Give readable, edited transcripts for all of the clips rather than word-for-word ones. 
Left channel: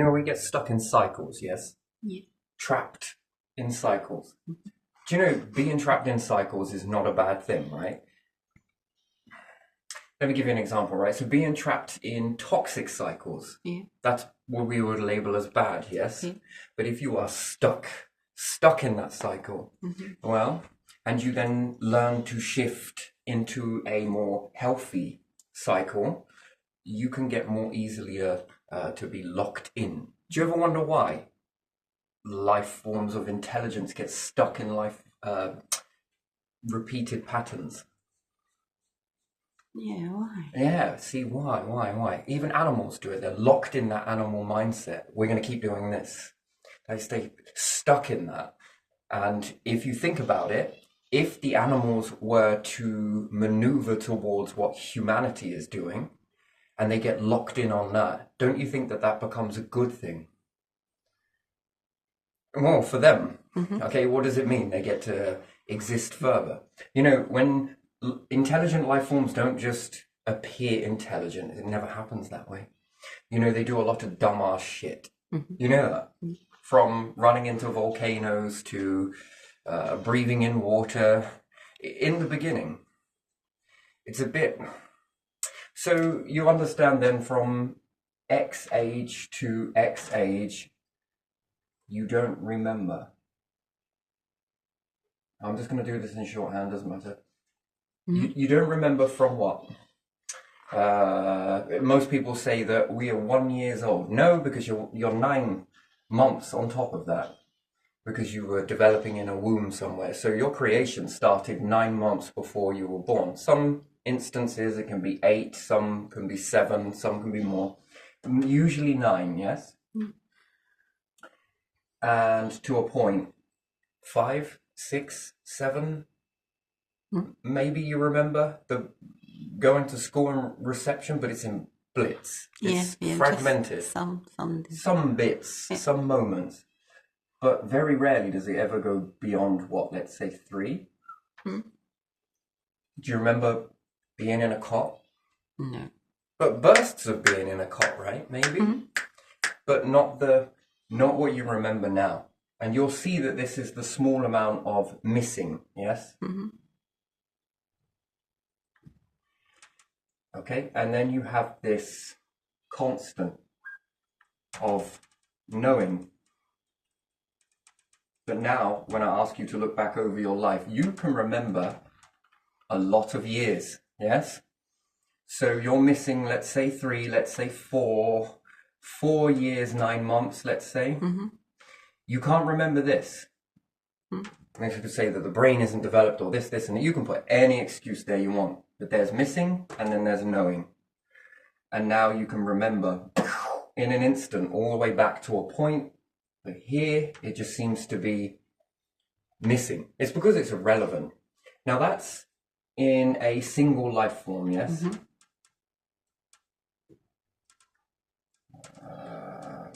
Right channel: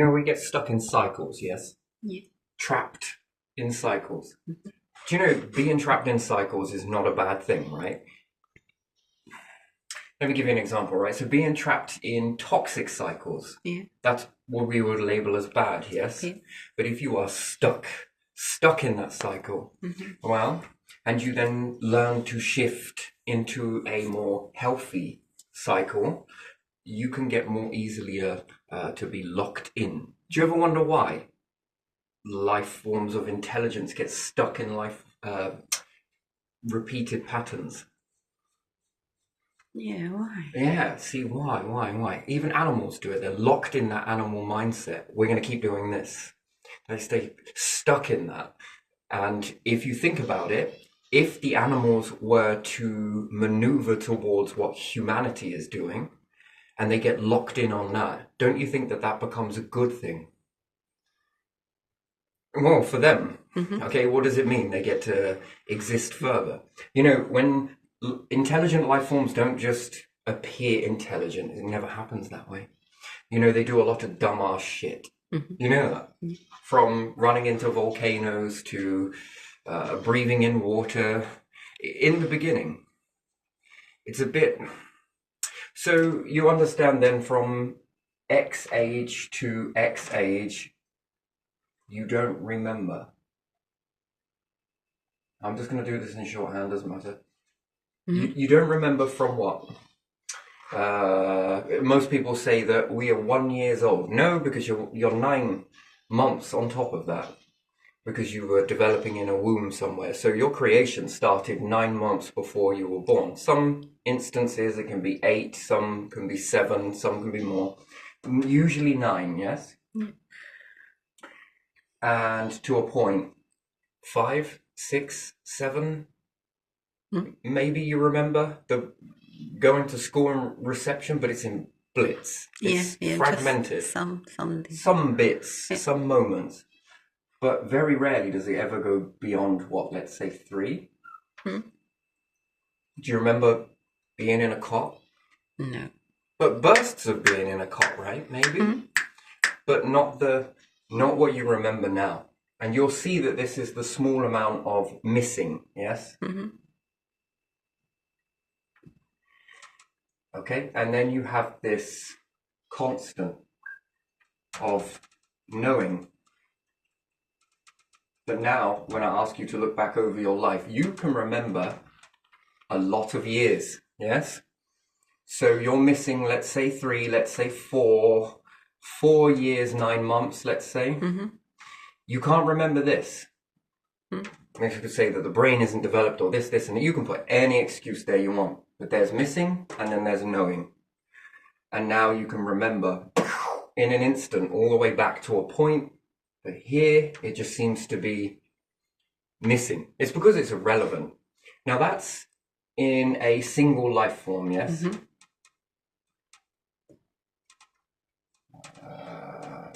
We get stuck in cycles, yes? Yeah. Trapped in cycles. Mm-hmm. Do you know being trapped in cycles is not a bad thing, right? Let me give you an example, right? So being trapped in toxic cycles, Yeah. that's what we would label as bad, yes? Yeah. But if you are stuck in that cycle, well, and you then learn to shift into a more healthy cycle, you can get more easily to be locked in. Do you ever wonder why life forms of intelligence get stuck in life repeated patterns? Yeah, why? Yeah, see, why? Even animals do it. They're locked in that animal mindset. We're going to keep doing this. They stay stuck in that. And if you think about it, if the animals were to maneuver towards what humanity is doing, and they get locked in on that, don't you think that that becomes a good thing? Well, for them. Okay, what does it mean? They get to exist further. When intelligent life forms don't just appear intelligent, it never happens that way. They do a lot of dumbass shit. You know that? From running into volcanoes to breathing in water. In the beginning, it's a bit... So you understand then from X age to X age, you don't remember. I'm just going to do this in shorthand, doesn't matter. You don't remember from what? Most people say that we are 1 year old. No, because you're 9 months on top of that, because you were developing in a womb somewhere. So your creation started 9 months before you were born. Some instances it can be 8, some can be 7, some can be more. Usually 9, yes? And to a point, 5, 6, 7, maybe you remember the going to school and reception, but it's in blitz. It's fragmented. Some bits, some moments. But very rarely does it ever go beyond what, let's say 3? Do you remember being in a cot? No. But bursts of being in a cot, right? Maybe. But not what you remember now. And you'll see that this is the small amount of missing, yes? Okay, and then you have this constant of knowing. But now, when I ask you to look back over your life, you can remember a lot of years, yes? So you're missing, let's say 3, let's say 4 years, 9 months, let's say. You can't remember this. You could say that the brain isn't developed or this, and that. You can put any excuse there you want. But there's missing, and then there's knowing. And now you can remember in an instant all the way back to a point. But here, it just seems to be missing. It's because it's irrelevant. Now that's in a single life form, yes?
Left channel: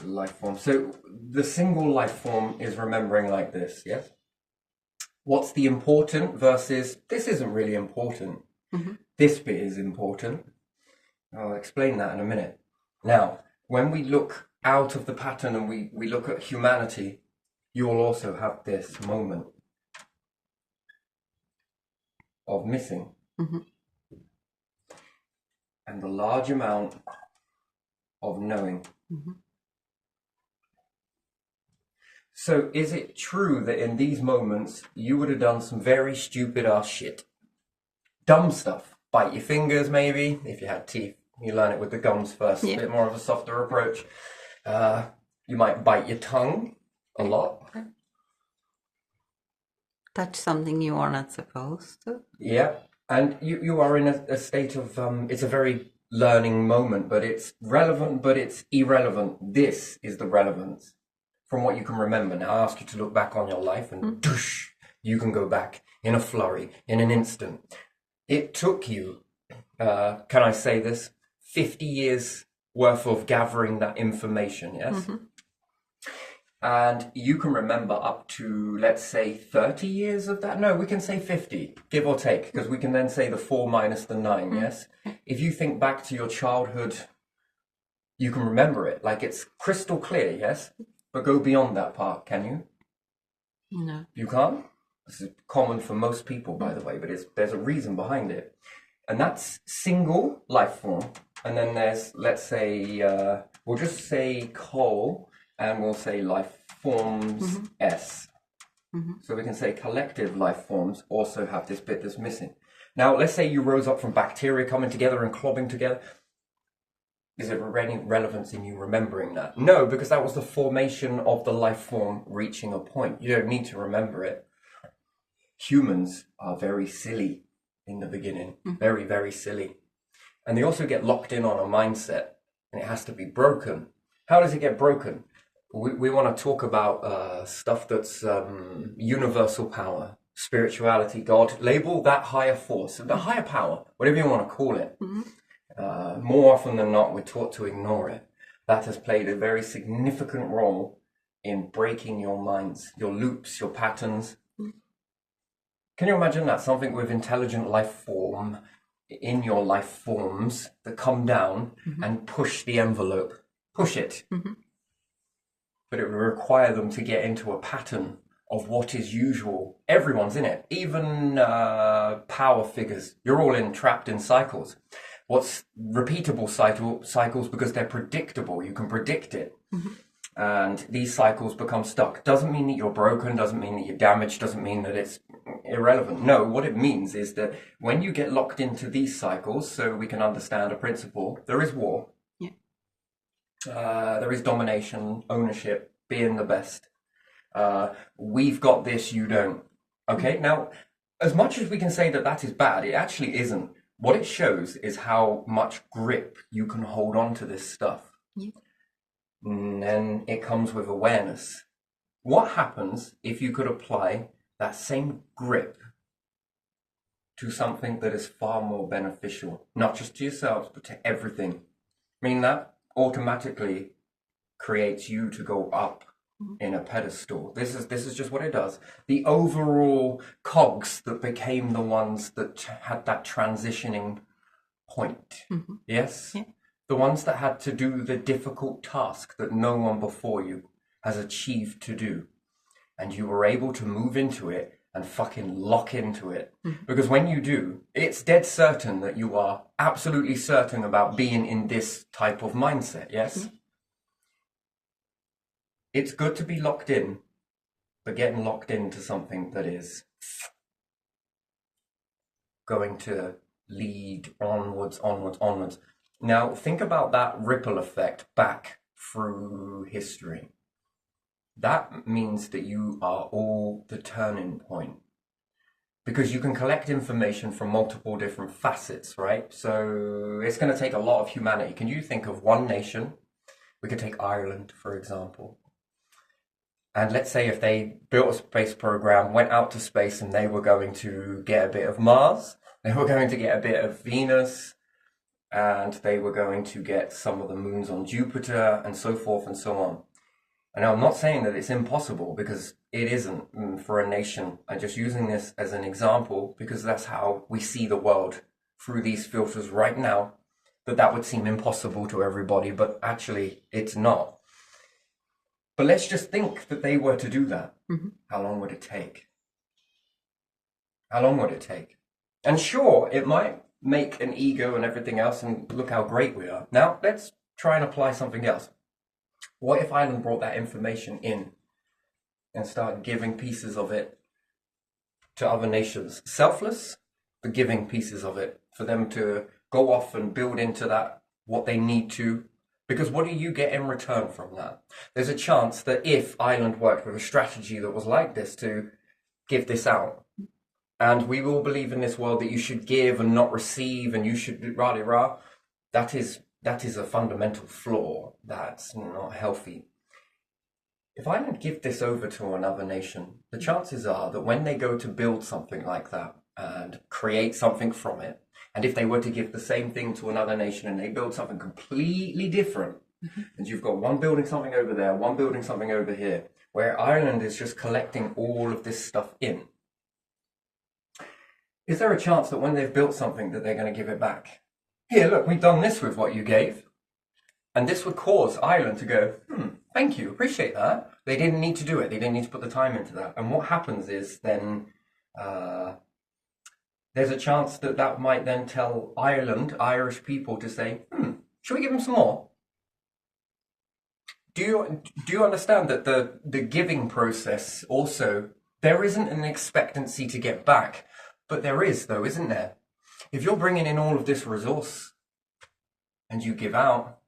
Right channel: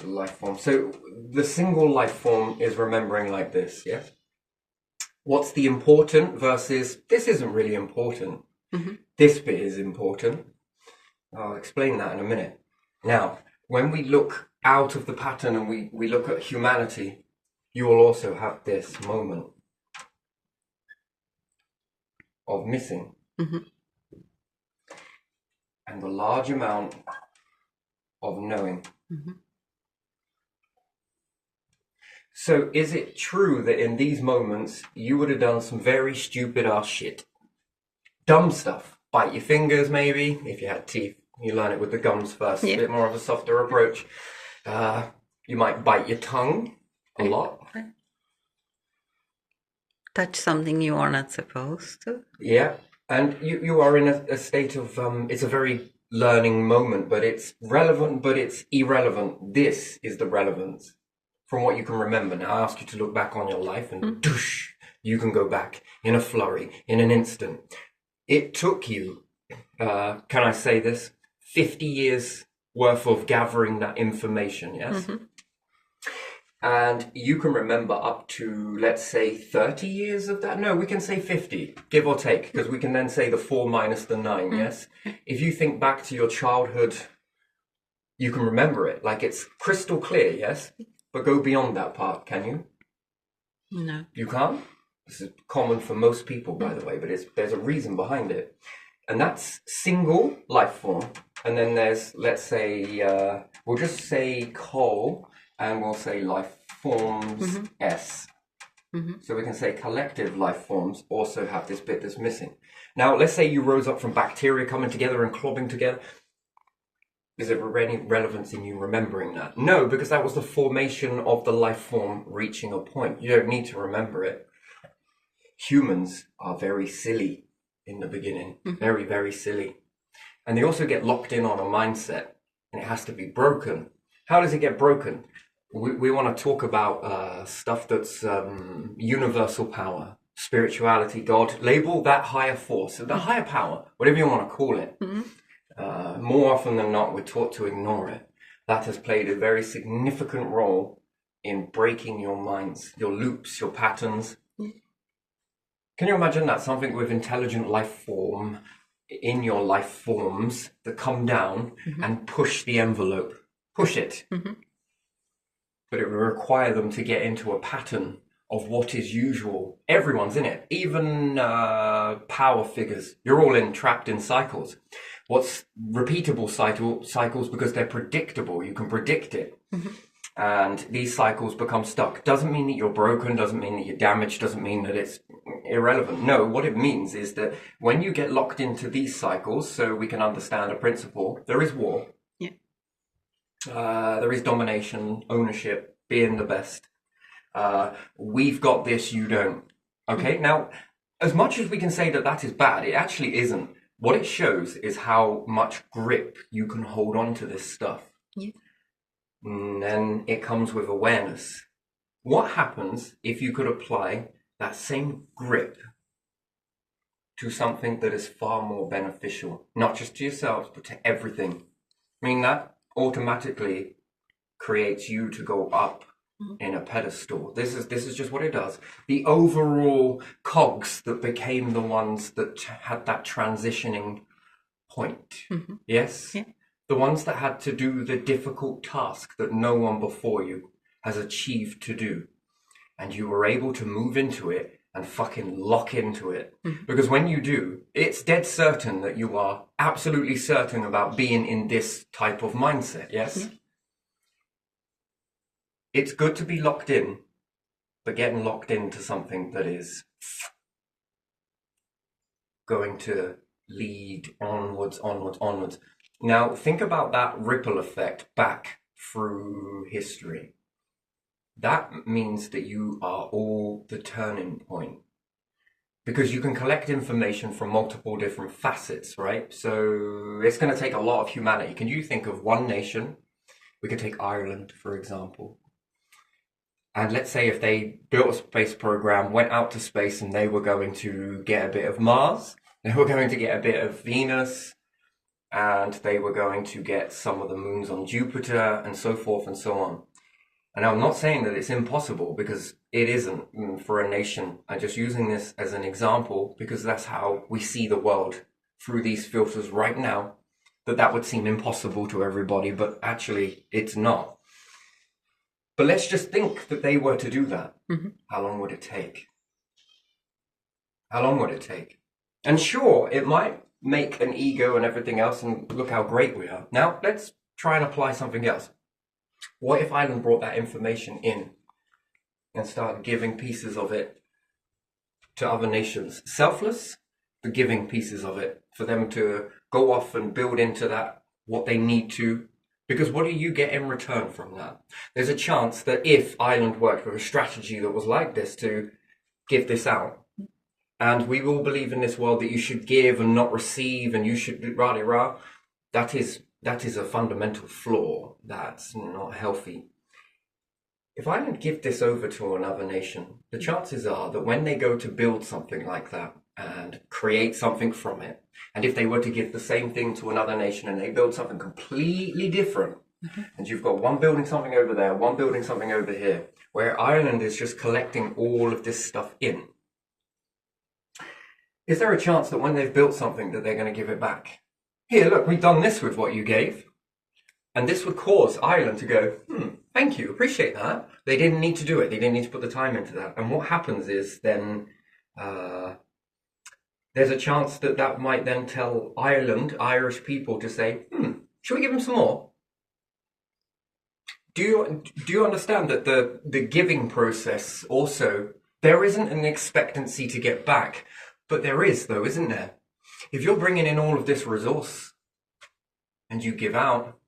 Life form. So the single life form is remembering like this, yes? What's the important versus this isn't really important. This bit is important. I'll explain that in a minute. Now, when we look out of the pattern and we look at humanity, you will also have this moment of missing. And the large amount of knowing. So is it true that in these moments you would have done some very stupid ass shit? Dumb stuff. Bite your fingers maybe, if you had teeth. You learn it with the gums first, a bit more of a softer approach. You might bite your tongue a lot. Touch something you are not supposed to. Yeah, and you are in a state of, it's a very learning moment, but it's relevant, but it's irrelevant. This is the relevance from what you can remember. Now I ask you to look back on your life and doosh, you can go back in a flurry, in an instant. It took you, can I say this, 50 years worth of gathering that information, yes? And you can remember up to, let's say, 30 years of that. No, we can say 50, give or take, because we can then say the 4 minus the 9, yes? If you think back to your childhood You can remember it, like it's crystal clear, yes? But go beyond that part, can you? No. You can't? This is common for most people, by the way, but there's a reason behind it. And that's single life form. And then there's, let's say, we'll just say coal, and we'll say life forms S. So we can say collective life forms also have this bit that's missing. Now, let's say you rose up from bacteria coming together and clobbing together. Is there any relevance in you remembering that? No, because that was the formation of the life form reaching a point. You don't need to remember it. Humans are very silly in the beginning. Very, very silly. And they also get locked in on a mindset, and it has to be broken. How does it get broken? We want to talk about stuff that's universal power, spirituality, God. Label that higher force, the higher power, whatever you want to call it. More often than not, we're taught to ignore it. That has played a very significant role in breaking your minds, your loops, your patterns. Can you imagine that? Something with intelligent life form in your life forms that come down and push the envelope. Push it. But it will require them to get into a pattern of what is usual. Everyone's in it, even power figures. You're all trapped in cycles. What's repeatable cycles because they're predictable. You can predict it. And these cycles become stuck. Doesn't mean that you're broken, doesn't mean that you're damaged, doesn't mean that it's irrelevant. No, what it means is that when you get locked into these cycles, so we can understand a principle, there is war. There is domination, ownership, being the best. We've got this, you don't. Okay, now, as much as we can say that that is bad, it actually isn't. What it shows is how much grip you can hold on to this stuff. And then it comes with awareness. What happens if you could apply that same grip to something that is far more beneficial, not just to yourselves, but to everything? I mean, that automatically creates you to go up in a pedestal. This is just what it does. The overall cogs that became the ones that had that transitioning point. Yes? The ones that had to do the difficult task that no one before you has achieved to do. And you were able to move into it and fucking lock into it. Because when you do, it's dead certain that you are absolutely certain about being in this type of mindset, yes? It's good to be locked in, but getting locked into something that is going to lead onwards, onwards, onwards. Now, think about that ripple effect back through history. That means that you are all the turning point. Because you can collect information from multiple different facets, right? So it's going to take a lot of humanity. Can you think of one nation? We could take Ireland, for example. And let's say if they built a space program, went out to space, and they were going to get a bit of Mars, they were going to get a bit of Venus, and they were going to get some of the moons on Jupiter, and so forth and so on. And I'm not saying that it's impossible, because it isn't for a nation. I'm just using this as an example because that's how we see the world through these filters right now, that would seem impossible to everybody, but actually it's not. But let's just think that they were to do that. How long would it take? How long would it take? And sure, it might make an ego and everything else, and look how great we are. Now, let's try and apply something else. What if Ireland brought that information in and started giving pieces of it to other nations? Selfless, but giving pieces of it for them to go off and build into that what they need to. Because what do you get in return from that? There's a chance that if Ireland worked with a strategy that was like this to give this out, and we all believe in this world that you should give and not receive, and you should rah-de-rah, that is a fundamental flaw. That's not healthy. If Ireland give this over to another nation, the chances are that when they go to build something like that and create something from it, and if they were to give the same thing to another nation and they build something completely different, and you've got one building something over there, one building something over here, where Ireland is just collecting all of this stuff in, is there a chance that when they've built something that they're going to give it back? Here, look, we've done this with what you gave. And this would cause Ireland to go, thank you, appreciate that. They didn't need to do it. They didn't need to put the time into that. And what happens is then there's a chance that that might then tell Ireland, Irish people to say, should we give them some more? Do you understand that the giving process also, there isn't an expectancy to get back, but there is though, isn't there? If you're bringing in all of this resource and you give out,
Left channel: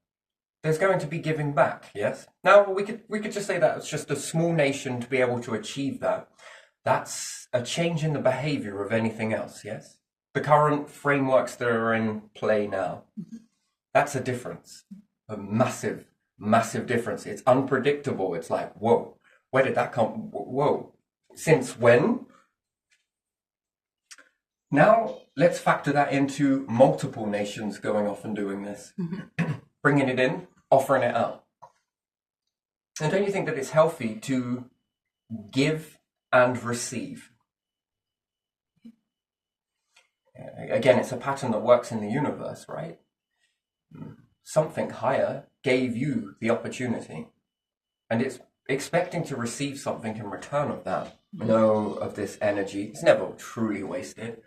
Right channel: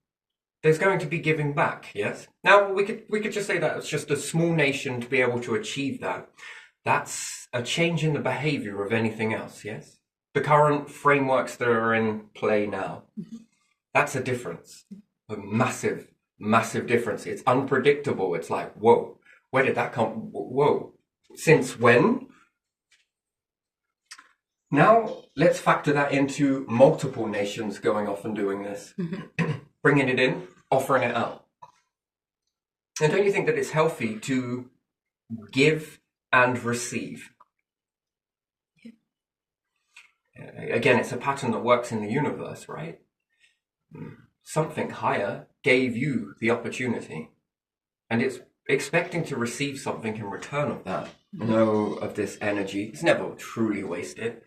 there's going to be giving back, yes? Now, we could just say that it's just a small nation to be able to achieve that. That's a change in the behavior of anything else, yes? The current frameworks that are in play now, that's a difference, a massive, massive difference. It's unpredictable. It's like, whoa, where did that come? Whoa, since when? Now, let's factor that into multiple nations going off and doing this. Bringing it in, offering it out. And don't you think that it's healthy to give and receive? Again, it's a pattern that works in the universe, right? Something higher gave you the opportunity, and it's expecting to receive something in return of that. No, of this energy. It's never truly wasted,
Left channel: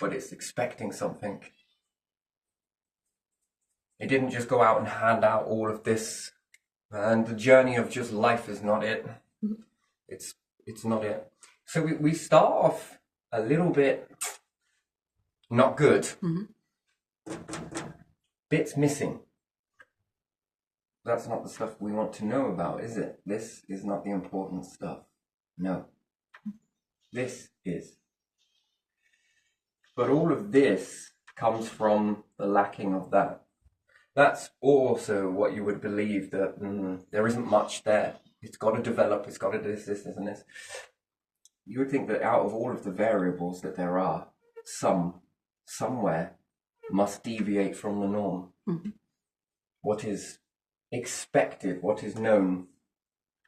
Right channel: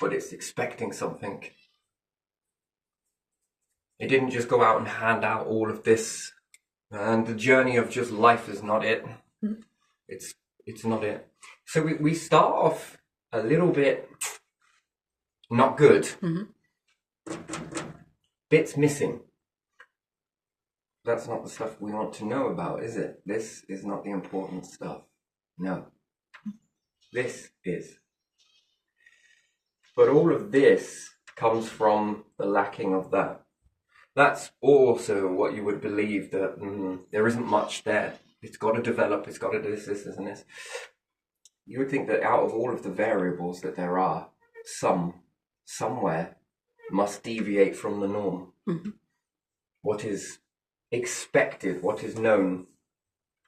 but it's expecting something. It didn't just go out and hand out all of this, and the journey of just life is not it. It's not it. So we start off a little bit not good. Bits missing. That's not the stuff we want to know about, is it? This is not the important stuff. No. This is. But all of this comes from the lacking of that. That's also what you would believe, that there isn't much there. It's got to develop, it's got to do this, and this. You would think that out of all of the variables that there are, somewhere must deviate from the norm. What is expected, what is known,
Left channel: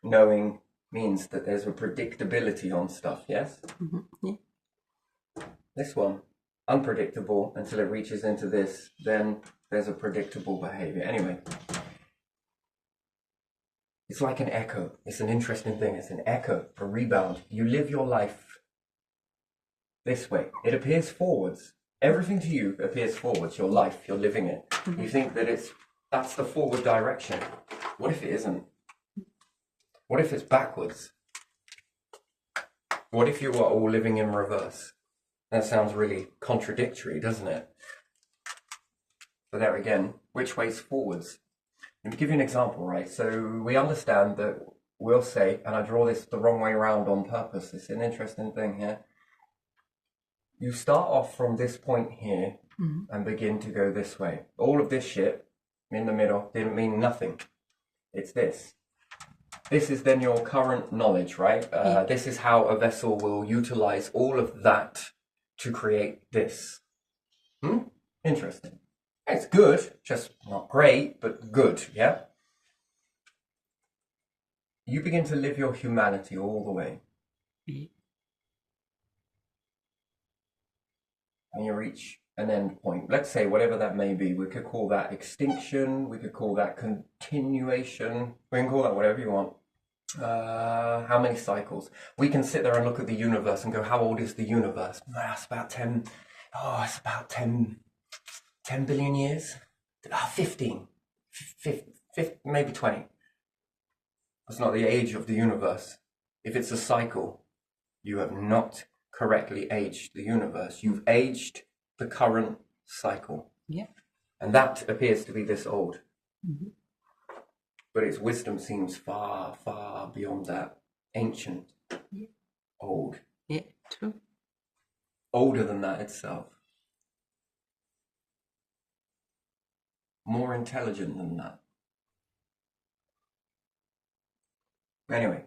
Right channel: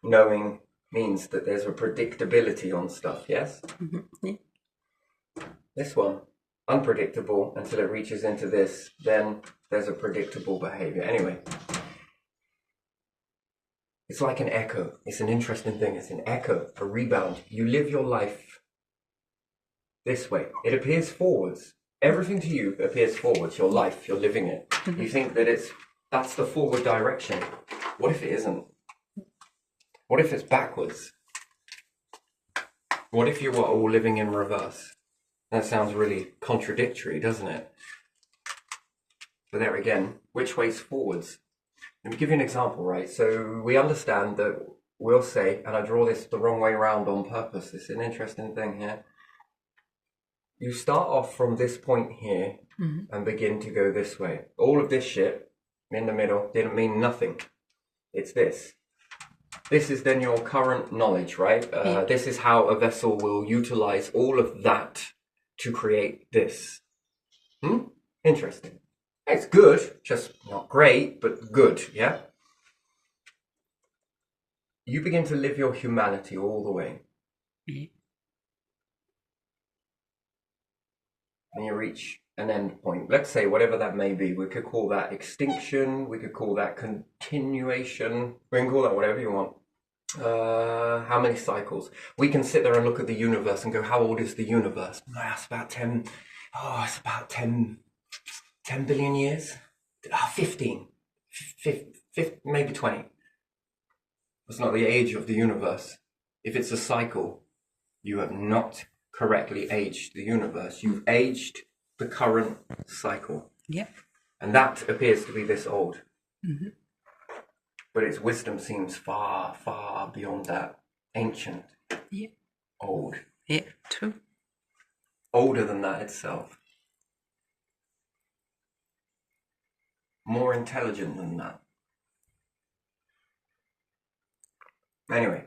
knowing means that there's a predictability on stuff, yes? Yeah. This one, unpredictable until it reaches into this, then there's a predictable behavior. Anyway, it's like an echo. It's an interesting thing. It's an echo, a rebound. You live your life this way. It appears forwards. Everything to you appears forwards. Your life, you're living it. You think that that's the forward direction. What if it isn't? What if it's backwards? What if you were all living in reverse? That sounds really contradictory, doesn't it? But there again, which way's forwards? Let me give you an example, right? So we understand that we'll say, and I draw this the wrong way around on purpose. It's an interesting thing here. You start off from this point here and begin to go this way. All of this shit in the middle didn't mean nothing. It's this. This is then your current knowledge, right? This is how a vessel will utilize all of that to create this. Interesting. It's good, just not great, but good, yeah? You begin to live your humanity all the way. And you reach an end point. Let's say whatever that may be. We could call that extinction. We could call that continuation. We can call that whatever you want. How many cycles? We can sit there and look at the universe and go, how old is the universe? It's about 10. Oh, it's about 10 billion years. 15, maybe 20. That's not the age of the universe. If it's a cycle, you have not correctly aged the universe. You've aged the current cycle. Yeah. And that appears to be this old. But its wisdom seems far, far beyond that. Ancient. Yeah. Old. Yeah, true. Older than that itself. More intelligent than that. Anyway,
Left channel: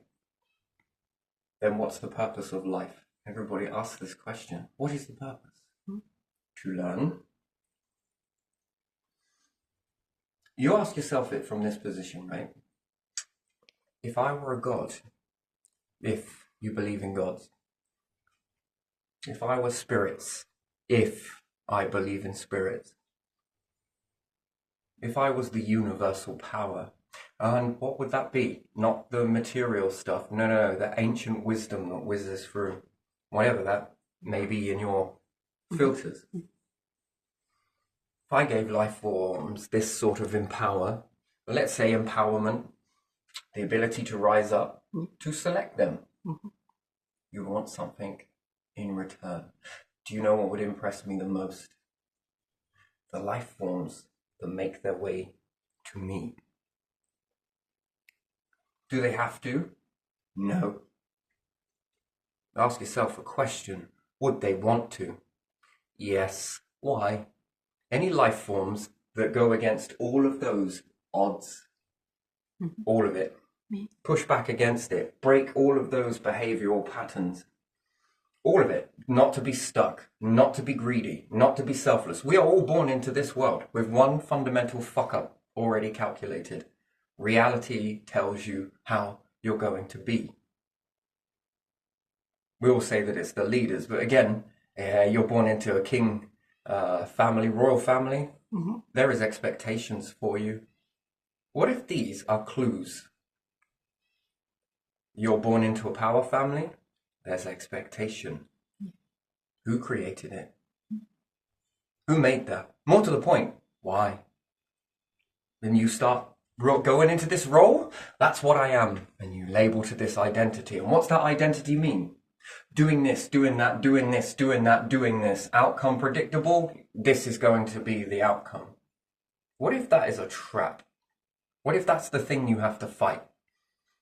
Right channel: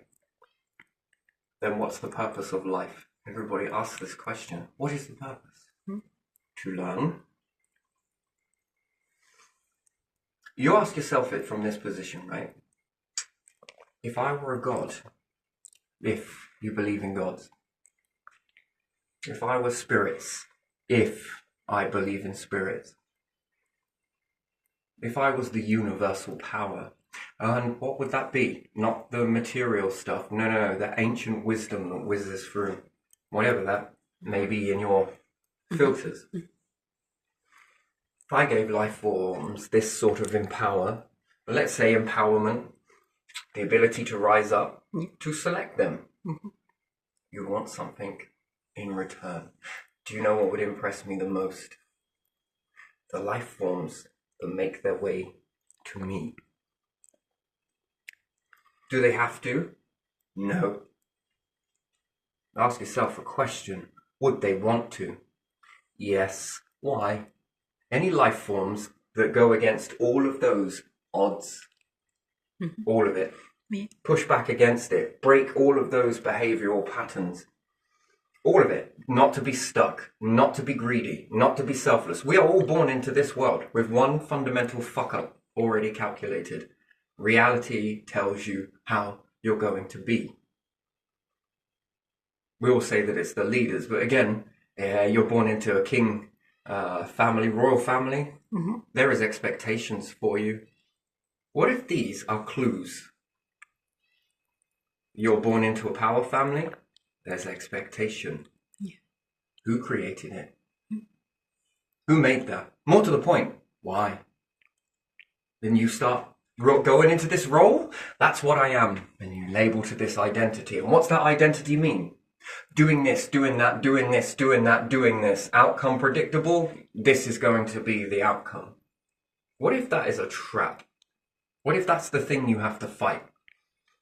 then what's the purpose of life? Everybody asks this question. What is the purpose? To learn. You ask yourself it from this position, right? If I were a god, if you believe in gods, if I were spirits, if I believe in spirits, if I was the universal power, and what would that be? Not the material stuff. No, that ancient wisdom that whizzes through whatever that may be in your filters. If I gave life forms this sort of let's say empowerment, the ability to rise up, to select them, you want something in return. Do you know what would impress me the most? The life forms that make their way to me. Do they have to? No. Ask yourself a question. Would they want to? Yes. Why? Any life forms that go against all of those odds, all of it, push back against it, break all of those behavioral patterns, all of it, not to be stuck, not to be greedy, not to be selfless. We are all born into this world with one fundamental fuck up already calculated. Reality tells you how you're going to be. We all say that it's the leaders, but again, you're born into a king family, royal family. There is expectations for you. What if these are clues? You're born into a power family. There's expectation. Yeah. Who created it? Who made that? More to the point, why? Then you start going into this role. That's what I am. And you label to this identity. And what's that identity mean? Doing this, doing that, doing this, doing that, doing this. Outcome predictable. This is going to be the outcome. What if that is a trap? What if that's the thing you have to fight?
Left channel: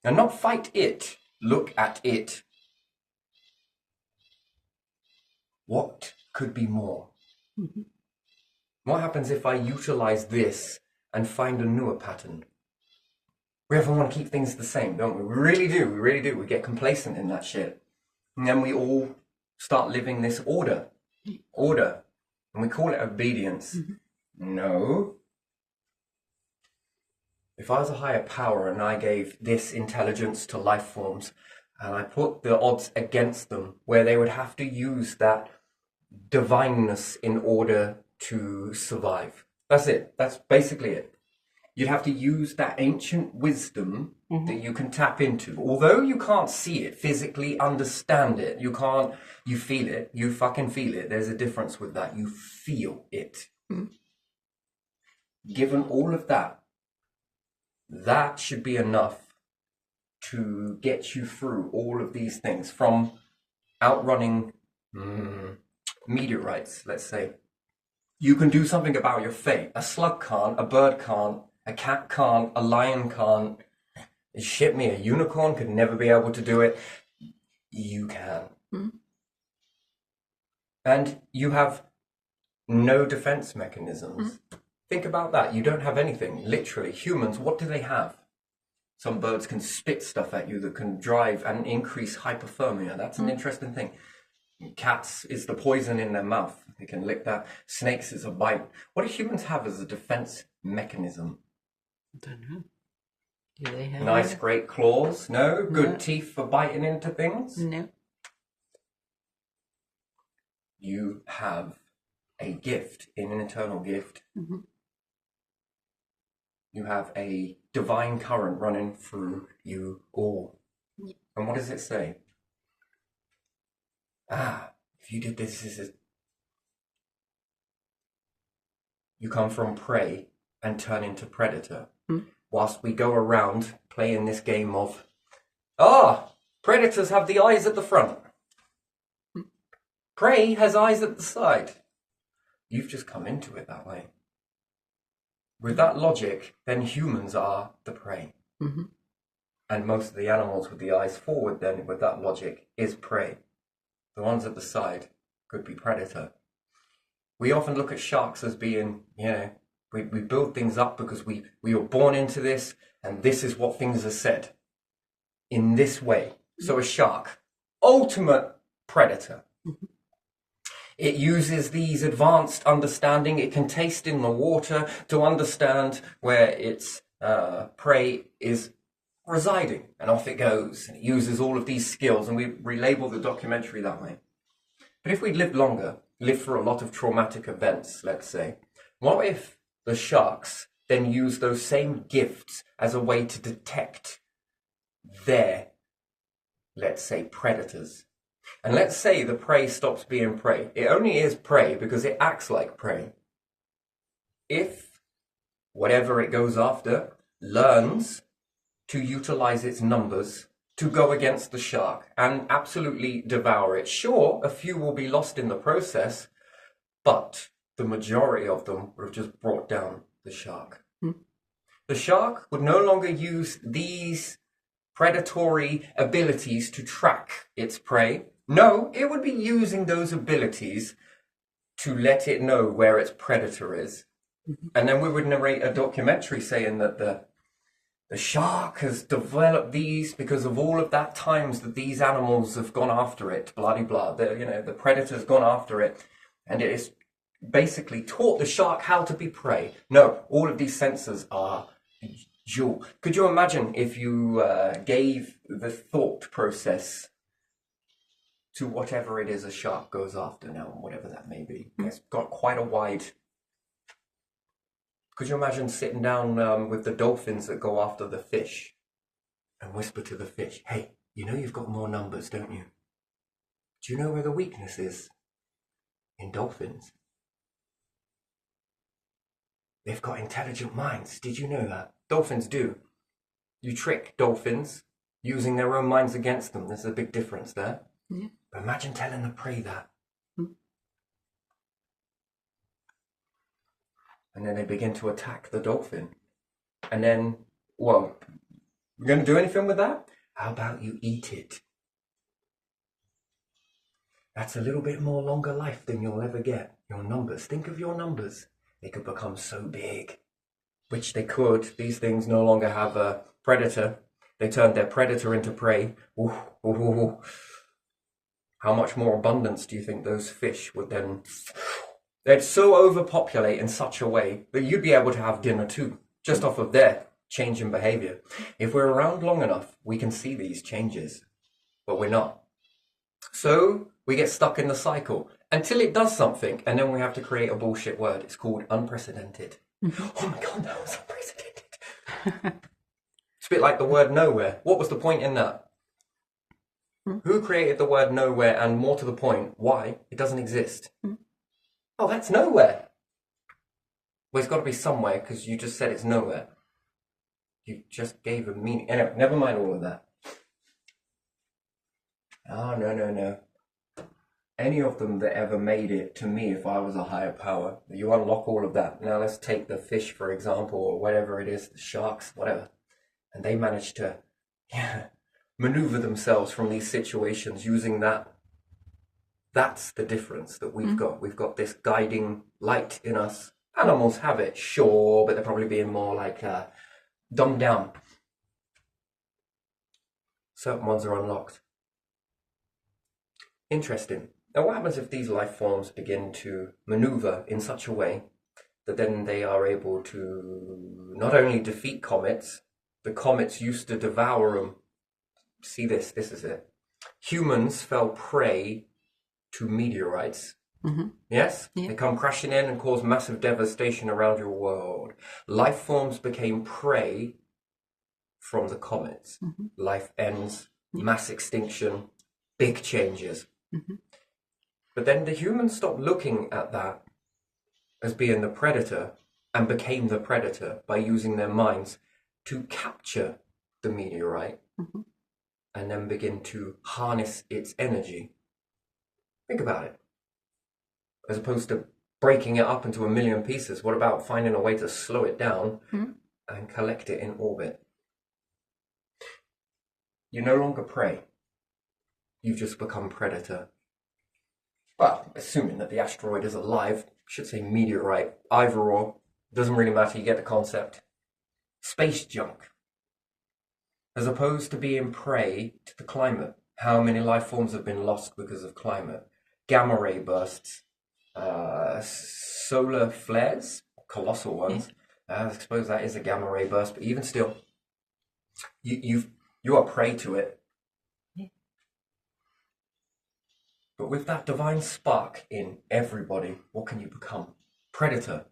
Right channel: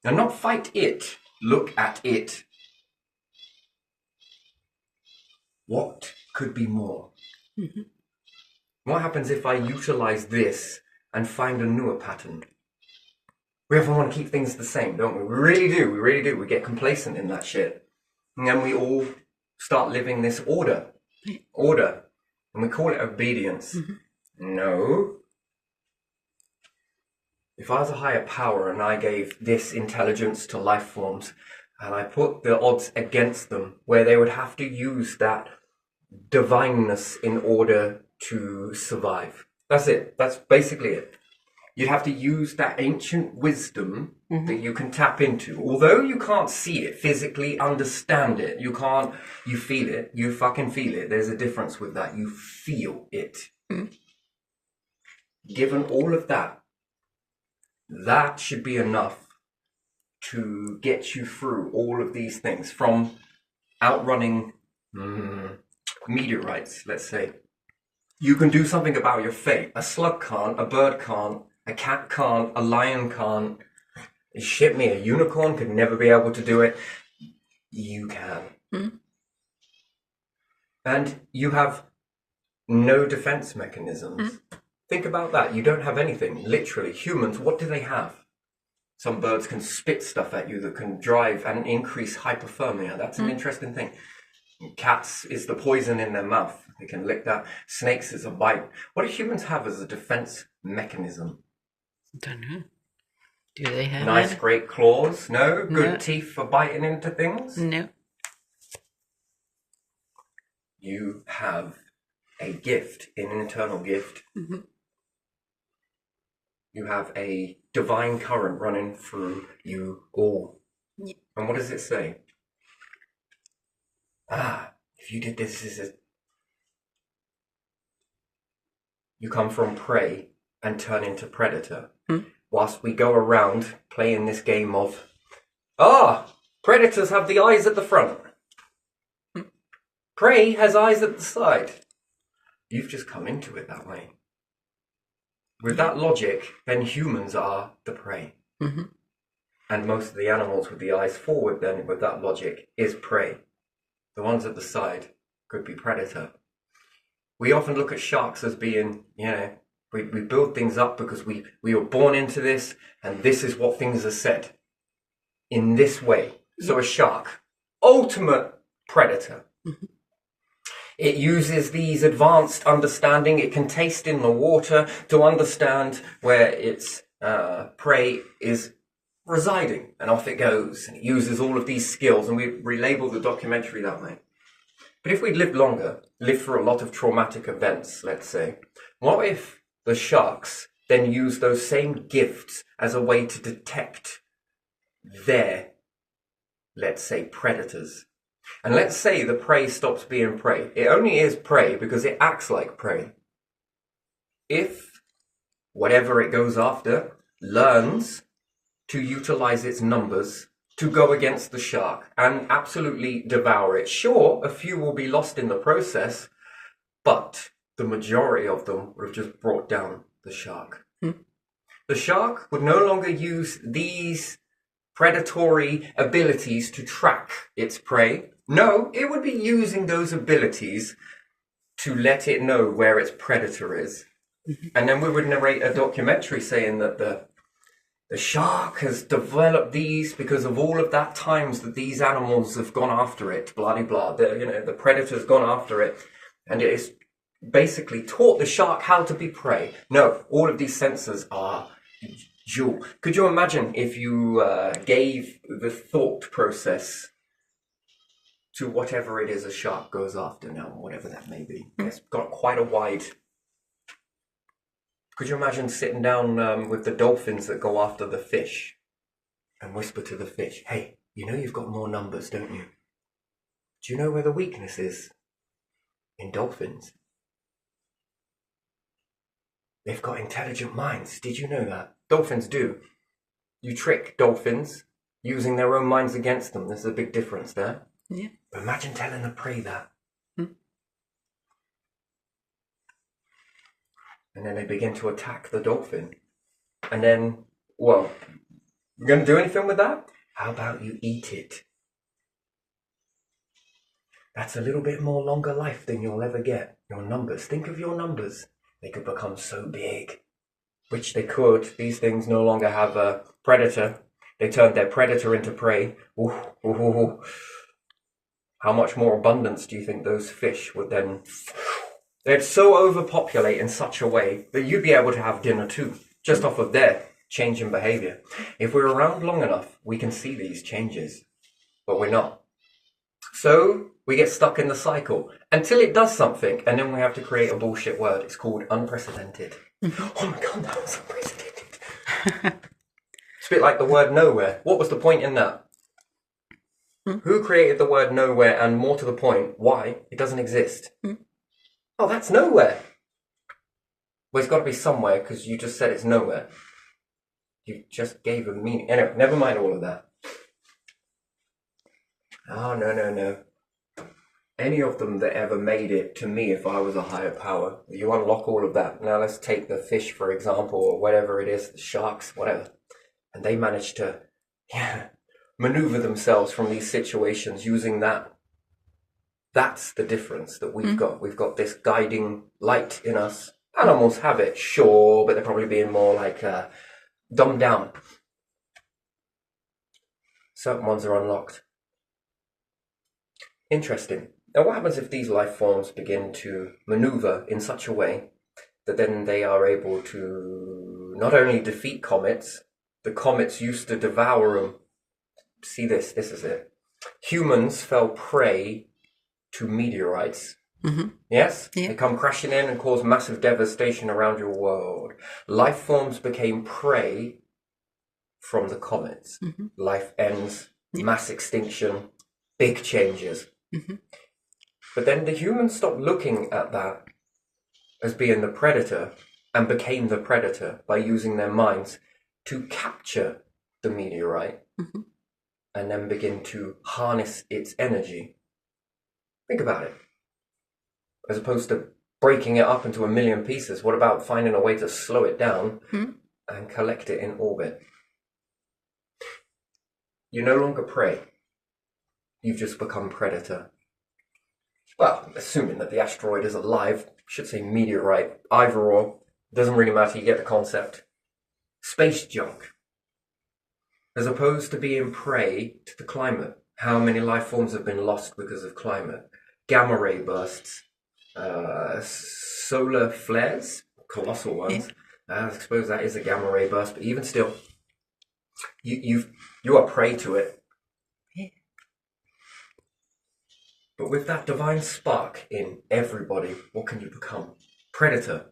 And not fight it. Look at it. What could be more? What happens if I utilize this and find a newer pattern? We often want to keep things the same, don't we? We really do. We get complacent in that shit. And then we all start living this order. And we call it obedience. No. If I was a higher power and I gave this intelligence to life forms and I put the odds against them where they would have to use that divineness in order to survive. That's it. That's basically it. You'd have to use that ancient wisdom that you can tap into. Although you can't see it, physically understand it, you feel it, you fucking feel it. There's a difference with that. You feel it. Given all of that, that should be enough to get you through all of these things, from outrunning meteorites, let's say. You can do something about your fate. A slug can't, a bird can't, a cat can't, a lion can't. Shit me, a unicorn could never be able to do it. You can. And you have no defense mechanisms. Think about that. You don't have anything. Literally, humans, what do they have? Some birds can spit stuff at you that can drive and increase hypothermia. That's an interesting thing. Cats is the poison in their mouth. They can lick that. Snakes is a bite. What do humans have as a defense mechanism? Don't know. Do they have nice, great claws? No? Good teeth for biting into things? No. You have a gift, an internal gift. You have a divine current running through you all. Yeah. And what does it say? If you did this, you come from prey and turn into predator. Whilst we go around playing this game of, predators have the eyes at the front. Prey has eyes at the side. You've just come into it that way. With that logic, then humans are the prey. And most of the animals with the eyes forward, then, with that logic, is prey. The ones at the side could be predator. We often look at sharks as being, we build things up because we were born into this, and this is what things are said in this way. So a shark, ultimate predator. It uses these advanced understanding. It can taste in the water to understand where its prey is residing, and off it goes. And it uses all of these skills, and we relabel the documentary that way. But if we'd lived longer, lived through a lot of traumatic events, let's say, what if the sharks then use those same gifts as a way to detect their, let's say, predators. And let's say the prey stops being prey. It only is prey because it acts like prey. If whatever it goes after learns to utilize its numbers to go against the shark and absolutely devour it, sure, a few will be lost in the process, but the majority of them would have just brought down the shark. The shark would no longer use these predatory abilities to track its prey. No, it would be using those abilities to let it know where its predator is. And then we would narrate a documentary saying that the shark has developed these because of all of that times that these animals have gone after it, blah, blah, blah. The predator's gone after it, and it is basically taught the shark how to be prey. No, all of these sensors are dual. Could you imagine if you gave the thought process to whatever it is a shark goes after now, whatever that may be? It's got quite a wide... Could you imagine sitting down with the dolphins that go after the fish and whisper to the fish, hey, you know you've got more numbers, don't you? Do you know where the weakness is? In dolphins. They've got intelligent minds. Did you know that? Dolphins do. You trick dolphins using their own minds against them. There's a big difference there. Yeah. But imagine telling the prey that. And then they begin to attack the dolphin. And then, well, you're going to do anything with that? How about you eat it? That's a little bit more longer life than you'll ever get. Your numbers. Think of your numbers. They could become so big. Which they could. These things no longer have a predator. They turned their predator into prey. Ooh, ooh, ooh, ooh. How much more abundance do you think those fish would then... They'd so overpopulate in such a way that you'd be able to have dinner too, just off of their change in behavior. If we're around long enough, we can see these changes, but we're not. So we get stuck in the cycle until it does something, and then we have to create a bullshit word. It's called unprecedented. Oh my God, that was unprecedented. It's a bit like the word nowhere. What was the point in that? Who created the word nowhere, and more to the point, why? It doesn't exist. Oh, that's nowhere. Well, it's got to be somewhere because you just said it's nowhere. You just gave a meaning. Anyway, never mind all of that. Oh, no. Any of them that ever made it, to me, if I was a higher power, you unlock all of that. Now let's take the fish, for example, or whatever it is, the sharks, whatever. And they managed to maneuver themselves from these situations using that. That's the difference that we've got. We've got this guiding light in us. Animals have it, sure, but they're probably being more like dumbed down. Certain ones are unlocked. Interesting. Now, what happens if these life forms begin to maneuver in such a way that then they are able to not only defeat comets, the comets used to devour them. See this is it. Humans fell prey to meteorites. Yes? Yeah. They come crashing in and cause massive devastation around your world. Life forms became prey from the comets. Life ends, mass extinction, big changes. But then the humans stopped looking at that as being the predator and became the predator by using their minds to capture the meteorite and then begin to harness its energy. Think about it. As opposed to breaking it up into a million pieces, what about finding a way to slow it down and collect it in orbit? You're no longer prey. You've just become predator. Well, assuming that the asteroid is alive, I should say meteorite, either or, doesn't really matter, you get the concept. Space junk. As opposed to being prey to the climate. How many life forms have been lost because of climate? Gamma ray bursts, solar flares, colossal ones. I suppose that is a gamma ray burst, but even still, you are prey to it. But with that divine spark in everybody, what can you become? Predator.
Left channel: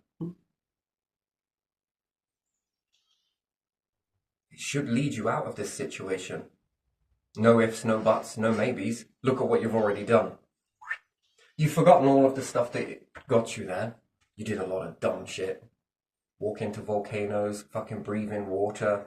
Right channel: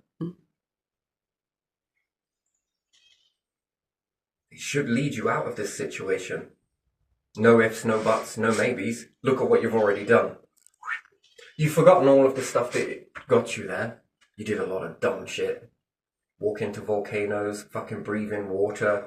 should lead you out of this situation. No ifs, no buts, no maybes. Look at what you've already done. You've forgotten all of the stuff that got you there. You did a lot of dumb shit. Walk into volcanoes, fucking breathe in water.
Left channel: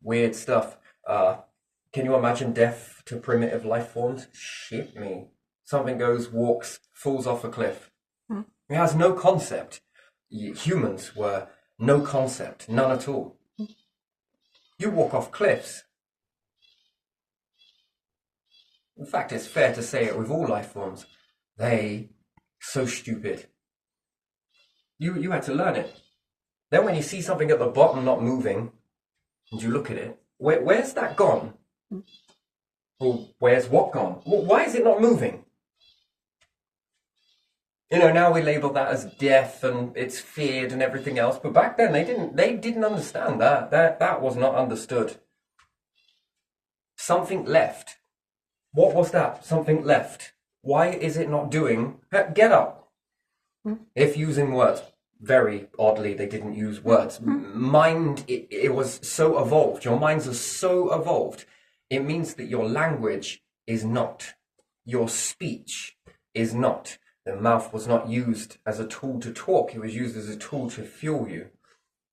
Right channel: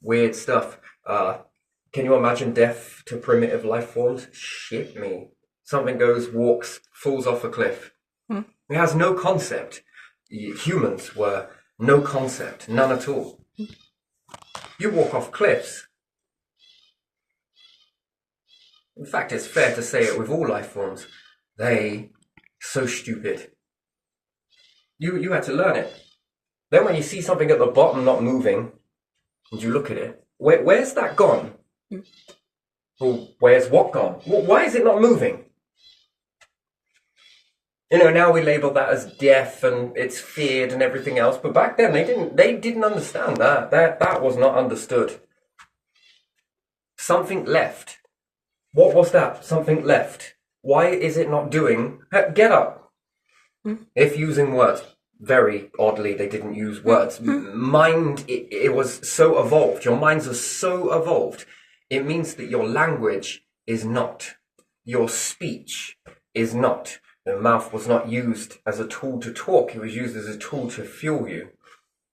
Weird stuff. Can you imagine death to primitive life forms? Shit me. Something goes, walks, falls off a cliff. It has no concept. Humans were no concept, none at all. You walk off cliffs. In fact, it's fair to say it with all life forms. They so stupid. You had to learn it. Then when you see something at the bottom not moving, and you look at it, where's that gone? Well, where's what gone? Why is it not moving? You know, now we label that as death and it's feared and everything else, but back then they didn't understand that. That was not understood. Something left. What was that? Something left. Why is it not doing? Get up. If using words. Very oddly, they didn't use words. Mind, it was so evolved. Your minds are so evolved. It means that your language is not. Your speech is not. The mouth was not used as a tool to talk. It was used as a tool to fuel you.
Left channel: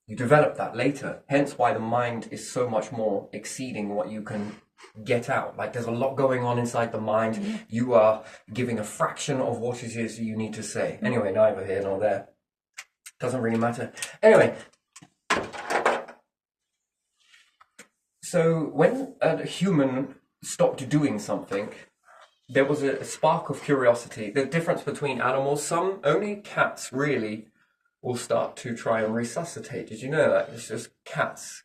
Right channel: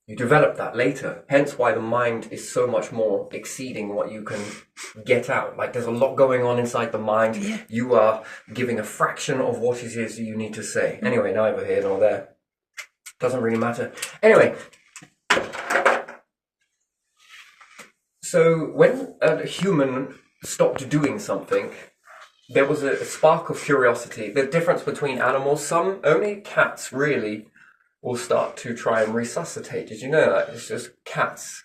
You develop that later. Hence why the mind is so much more exceeding what you can get out. Like there's a lot going on inside the mind. Yeah. You are giving a fraction of what it is you need to say. Anyway, neither here nor there. Doesn't really matter. Anyway. So when a human stopped doing something, there was a spark of curiosity. The difference between animals, only cats really will start to try and resuscitate. Did you know that? It's just cats.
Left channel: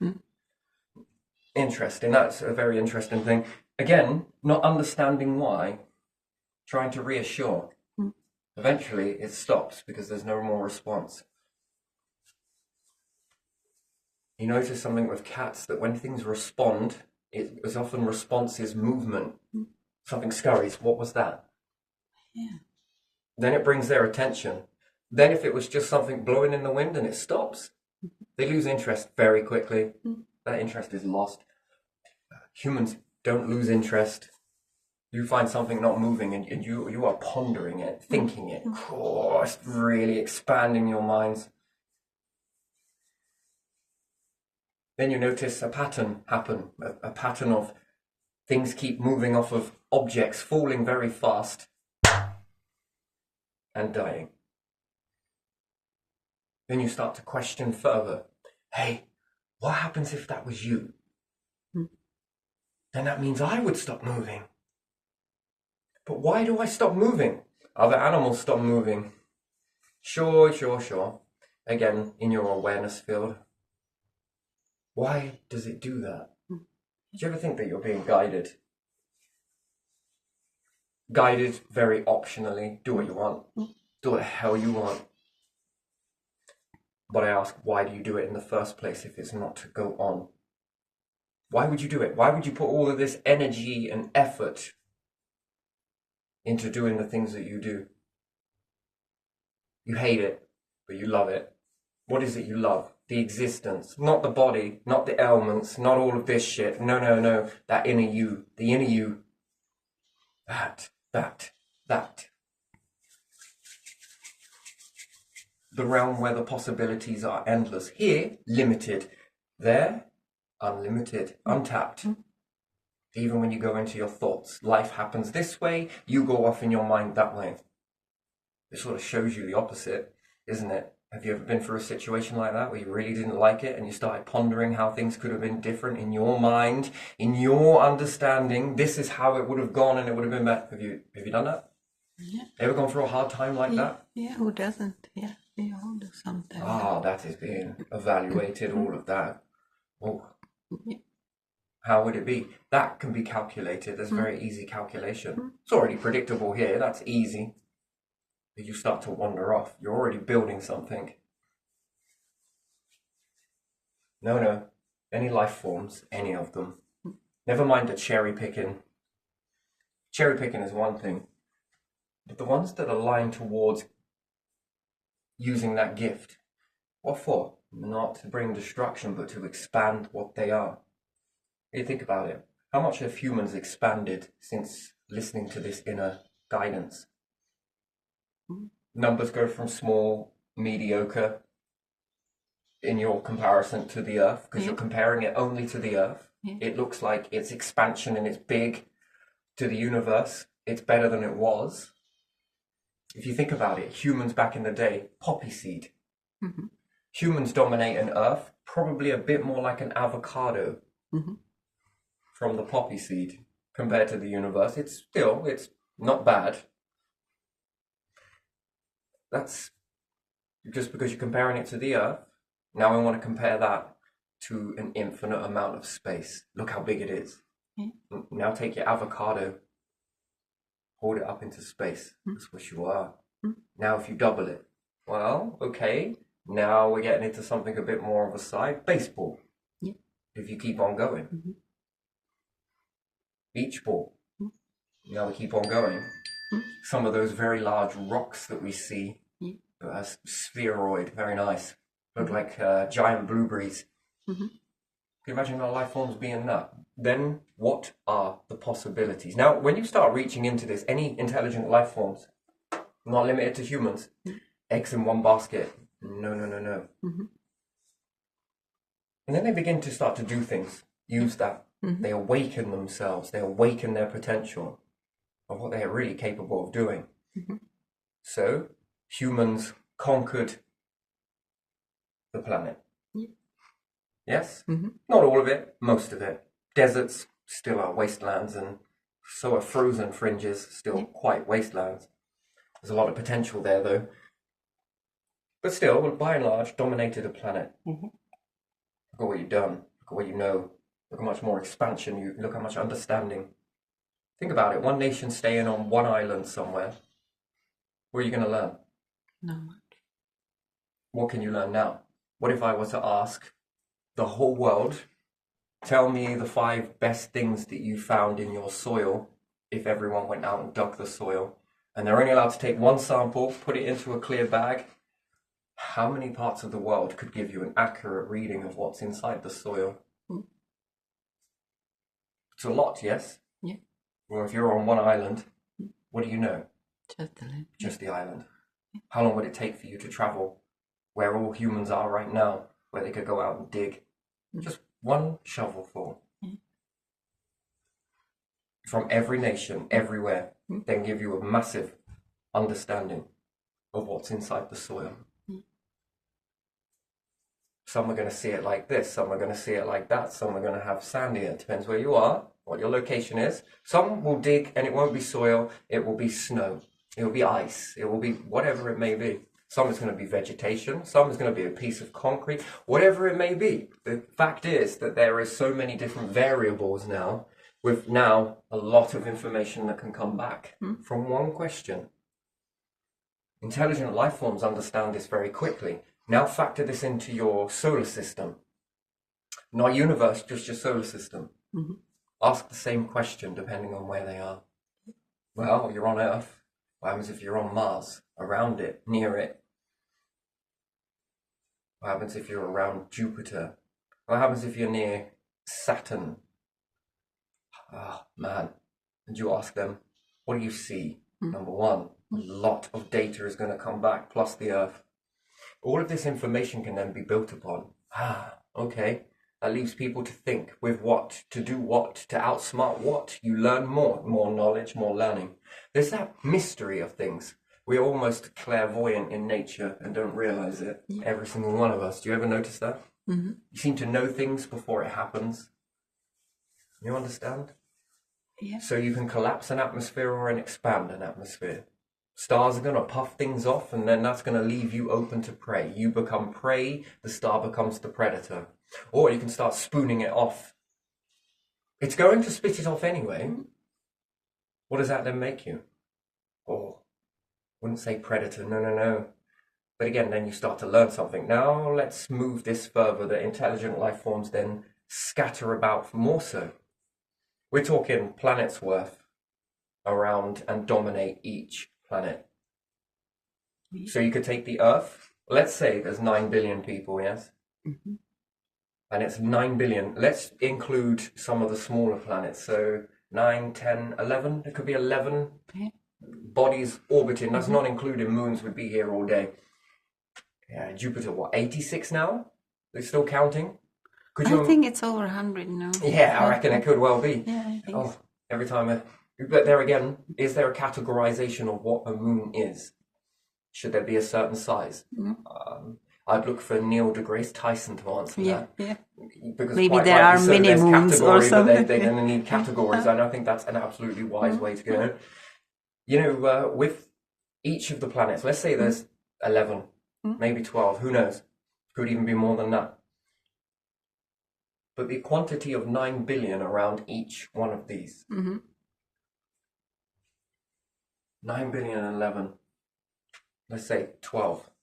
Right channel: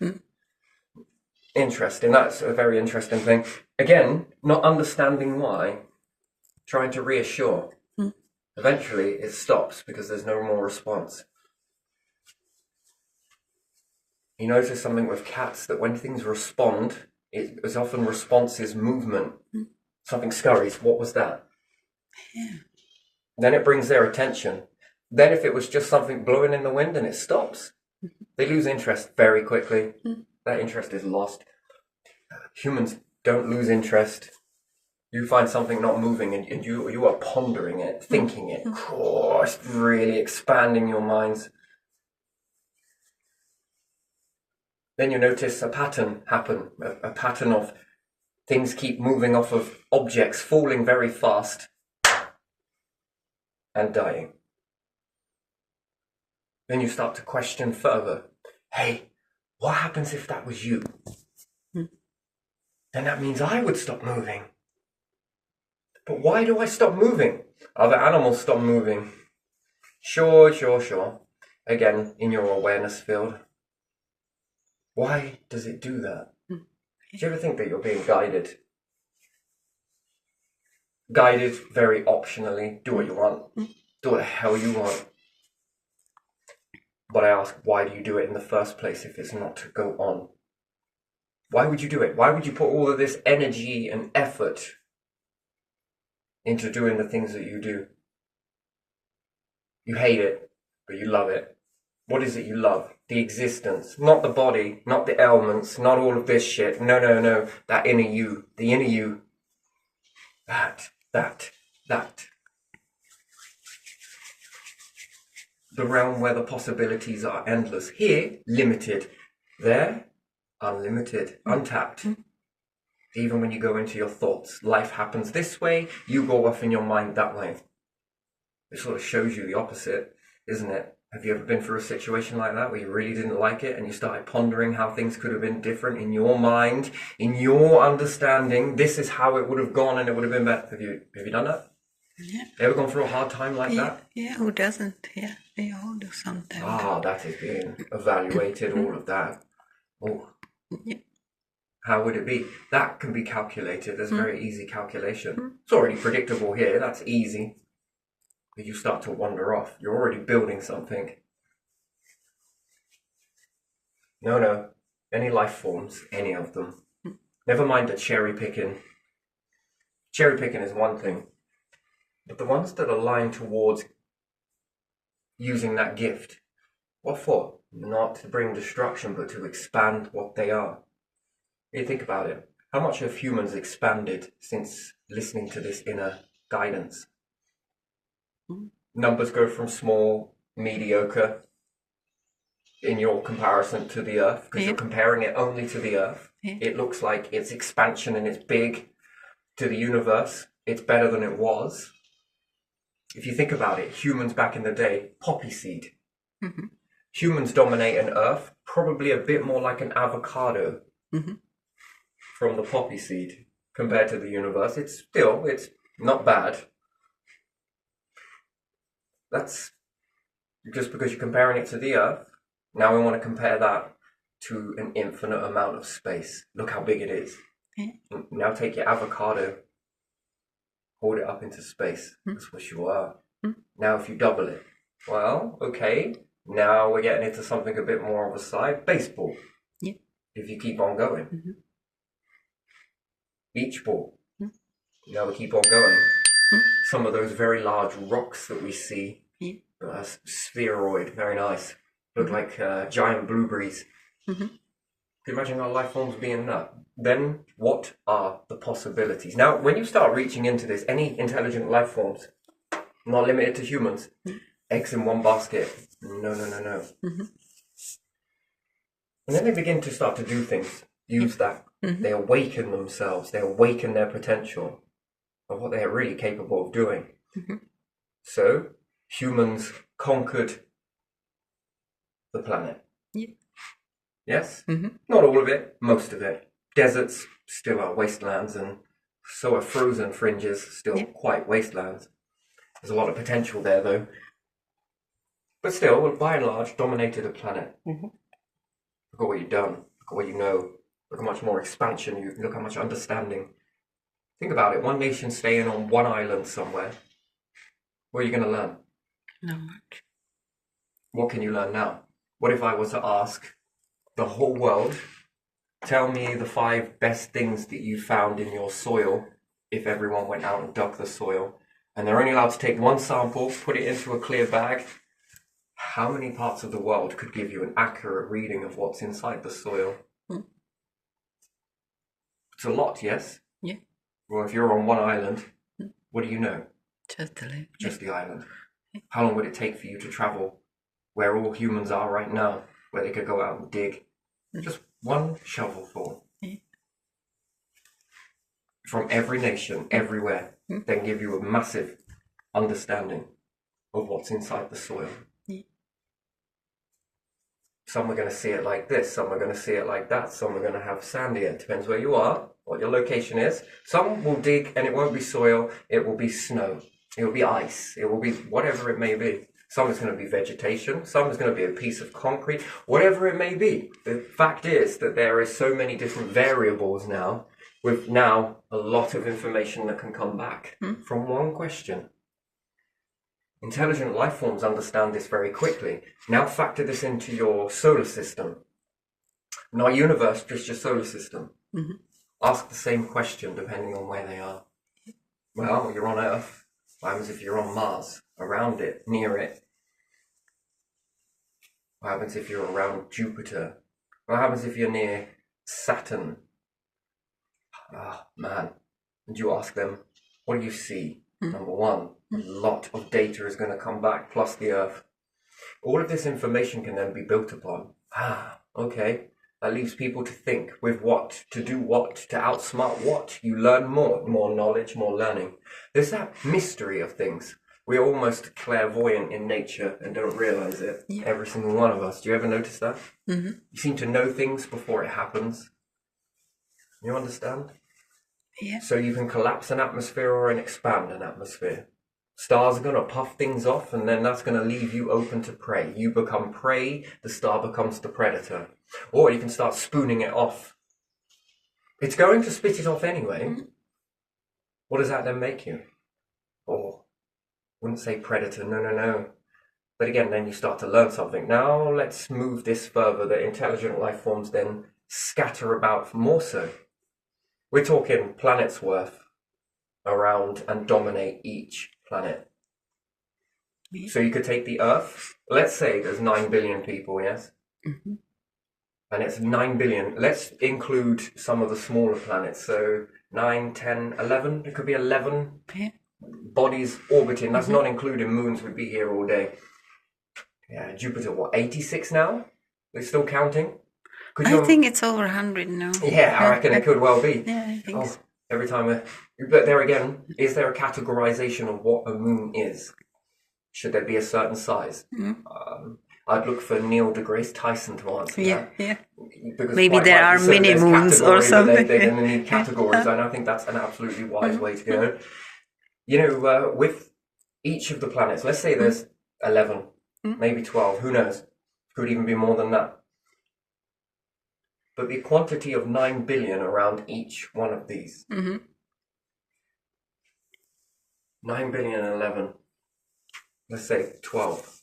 Interesting. That's a very interesting thing. Again, not understanding why, trying to reassure. Eventually it stops because there's no more response. You notice something with cats, that when things respond, it is often response is movement. Something scurries. What was that? Yeah. Then it brings their attention. Then if it was just something blowing in the wind and it stops, they lose interest very quickly. That interest is lost. Humans don't lose interest. You find something not moving and you are pondering it, thinking it. Oh, it's really expanding your minds. Then you notice a pattern happen, a pattern of things keep moving off of objects, falling very fast and dying. Then you start to question further. Hey, what happens if that was you? Then that means I would stop moving. But why do I stop moving? Other animals stop moving. Sure. Again, in your awareness field. Why does it do that? Do you ever think that you're being guided? Guided very optionally. Do what you want. Do what the hell you want. But I ask, why do you do it in the first place if it's not to go on? Why would you do it? Why would you put all of this energy and effort into doing the things that you do? You hate it, but you love it. What is it you love? The existence, not the body, not the ailments, not all of this shit. No. That inner you, the inner you. That. The realm where the possibilities are endless. Here, limited. There, unlimited, untapped. Even when you go into your thoughts, life happens this way, you go off in your mind that way. It sort of shows you the opposite, isn't it? Have you ever been through a situation like that where you really didn't like it and you started pondering how things could have been different in your mind, in your understanding? This is how it would have gone and it would have been better. Have you done that? Yeah. Ever gone through a hard time like that? Yeah, who doesn't? Yeah, we all do sometimes. That is being evaluated, all of that. Oh. Yeah. How would it be? That can be calculated. There's very easy calculation. It's already predictable here. That's easy. But you start to wander off. You're already building something. No. Any life forms, any of them. Never mind the cherry picking. Cherry picking is one thing. But the ones that align towards using that gift, what for? not to bring destruction, but to expand what they are. You think about it. How much have humans expanded since listening to this inner guidance? Numbers go from small, mediocre, in your comparison to the Earth, because you're comparing it only to the Earth. It looks like it's expansion and it's big. To the universe, it's better than it was. If you think about it, humans back in the day, poppy seed. Humans dominate an Earth, probably a bit more like an avocado from the poppy seed compared to the universe. It's not bad. That's just because you're comparing it to the Earth. Now we want to compare that to an infinite amount of space. Look how big it is. Now take your avocado, hold it up into space. That's what you are. Now if you double it, well, okay, now we're getting into something a bit more of a side. Baseball. If you keep on going. Beach ball. Now we keep on going. Some of those very large rocks that we see, spheroid, very nice. Look like giant blueberries. Can you imagine our life forms being that? Then what are the possibilities? Now, when you start reaching into this, any intelligent life forms, not limited to humans, eggs in one basket. No. And then they begin to start to do things, use that. They awaken themselves, they awaken their potential of what they are really capable of doing. So, humans conquered the planet. Yes? Not all of it, most of it. Deserts still are wastelands, and so are frozen fringes still quite wastelands. There's a lot of potential there, though. But still, by and large, dominated the planet. Look at what you've done. Look at what you know. Look how much more expansion, look how much understanding. Think about it. One nation staying on one island somewhere. What are you going to learn? Not much. What can you learn now? What if I was to ask the whole world, tell me the 5 best things that you found in your soil if everyone went out and dug the soil, and they're only allowed to take one sample, put it into a clear bag. How many parts of the world could give you an accurate reading of what's inside the soil? It's a lot, yes? Well, if you're on one island, what do you know? Just the island. How long would it take for you to travel where all humans are right now, where they could go out and dig? Just one shovelful. From every nation, everywhere, then give you a massive understanding of what's inside the soil. Some are going to see it like this, some are going to see it like that, some are going to have sandier. It depends where you are, what your location is. Some will dig and it won't be soil, it will be snow, it will be ice, it will be whatever it may be. Some is going to be vegetation, some is going to be a piece of concrete, whatever it may be. The fact is that there is so many different variables now, with now a lot of information that can come back from one question. Intelligent life forms understand this very quickly. Now factor this into your solar system. Not universe, just your solar system. Ask the same question depending on where they are. Well, you're on Earth. What happens if you're on Mars? Around it, near it? What happens if you're around Jupiter? What happens if you're near Saturn? Ah, man. And you ask them, what do you see? Number one, a lot of data is going to come back, plus the Earth. All of this information can then be built upon. Okay. That leaves people to think with what, to do what, to outsmart what. You learn more knowledge, more learning. There's that mystery of things. We're almost clairvoyant in nature and don't realize it. Every single one of us. Do you ever notice that? You seem to know things before it happens. You understand? So you can collapse an atmosphere or expand an atmosphere. Stars are going to puff things off, and then that's going to leave you open to prey. You become prey, the star becomes the predator. Or you can start spooning it off. It's going to spit it off anyway. What does that then make you? Oh, wouldn't say predator, no. But again, then you start to learn something. Now let's move this further, that intelligent life forms then scatter about more so. We're talking planets worth around and dominate each planet. So you could take the Earth. Let's say there's 9 billion people, yes? Mm-hmm. And it's 9 billion. Let's include some of the smaller planets. So 9, 10, 11. It could be 11 bodies orbiting. That's not including moons. We'd be here all day. Yeah, Jupiter, what, 86 now? They're still counting? I think it's over 100 now. Yeah, I reckon it could well be. Yeah, I think so. Every time. But there again, is there a categorization of what a moon is? Should there be a certain size? I'd look for Neil deGrasse Tyson to answer that. Yeah. Because maybe there are mini moons or something. They're going to need categories, and I think that's an absolutely wise way to go. You know, with each of the planets, let's say there's 11, maybe 12, who knows? Could even be more than that. But the quantity of 9 billion around each one of these. 9 billion and 11. Let's say 12.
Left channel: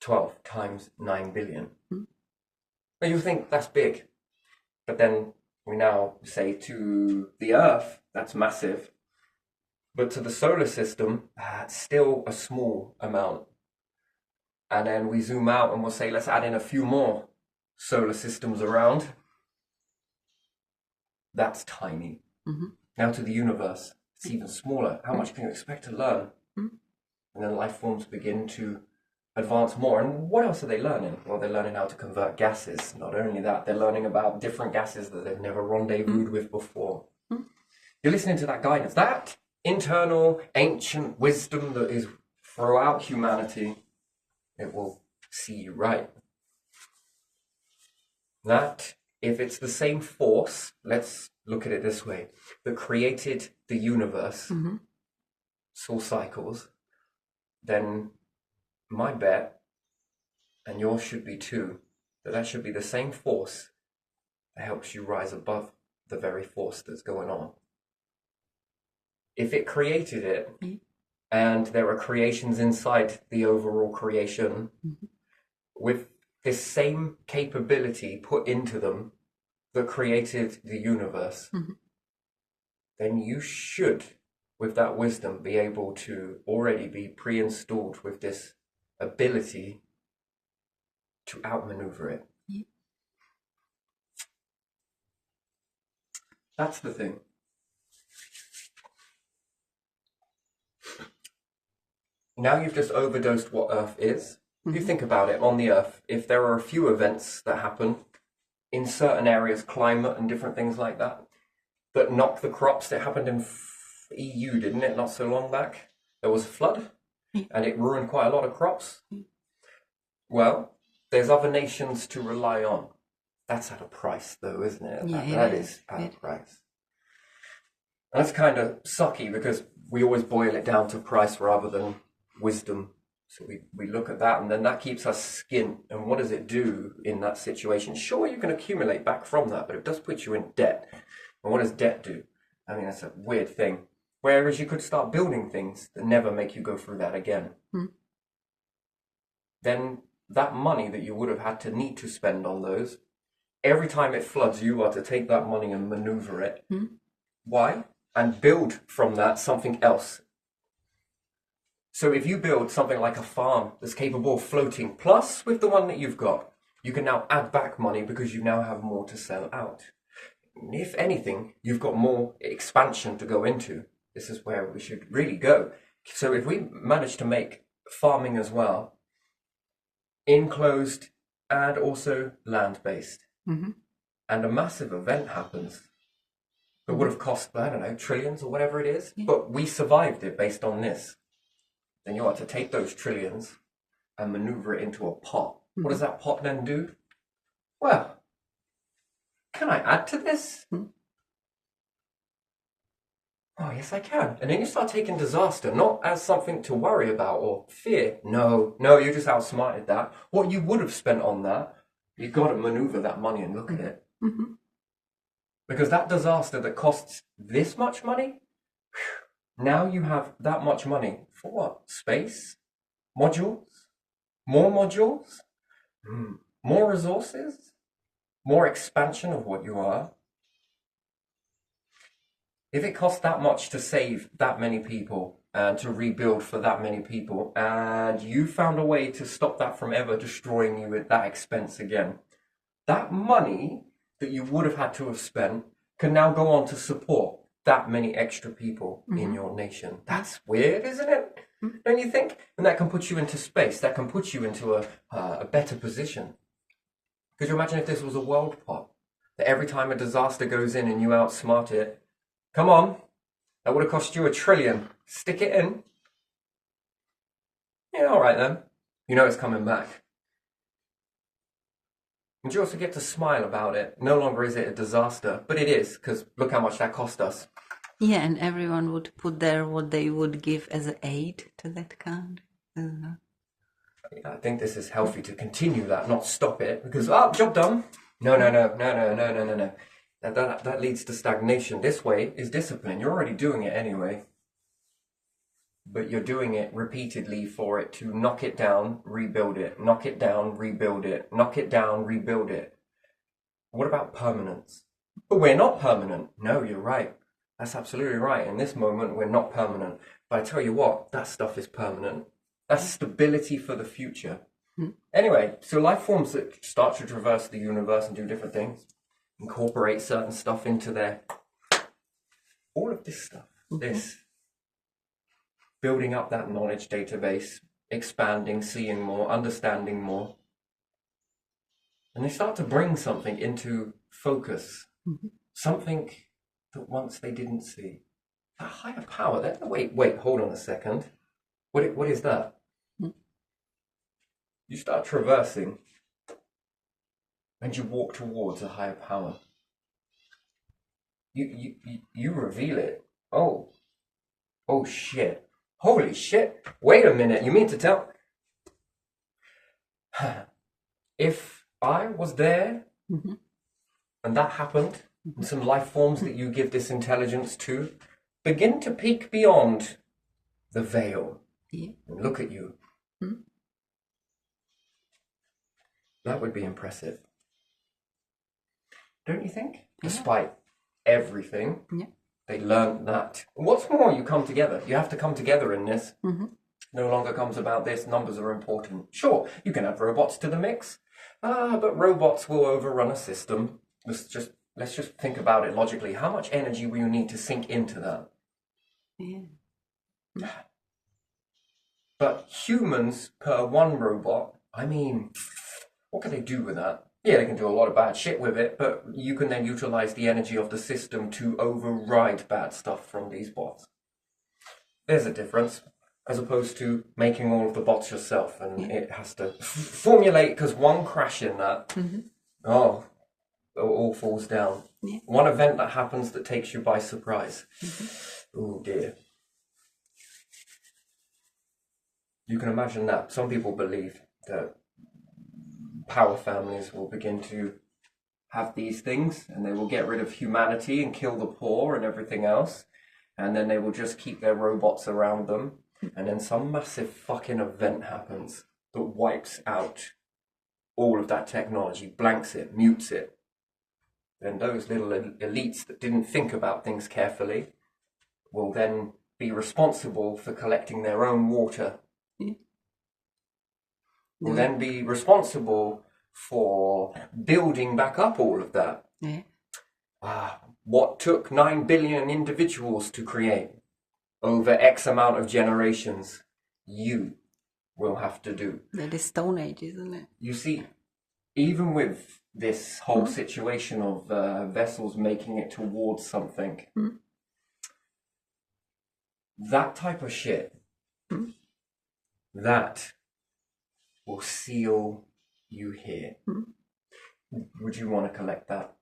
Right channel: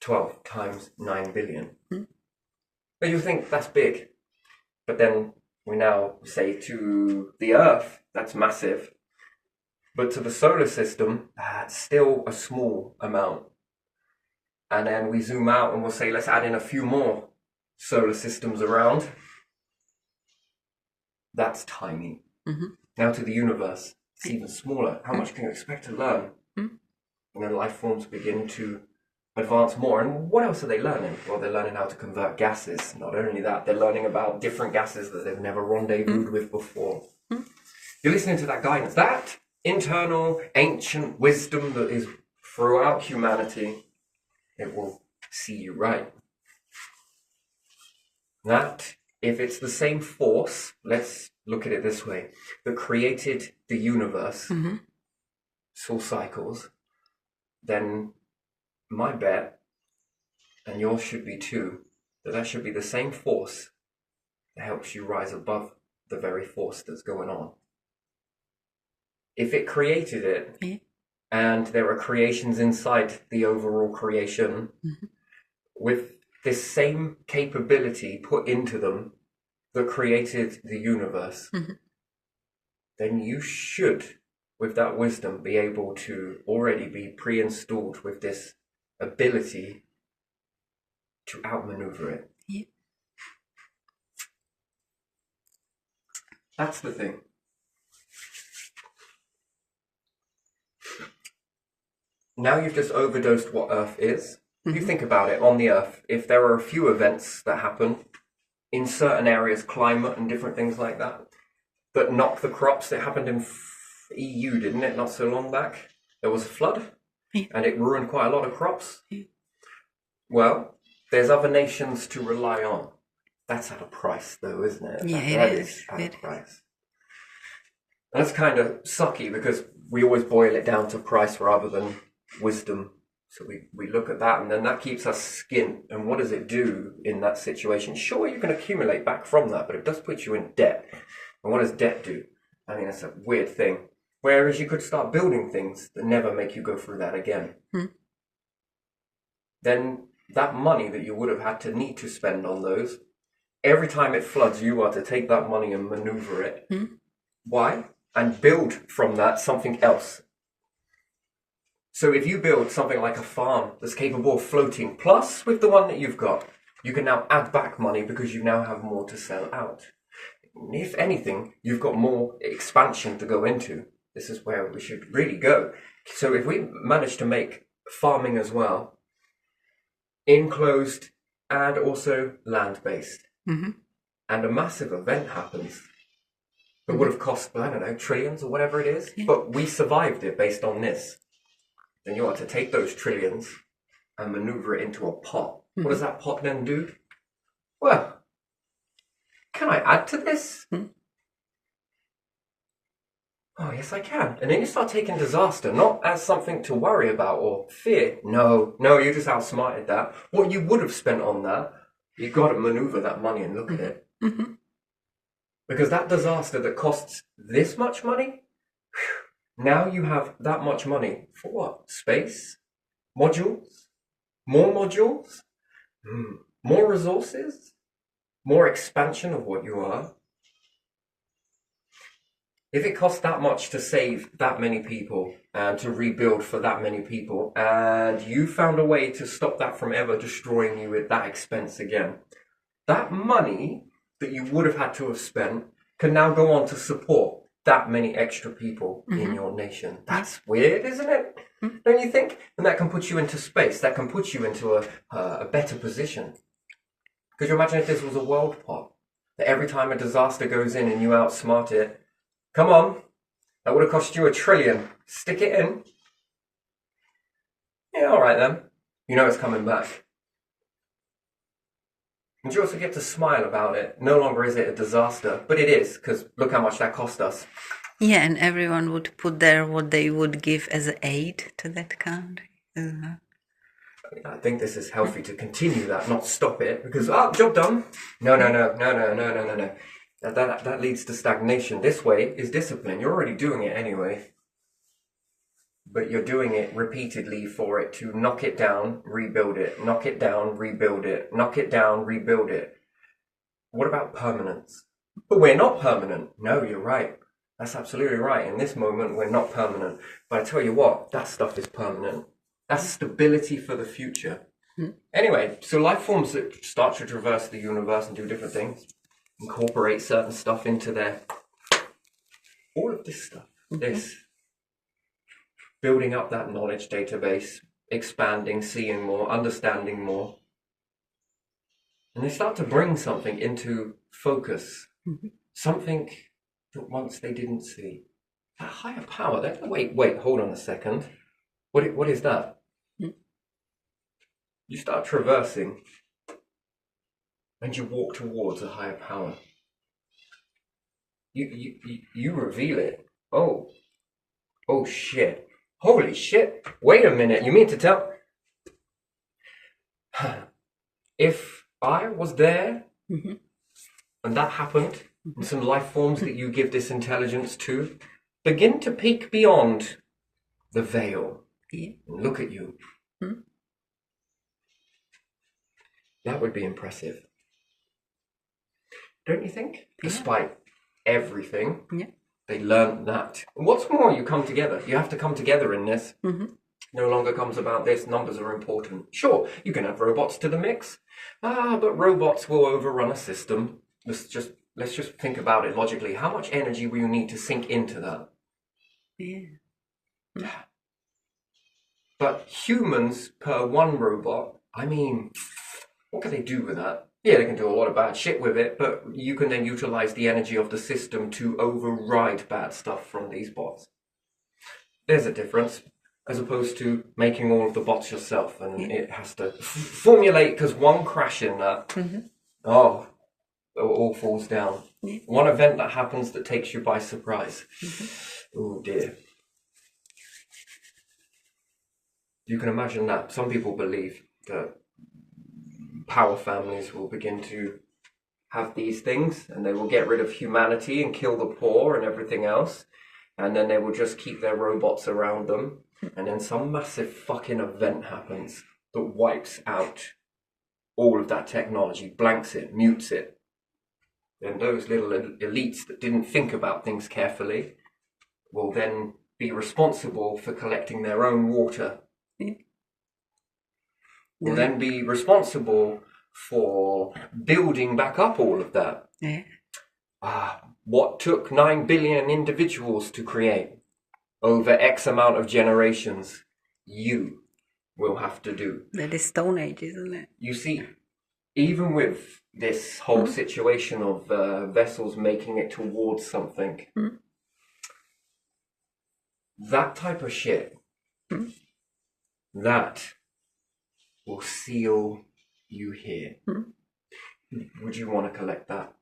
12 times 9 billion. Well, you think that's big. But then we now say to the Earth, that's massive. But to the solar system, that's still a small amount. And then we zoom out and we'll say, let's add in a few more solar systems around. That's tiny. Now to the universe, it's even smaller. How much can you expect to learn? And then life forms begin to advance more. And what else are they learning? Well, they're learning how to convert gases. Not only that, they're learning about different gases that they've never rendezvoused with before. You're listening to that guidance, that internal ancient wisdom that is throughout humanity. It will see you right. That, if it's the same force, let's look at it this way, that created the universe, soul cycles, then my bet, and yours should be too, that should be the same force that helps you rise above the very force that's going on. If it created it, and there are creations inside the overall creation, with this same capability put into them that created the universe, then you should, with that wisdom, be able to already be pre-installed with this ability to outmaneuver it. That's the thing. Now you've just overdosed what Earth is. If you think about it, on the Earth, if there are a few events that happen in certain areas, climate and different things like that knock the crops, it happened in EU, didn't it, not so long back? There was a flood, and it ruined quite a lot of crops. Well, there's other nations to rely on. That's at a price, though, isn't it? Yeah, that is at a price. And that's kind of sucky, because we always boil it down to price rather than wisdom. So we look at that, and then that keeps us skint. And what does it do in that situation? Sure, you can accumulate back from that, but it does put you in debt. And what does debt do? I mean, it's a weird thing. Whereas you could start building things that never make you go through that again. Then that money that you would have had to need to spend on those, every time it floods, you are to take that money and maneuver it. Why? And build from that something else. So if you build something like a farm that's capable of floating, plus with the one that you've got, you can now add back money because you now have more to sell out. If anything, you've got more expansion to go into. This is where we should really go. So if we manage to make farming as well, enclosed and also land-based, and a massive event happens that would have cost, I don't know, trillions or whatever it is, but we survived it based on this. Then you want to take those trillions and maneuver it into a pot. What does that pot then do? Well, can I add to this? Oh, yes, I can. And then you start taking disaster, not as something to worry about or fear. No, you just outsmarted that. What you would have spent on that, you got to maneuver that money and look at it. Because that disaster that costs this much money, now you have that much money for what? Space? Modules? More modules? More resources? More expansion of what you are? If it costs that much to save that many people and to rebuild for that many people, and you found a way to stop that from ever destroying you at that expense again, that money that you would have had to have spent can now go on to support that many extra people in your nation. That's weird, isn't it? Don't you think? And that can put you into space. That can put you into a better position. Could you imagine if this was a world pot? That every time a disaster goes in and you outsmart it, come on, that would have cost you $1 trillion. Stick it in. Yeah, all right then. You know it's coming back. And you also get to smile about it. No longer is it a disaster, but it is, because look how much that cost us. Yeah, and everyone would put there what they would give as aid to that country. I think this is healthy to continue that, not stop it, because, job done. No. That leads to stagnation. This way is discipline. You're already doing it anyway. But you're doing it repeatedly for it to knock it down, rebuild it, knock it down, rebuild it, knock it down, rebuild it. What about permanence? But we're not permanent. No, you're right. That's absolutely right. In this moment, we're not permanent. But I tell you what, that stuff is permanent. That's stability for the future. Anyway, so life forms that start to traverse the universe and do different things, incorporate certain stuff into their... all of this stuff, this... building up that knowledge database, expanding, seeing more, understanding more. And they start to bring something into focus, something that once they didn't see. A higher power. Wait, hold on a second. What is that? You start traversing and you walk towards a higher power. You reveal it. Oh shit. Holy shit. Wait a minute. You mean to tell... If I was there and that happened, and some life forms that you give this intelligence to begin to peek beyond the veil and look at you, that would be impressive. Don't you think? Despite everything. Yeah. They learned that. What's more, you come together. You have to come together in this. No longer comes about this. Numbers are important. Sure, you can add robots to the mix. But robots will overrun a system. Let's just think about it logically. How much energy will you need to sink into that? Yeah. But humans per one robot, I mean, what can they do with that? Yeah, they can do a lot of bad shit with it, but you can then utilize the energy of the system to override bad stuff from these bots. There's a difference, as opposed to making all of the bots yourself, and it has to formulate, because one crash in that, it all falls down. One event that happens that takes you by surprise. Oh dear. You can imagine that. Some people believe that power families will begin to have these things and they will get rid of humanity and kill the poor and everything else, and then they will just keep their robots around them, and then some massive fucking event happens that wipes out all of that technology, blanks it, mutes it. Then those little elites that didn't think about things carefully will then be responsible for collecting their own water. Will then be responsible for building back up all of that. What took 9 billion individuals to create over X amount of generations, you will have to do. That is Stone Age, isn't it? You see, even with this whole situation of vessels making it towards something, that type of shit, that will seal you here. Would you want to collect that?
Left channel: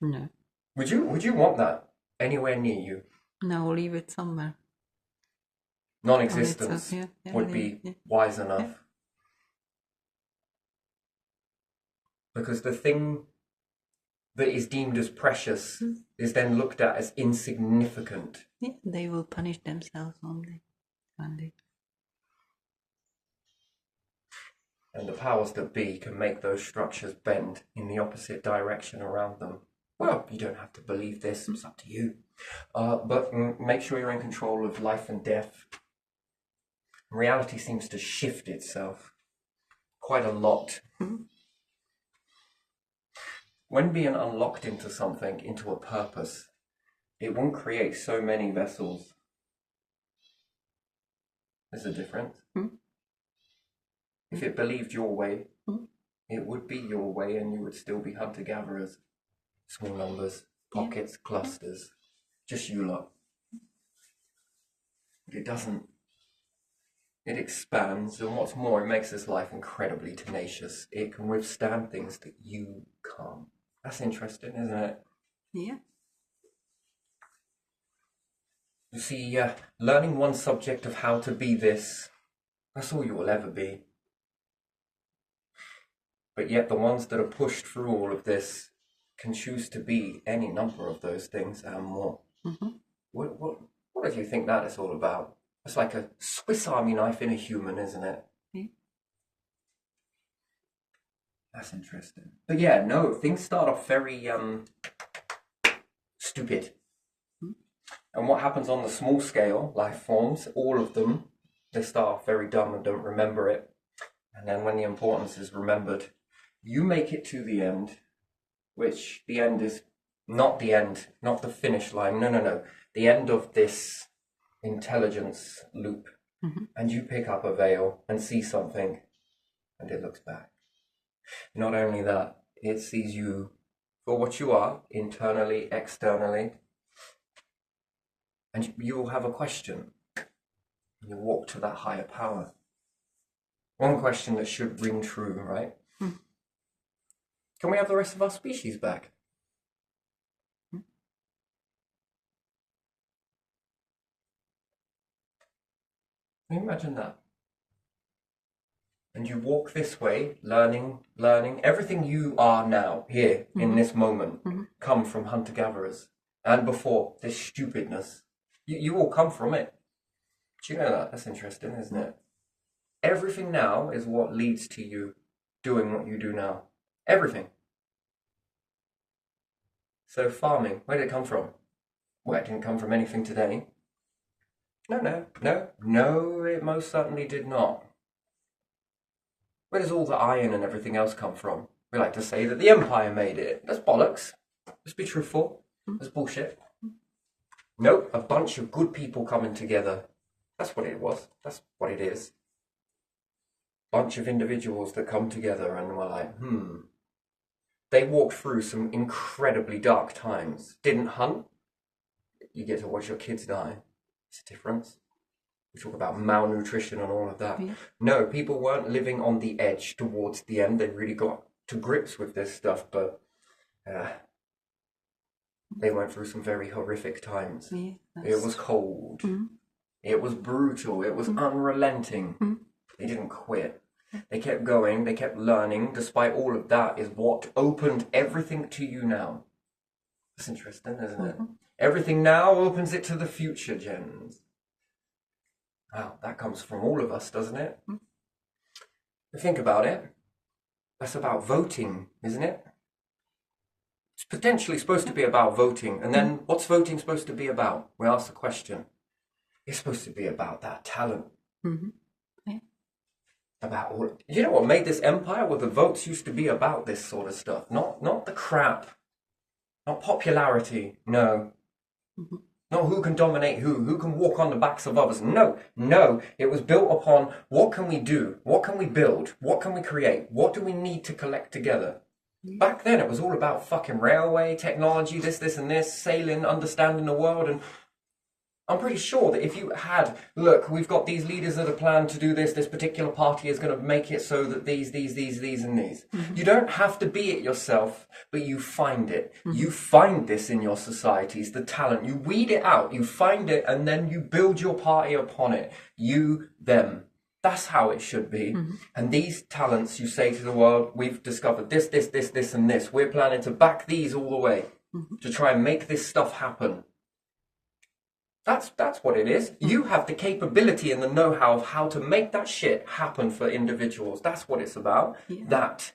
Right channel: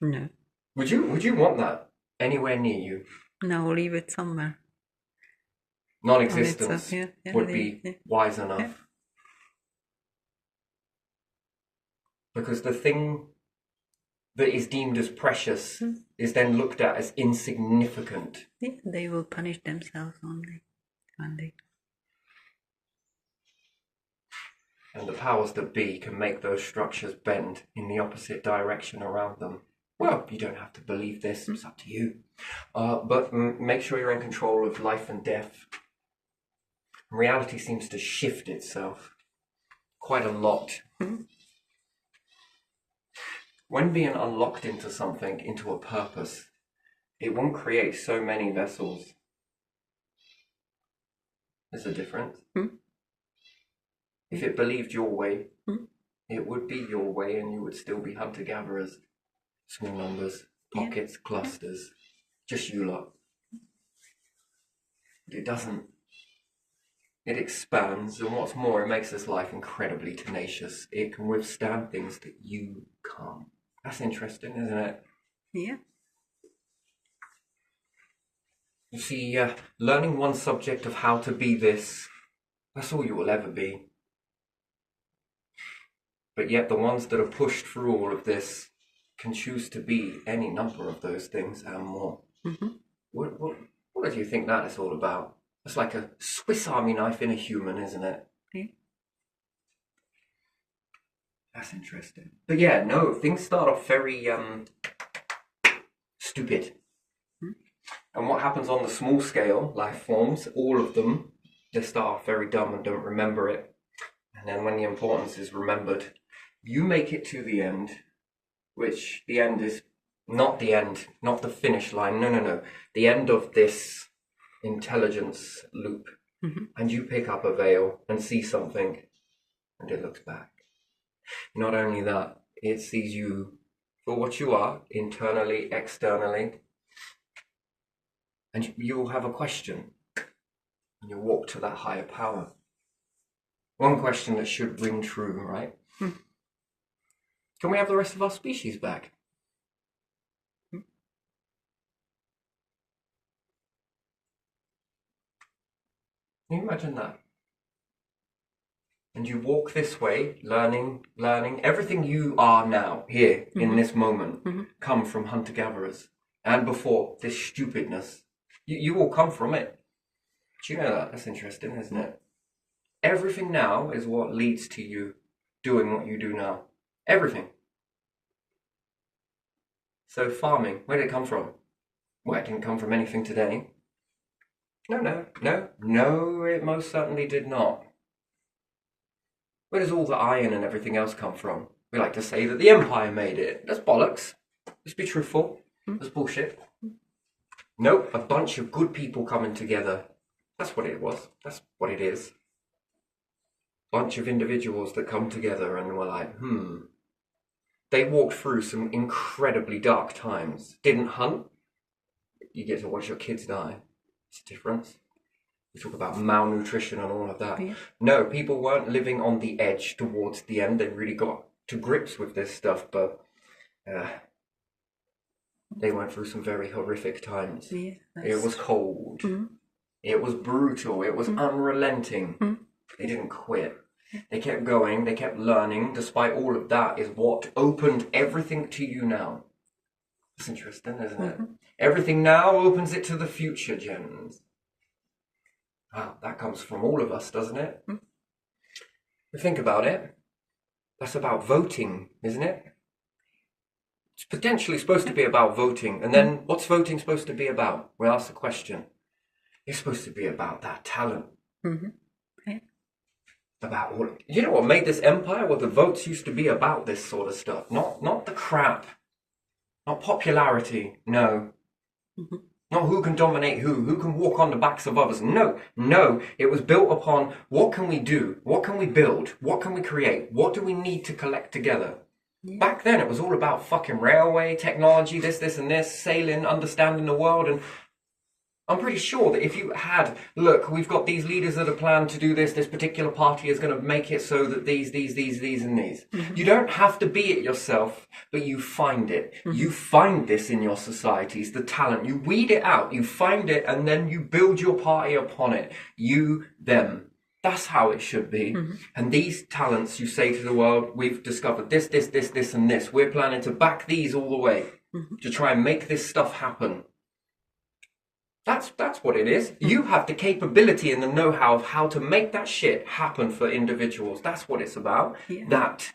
No. Would you want that anywhere near you? No, leave it somewhere. Non-existence would be wise enough. Because the thing that is deemed as precious is then looked at as insignificant. Yeah, they will punish themselves only one day. And the powers that be can make those structures bend in the opposite direction around them. Well, you don't have to believe this. It's up to you. But make sure you're in control of life and death. Reality seems to shift itself quite a lot. When being unlocked into something, into a purpose, it won't create so many vessels. There's a difference. If it believed your way, it would be your way, and you would still be hunter-gatherers. Small numbers, pockets, clusters, just you lot. But it doesn't. It expands, and what's more, it makes this life incredibly tenacious. It can withstand things that you can't. That's interesting, isn't it? Yeah. You see, learning one subject of how to be this, that's all you will ever be. But yet the ones that are pushed through all of this can choose to be any number of those things and more. What do you think that is all about? It's like a Swiss Army knife in a human, isn't it? Yeah. That's interesting. But yeah, no, things start off very stupid. And what happens on the small scale, life forms, all of them, they start off very dumb and don't remember it. And then when the importance is remembered, you make it to the end, which the end is not the end, not the finish line. No. The end of this intelligence loop. And you pick up a veil and see something, and it looks back. Not only that, it sees you for what you are, internally, externally, and you will have a question. And you walk to that higher power. One question that should ring true, right? Can we have the rest of our species back? Can you imagine that? And you walk this way, learning. Everything you are now, here, in this moment, come from hunter-gatherers. And before, this stupidness. You all come from it. Do you know that? That's interesting, isn't it? Everything now is what leads to you doing what you do now. Everything. So farming, where did it come from? Well, it didn't come from anything today. No, it most certainly did not. Where does all the iron and everything else come from? We like to say that the Empire made it. That's bollocks. Let's be truthful. That's bullshit. Nope, a bunch of good people coming together. That's what it was. That's what it is. Bunch of individuals that come together and were like, They walked through some incredibly dark times. Didn't hunt. You get to watch your kids die. It's a difference. We talk about malnutrition and all of that. Yeah. No, people weren't living on the edge towards the end. They really got to grips with this stuff, but they went through some very horrific times. Yeah, it was cold. It was brutal. It was unrelenting. They didn't quit. They kept going. They kept learning. Despite all of that is what opened everything to you now. That's interesting, isn't it? Everything now opens it to the future, gens. Wow, that comes from all of us, doesn't it? Think about it. That's about voting, isn't it? It's potentially supposed to be about voting. And then what's voting supposed to be about? We ask the question. It's supposed to be about that talent. Okay. About all. You know what made this empire? Well, the votes used to be about this sort of stuff. Not the crap. Not popularity. No. Not who can dominate who can walk on the backs of others. No. It was built upon what can we do? What can we build? What can we create? What do we need to collect together? Yeah. Back then, it was all about fucking railway, technology, this, and this, sailing, understanding the world. And I'm pretty sure that if you had, look, we've got these leaders that are planned to do this particular party is going to make it so that these, and these. You don't have to be it yourself, but you find it. You find this in your societies, the talent. You weed it out, you find it, and then you build your party upon it. You, them. That's how it should be. And these talents, you say to the world, we've discovered this, and this. We're planning to back these all the way to try and make this stuff happen. That's what it is. You have the capability and the know-how of how to make that shit happen for individuals. That's what it's about. Yeah. That.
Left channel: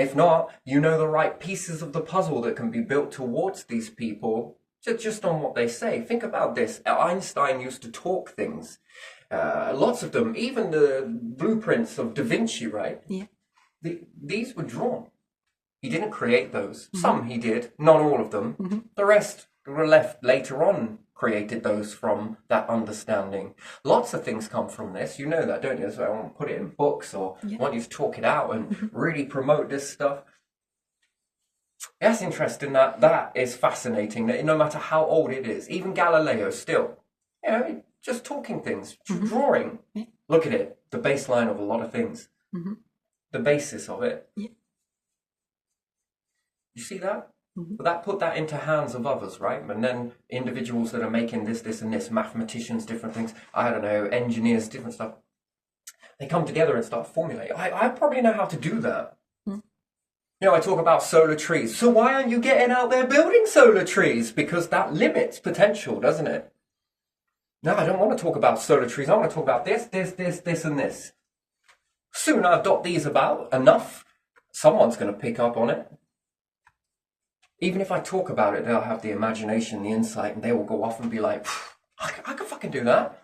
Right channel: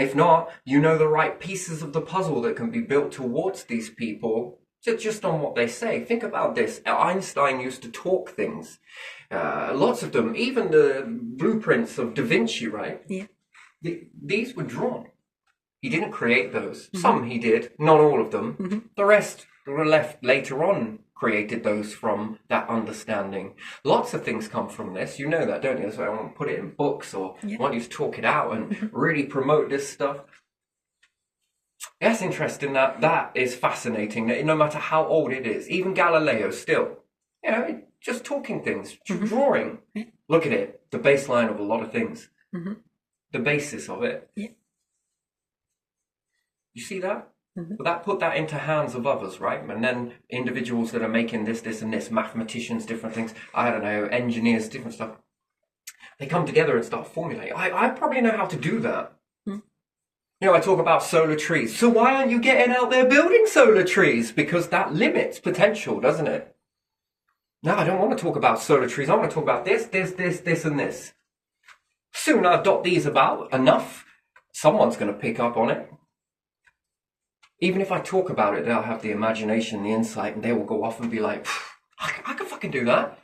If not, you know the right pieces of the puzzle that can be built towards these people just on what they say. Think about this. Einstein used to talk things. Lots of them, even the blueprints of Da Vinci, right? Yeah. These were drawn. He didn't create those. Some he did, not all of them. The rest were left later on, created those from that understanding. Lots of things come from this. You know that, don't you? So I want to put it in books or I want you to talk it out and really promote this stuff. That's interesting. That is fascinating. That no matter how old it is, even Galileo still, just talking things, drawing. Look at it, the baseline of a lot of things, the basis of it. Yeah. You see that? But that put that into hands of others, right? And then individuals that are making this, and this, mathematicians, different things, I don't know, engineers, different stuff. They come together and start formulating. I probably know how to do that. I talk about solar trees. So why aren't you getting out there building solar trees? Because that limits potential, doesn't it? No, I don't want to talk about solar trees. I want to talk about this, and this. Soon I dot these about enough, someone's going to pick up on it. Even if I talk about it, they'll have the imagination, the insight, and they will go off and be like, I can fucking do that.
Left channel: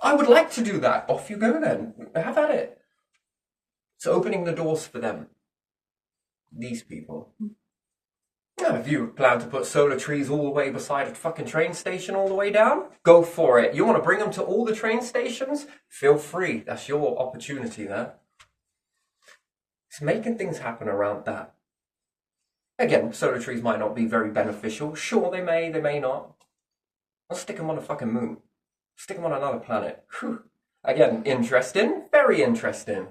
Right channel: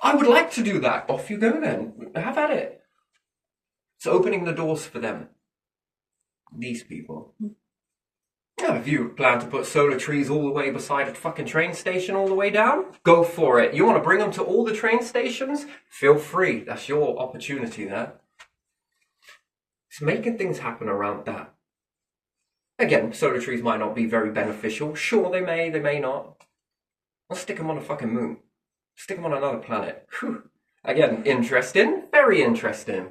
I would like to do that. Off you go then. Have at it. It's opening the doors for them. These people. Now, if you plan to put solar trees all the way beside a fucking train station all the way down, go for it. You want to bring them to all the train stations? Feel free. That's your opportunity there. It's making things happen around that. Again, solar trees might not be very beneficial. Sure, they may not. I'll stick them on a fucking moon. Stick them on another planet. Whew. Again, interesting. Very interesting.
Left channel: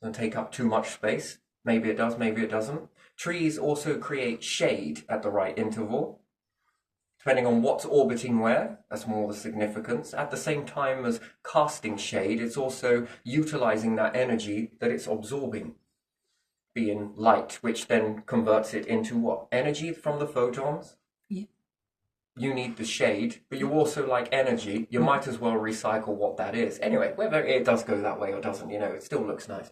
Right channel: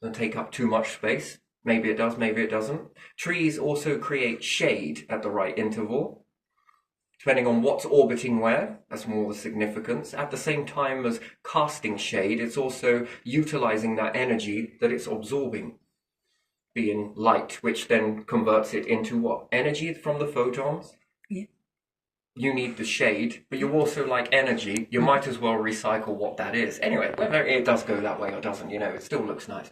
Doesn't take up too much space. Maybe it does, maybe it doesn't. Trees also create shade at the right interval. Depending on what's orbiting where, that's more the significance. At the same time as casting shade, it's also utilizing that energy that it's absorbing. Being light, which then converts it into what? Energy from the photons? Yeah. You need the shade, but you also like energy. You might as well recycle what that is. Anyway, whether it does go that way or doesn't, it still looks nice.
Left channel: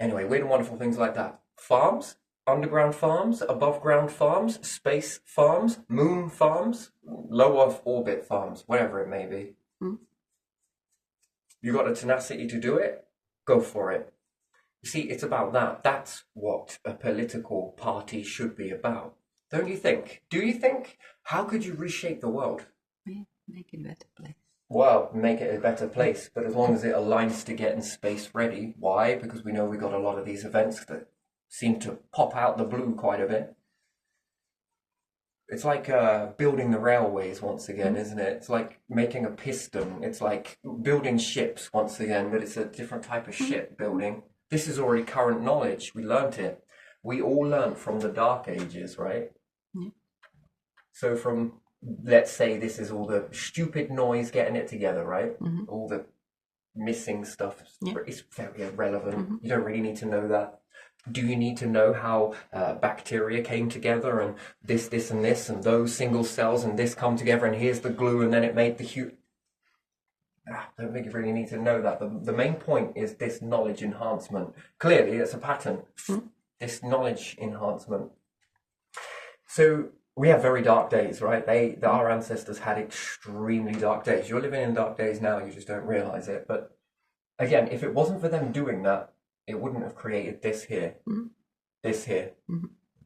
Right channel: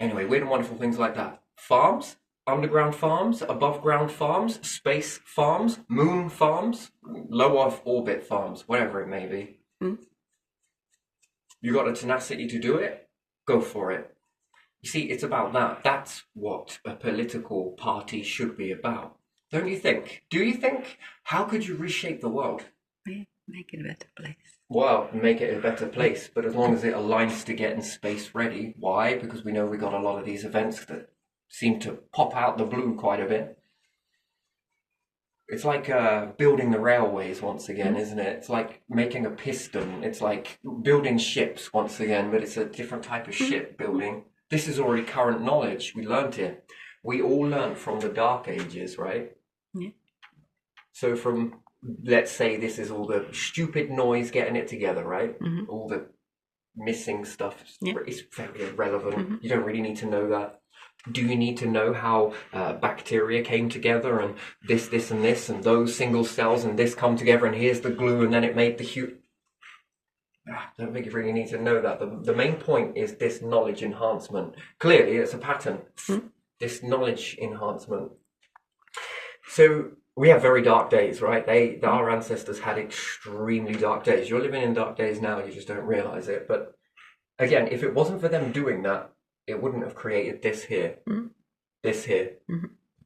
Anyway, weird and wonderful things like that. Farms, underground farms, above ground farms, space farms, moon farms, low Earth orbit farms, whatever it may be. You got the tenacity to do it? Go for it. You see, it's about that. That's what a political party should be about. Don't you think? Do you think? How could you reshape the world? Yeah, make it a better place. Well, make it a better place, but as long as it aligns to getting space ready. Why? Because we know we got a lot of these events that seem to pop out the blue quite a bit. It's like building the railways once again, isn't it? It's like making a piston. It's like building ships once again, but it's a different type of ship building. This is already current knowledge. We learnt it. We all learnt from the Dark Ages, right? Yeah. So from, let's say this is all the stupid noise getting it together, right? All the missing stuff. Yeah. It's very irrelevant. You don't really need to know that. Do you need to know how bacteria came together and this, and this, and those single cells and this come together and here's the glue and then it made the huge... I don't think you really need to know that. The main point is this knowledge enhancement. Clearly, it's a pattern. This knowledge enhancement. So we have very dark days, right? Our ancestors had extremely dark days. You're living in dark days now, you just don't realize it. But again, if it wasn't for them doing that, it wouldn't have created this here, this here,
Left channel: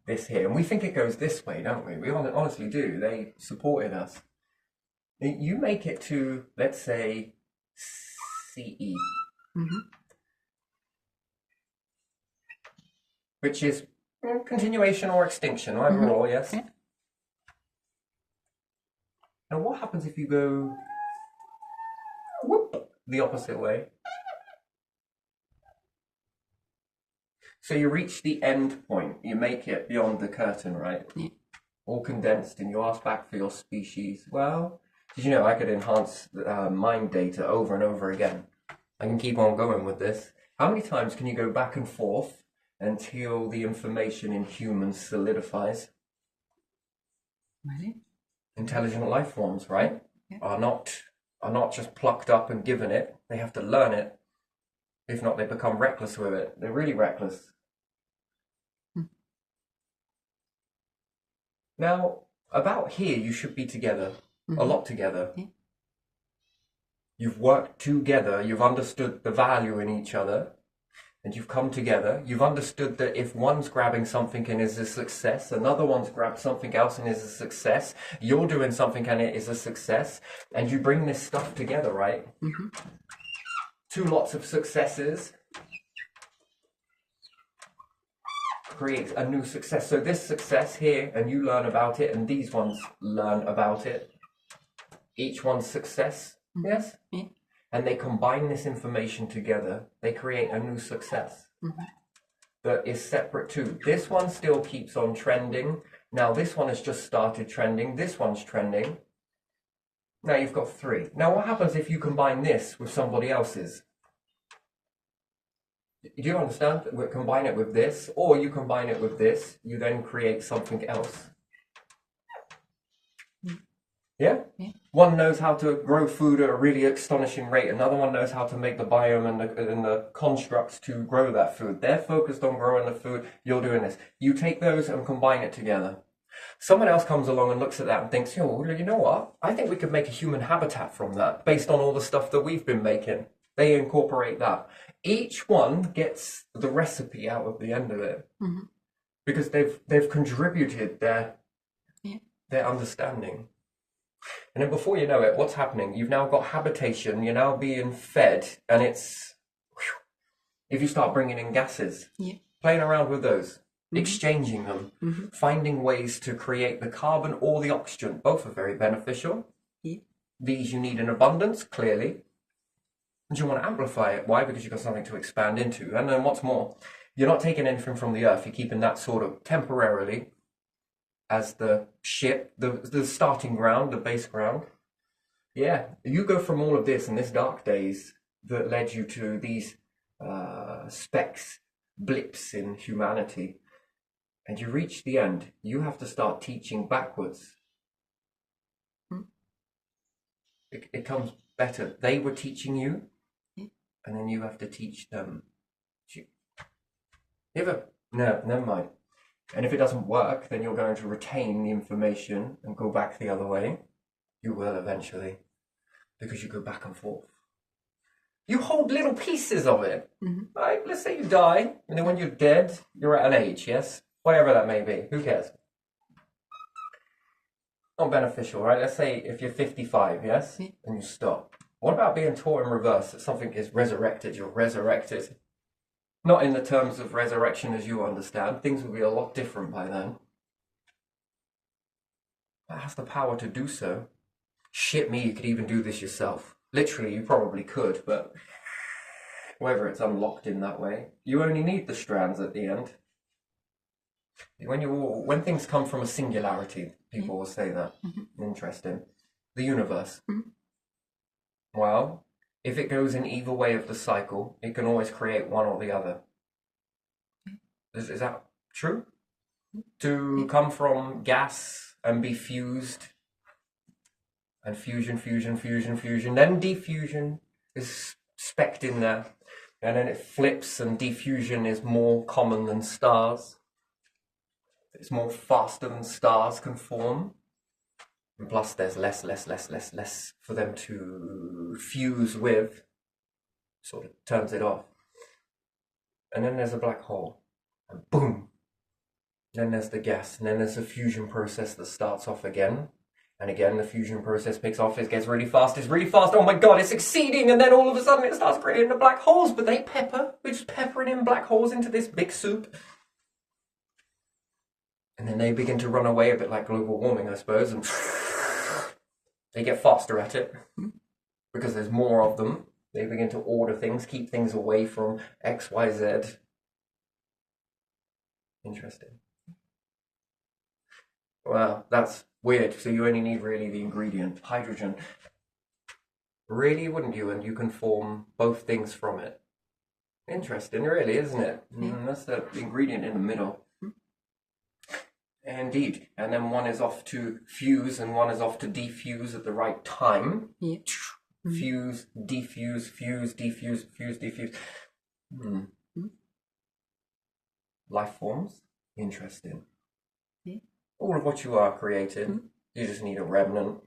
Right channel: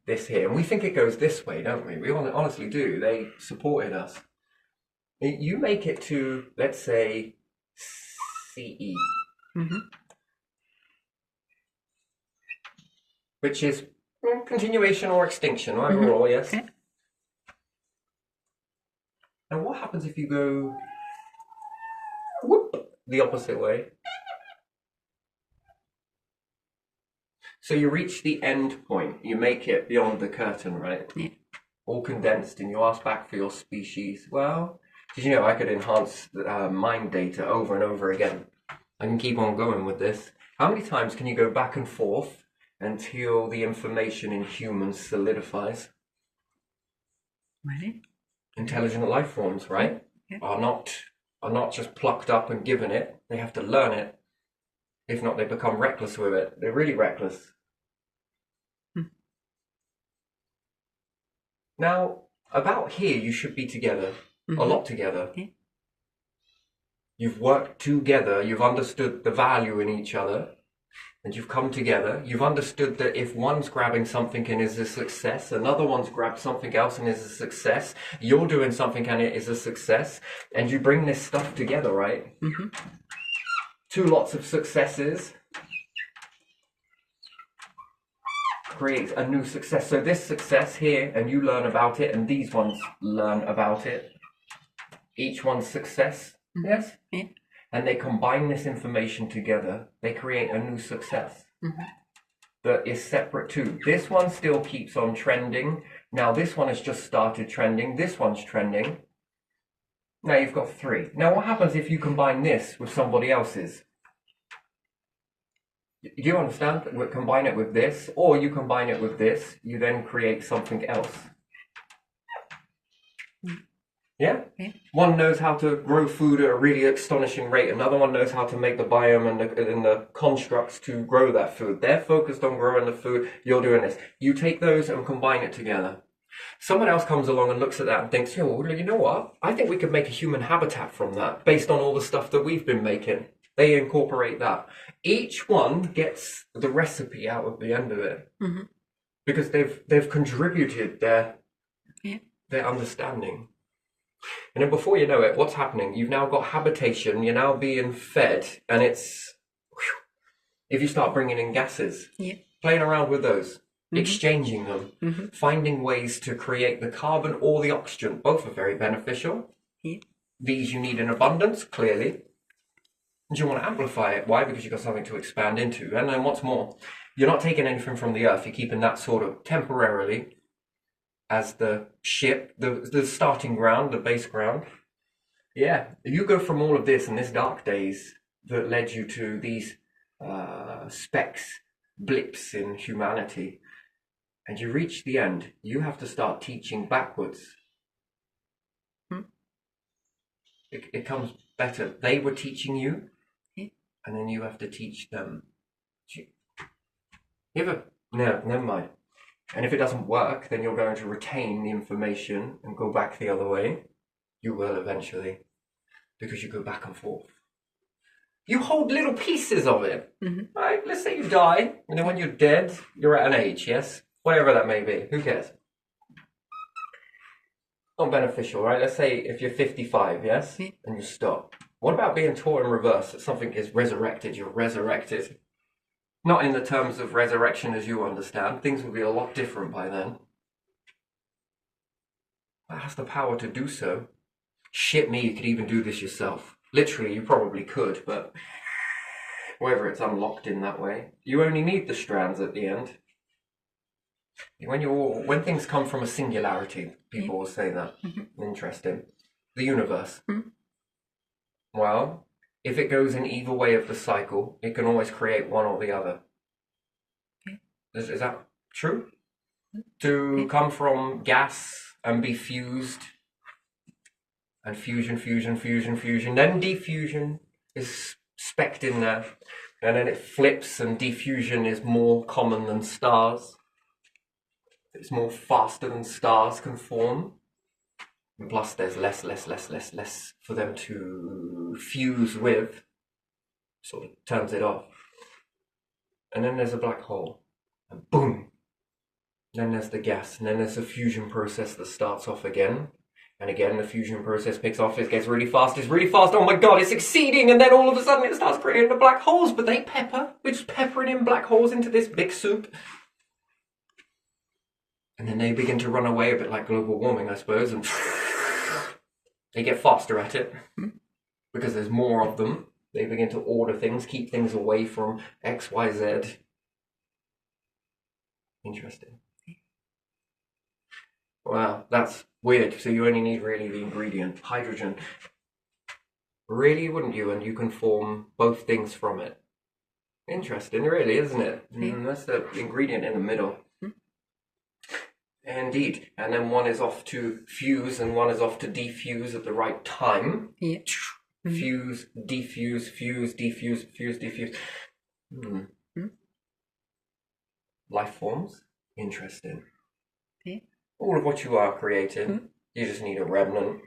this here. And we think it goes this way, don't we? We honestly do. They supported us. You make it to, let's say, CE, which is continuation or extinction, overall, yes? Okay. And what happens if you go whoop, the opposite way? So you reach the end point, you make it beyond the curtain, right? Yeah. All condensed, and you ask back for your species. Well, did you know I could enhance mind data over and over again? I can keep on going with this. How many times can you go back and forth until the information in humans solidifies? Really? Intelligent life forms, right? Yeah. Are not just plucked up and given it. They have to learn it. If not, they become reckless with it. They're really reckless. Now, about here, you should be together, a lot together. Yeah. You've worked together, you've understood the value in each other, and you've come together. You've understood that if one's grabbing something and is a success, another one's grabbed something else and is a success, you're doing something and it is a success, and you bring this stuff together, right? Two lots of successes creates a new success. So this success here, and you learn about it, and these ones learn about it. Each one's success, yes? Yeah. And they combine this information together. They create a new success that is separate too. This one still keeps on trending. Now this one has just started trending. This one's trending. Now you've got three. Now what happens if you combine this with somebody else's? Do you understand? We combine it with this, or you combine it with this, you then create something else. Yeah? One knows how to grow food at a really astonishing rate. Another one knows how to make the biome and the constructs to grow that food. They're focused on growing the food. You're doing this. You take those and combine it together. Someone else comes along and looks at that and thinks, oh, you know what? I think we could make a human habitat from that based on all the stuff that we've been making. They incorporate that. Each one gets the recipe out of the end of it because they've contributed their understanding. And then before you know it, what's happening? You've now got habitation. You're now being fed, and it's if you start bringing in gases, playing around with those, exchanging them, finding ways to create the carbon or the oxygen. Both are very beneficial. These you need in abundance, clearly. And you want to amplify it. Why? Because you've got something to expand into. And then what's more, you're not taking anything from the earth. You're keeping that sort of temporarily as the ship, the starting ground, the base ground. Yeah, you go from all of this in this dark days that led you to these specks, blips in humanity, and you reach the end. You have to start teaching backwards. It comes better. They were teaching you, and then you have to teach them. No, never mind. And if it doesn't work, then you're going to retain the information and go back the other way. You will eventually, because you go back and forth. You hold little pieces of it. Right? Let's say you die, and then when you're dead, you're at an age, yes? Whatever that may be. Who cares? Not beneficial, right? Let's say if you're 55, yes? And you stop. What about being taught in reverse, that something is resurrected, you're resurrected? Not in the terms of resurrection as you understand. Things will be a lot different by then. That has the power to do so. Shit me, you could even do this yourself. Literally, you probably could, but whether it's unlocked in that way. You only need the strands at the end. When things come from a singularity, people will say that. Interesting. The universe. Well, if it goes in either way of the cycle, it can always create one or the other. Is that true? To come from gas and be fused, and fusion, then diffusion is specced in there, and then it flips, and diffusion is more common than stars. It's more faster than stars can form. And plus there's less for them to fuse with. Sort of turns it off. And then there's a black hole. And boom! Then there's the gas. And then there's the fusion process that starts off again. And again, the fusion process picks off. It gets really fast. It's really fast. Oh my god, it's exceeding. And then all of a sudden it starts creating the black holes. But they pepper. We're just peppering in black holes into this big soup. And then they begin to run away, a bit like global warming, I suppose. And they get faster at it. Because there's more of them. They begin to order things, keep things away from X, Y, Z. Interesting. Wow, that's weird. So you only need really the ingredient, hydrogen. Really, wouldn't you? And you can form both things from it. Interesting, really, isn't it? That's the ingredient in the middle. Indeed. And then one is off to fuse and one is off to defuse at the right time. Fuse, defuse, fuse, defuse, fuse, defuse. Life forms? Interesting. all of what you are created. You just need a remnant.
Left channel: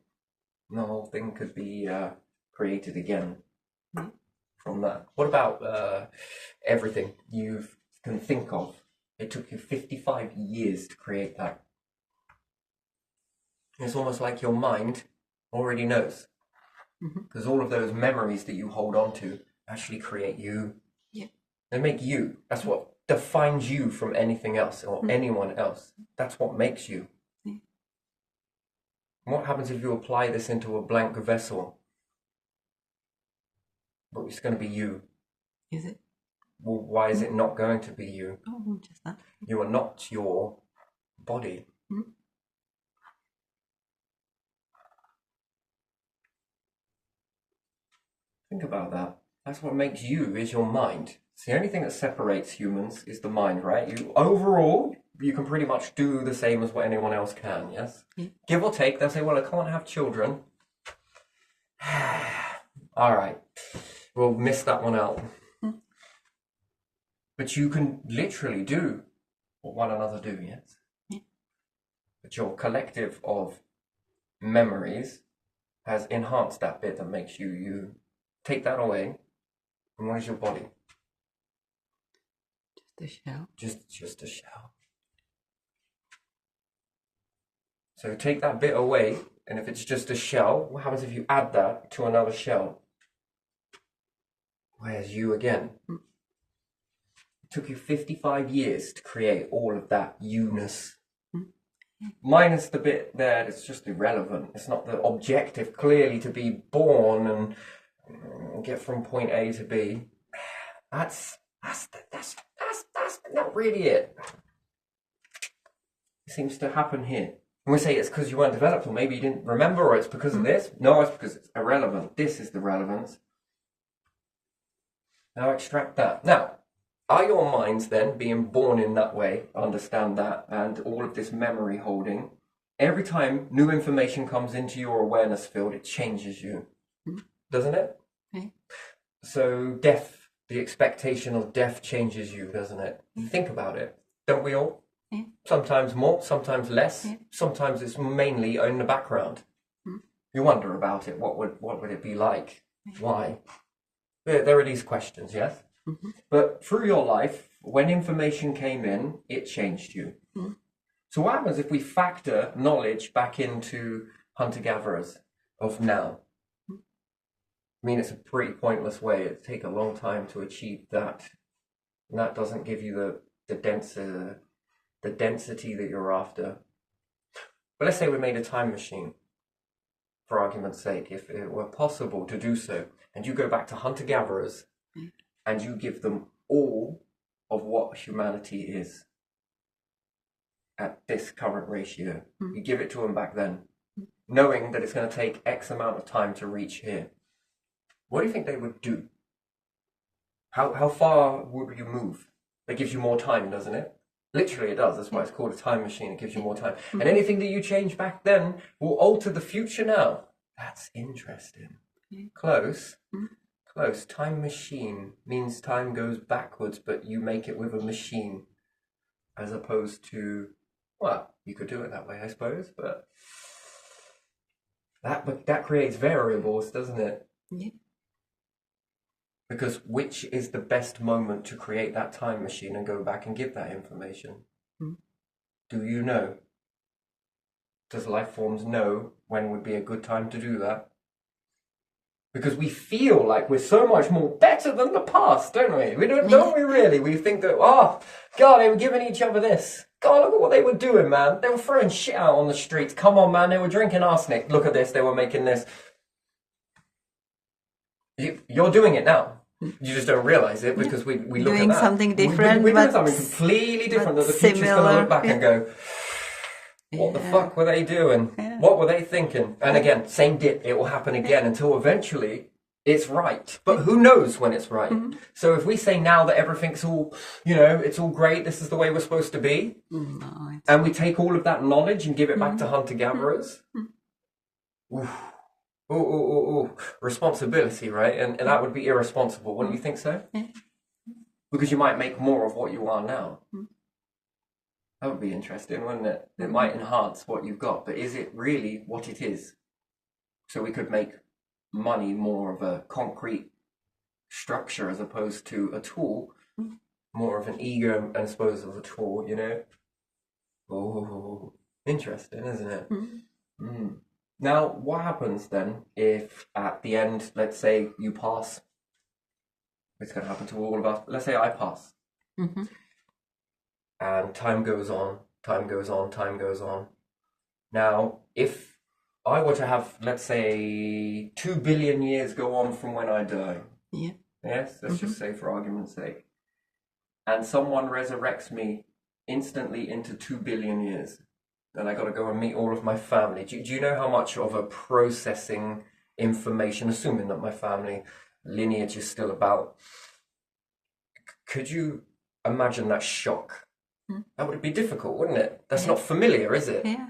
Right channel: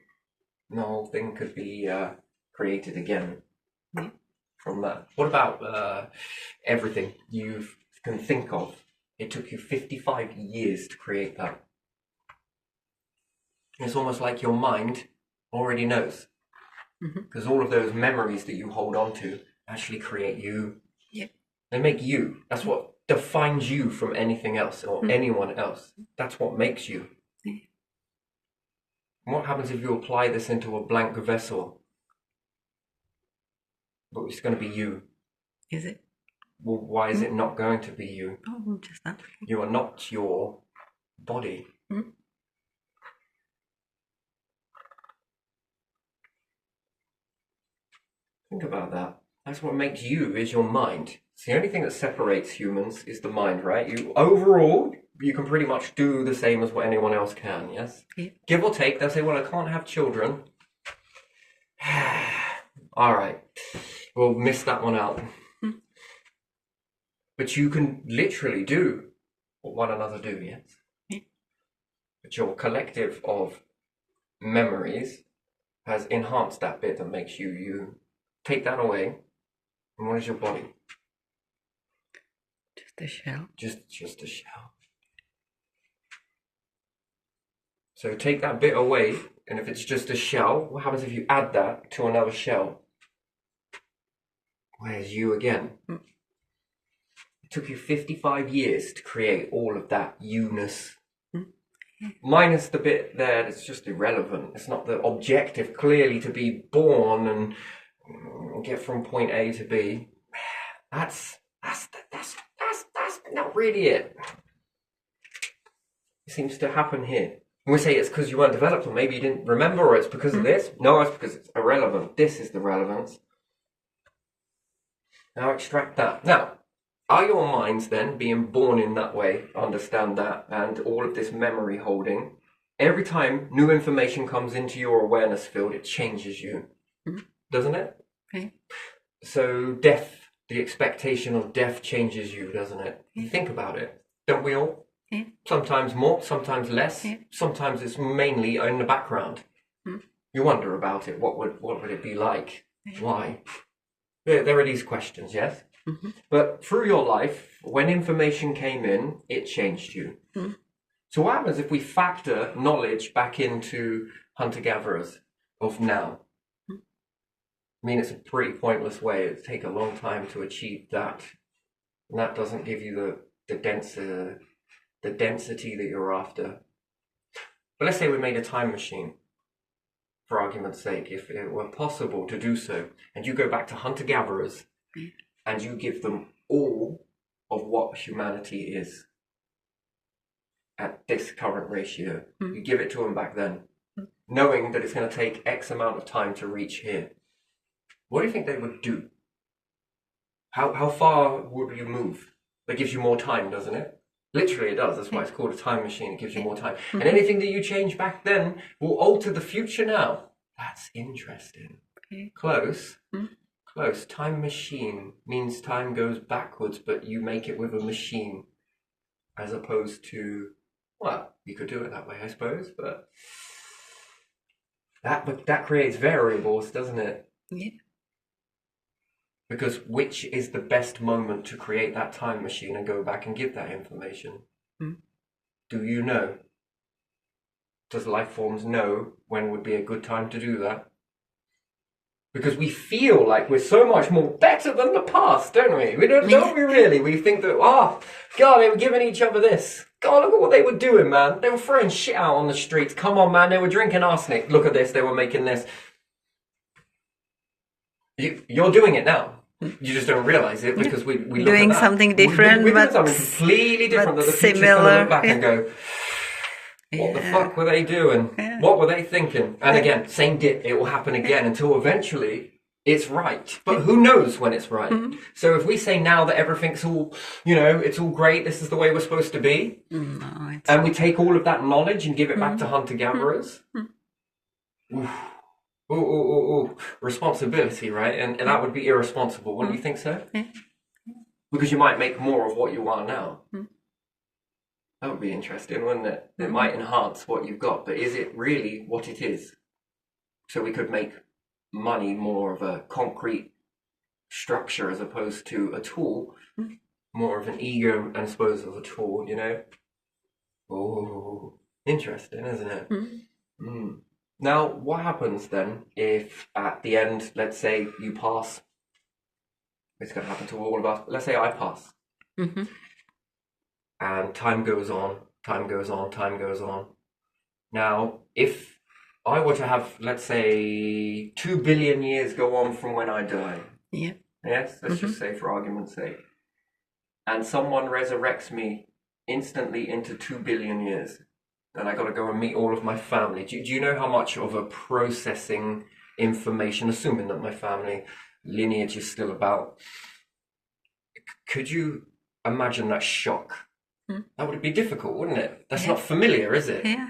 And the whole thing could be created again from that. What about everything you can think of? It took you 55 years to create that. It's almost like your mind already knows. Because all of those memories that you hold on to actually create you. Yeah. They make you. That's what defines you from anything else or anyone else. That's what makes you. Yeah. What happens if you apply this into a blank vessel? But it's going to be you. Is it? Well, why is it not going to be you? Oh, just that. You are not your body. Think about that. That's what makes you, is your mind. It's the only thing that separates humans is the mind, right? You overall, you can pretty much do the same as what anyone else can, yes? Yeah. Give or take, they'll say, well, I can't have children. All right, we'll miss that one out. But you can literally do what one another do, yes? Yeah. But your collective of memories has enhanced that bit that makes you you. Take that away, and what is your body? Just a shell. Just a shell. So take that bit away, and if it's just a shell, what happens if you add that to another shell? Where's you again? It took you 55 years to create all of that you-ness. Minus the bit there that's just irrelevant. It's not the objective, clearly, to be born and get from point A to B. That's not really it. It seems to happen here. And we say it's because you weren't developed, or maybe you didn't remember, or it's because of this. No, it's because it's irrelevant. This is the relevance. Now extract that. Now, are your minds then being born in that way? Understand that, and all of this memory holding. Every time new information comes into your awareness field, it changes you. Doesn't it? Okay. So death, the expectation of death changes you, doesn't it? You think about it. Don't we all? Yeah. Sometimes more, sometimes less. Yeah. Sometimes it's mainly in the background. You wonder about it. What would it be like? Why? There are these questions, yes? But through your life, when information came in, it changed you. So what happens if we factor knowledge back into hunter-gatherers of now? I mean, it's a pretty pointless way. It'd take a long time to achieve that. And that doesn't give you the density that you're after. But let's say we made a time machine, for argument's sake, if it were possible to do so, and you go back to hunter-gatherers and you give them all of what humanity is at this current ratio. You give it to them back then, knowing that it's going to take X amount of time to reach here. What do you think they would do? How far would you move? That gives you more time, doesn't it? Literally it does. That's why it's called a time machine. It gives you more time. And anything that you change back then will alter the future now. That's interesting. Close. Close. Time machine means time goes backwards, but you make it with a machine. As opposed to, well, you could do it that way, I suppose, but that creates variables, doesn't it? Yeah. Because which is the best moment to create that time machine and go back and give that information? Do you know? Does life forms know when would be a good time to do that? Because we feel like we're so much more better than the past, don't we? Don't we really? We think that, oh, God, they were giving each other this. God, look at what they were doing, man. They were throwing shit out on the streets. Come on, man. They were drinking arsenic. Look at this. They were making this. You're doing it now. You just don't realize it because we look doing at that. something different, we're doing but something completely different that the future's similar. going to look back and go, what the fuck were they doing? What were they thinking? And again, same dip. It will happen again until eventually it's right. But who knows when it's right? So if we say now that everything's all, it's all great, this is the way we're supposed to be, and we take all of that knowledge and give it back to hunter-gatherers, responsibility, right? And that would be irresponsible. Wouldn't you think so? Because you might make more of what you are now. That would be interesting, wouldn't it? It might enhance what you've got, but is it really what it is? So we could make money more of a concrete structure as opposed to a tool, more of an ego I suppose of a tool, you know? Oh, interesting, isn't it? Mm. Now, what happens then if at the end, let's say you pass? It's going to happen to all of us. Let's say I pass. Mm-hmm. And time goes on, time goes on, time goes on. Now, if I were to have, let's say, 2 billion years go on from when I die, Yeah. yes, let's just say for argument's sake, and someone resurrects me instantly into 2 billion years, then I got to go and meet all of my family. Do you know how much of a processing information, assuming that my family lineage is still about, could you imagine that shock? That would be difficult, wouldn't it? That's not familiar, is it? Yeah.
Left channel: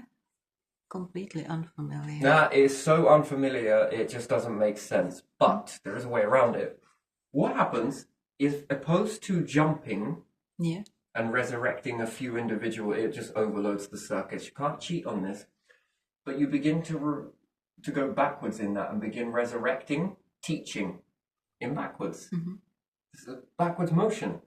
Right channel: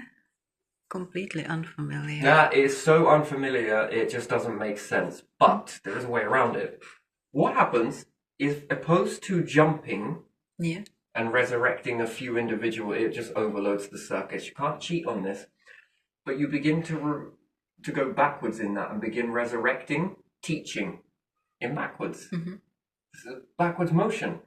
Completely unfamiliar. That is so unfamiliar, it just doesn't make sense. But there is a way around it. What happens is, opposed to jumping Yeah. and resurrecting a few individuals, it just overloads the circuits. You can't cheat on this. But you begin to go backwards in that and begin resurrecting, teaching in backwards. It's a backwards motion.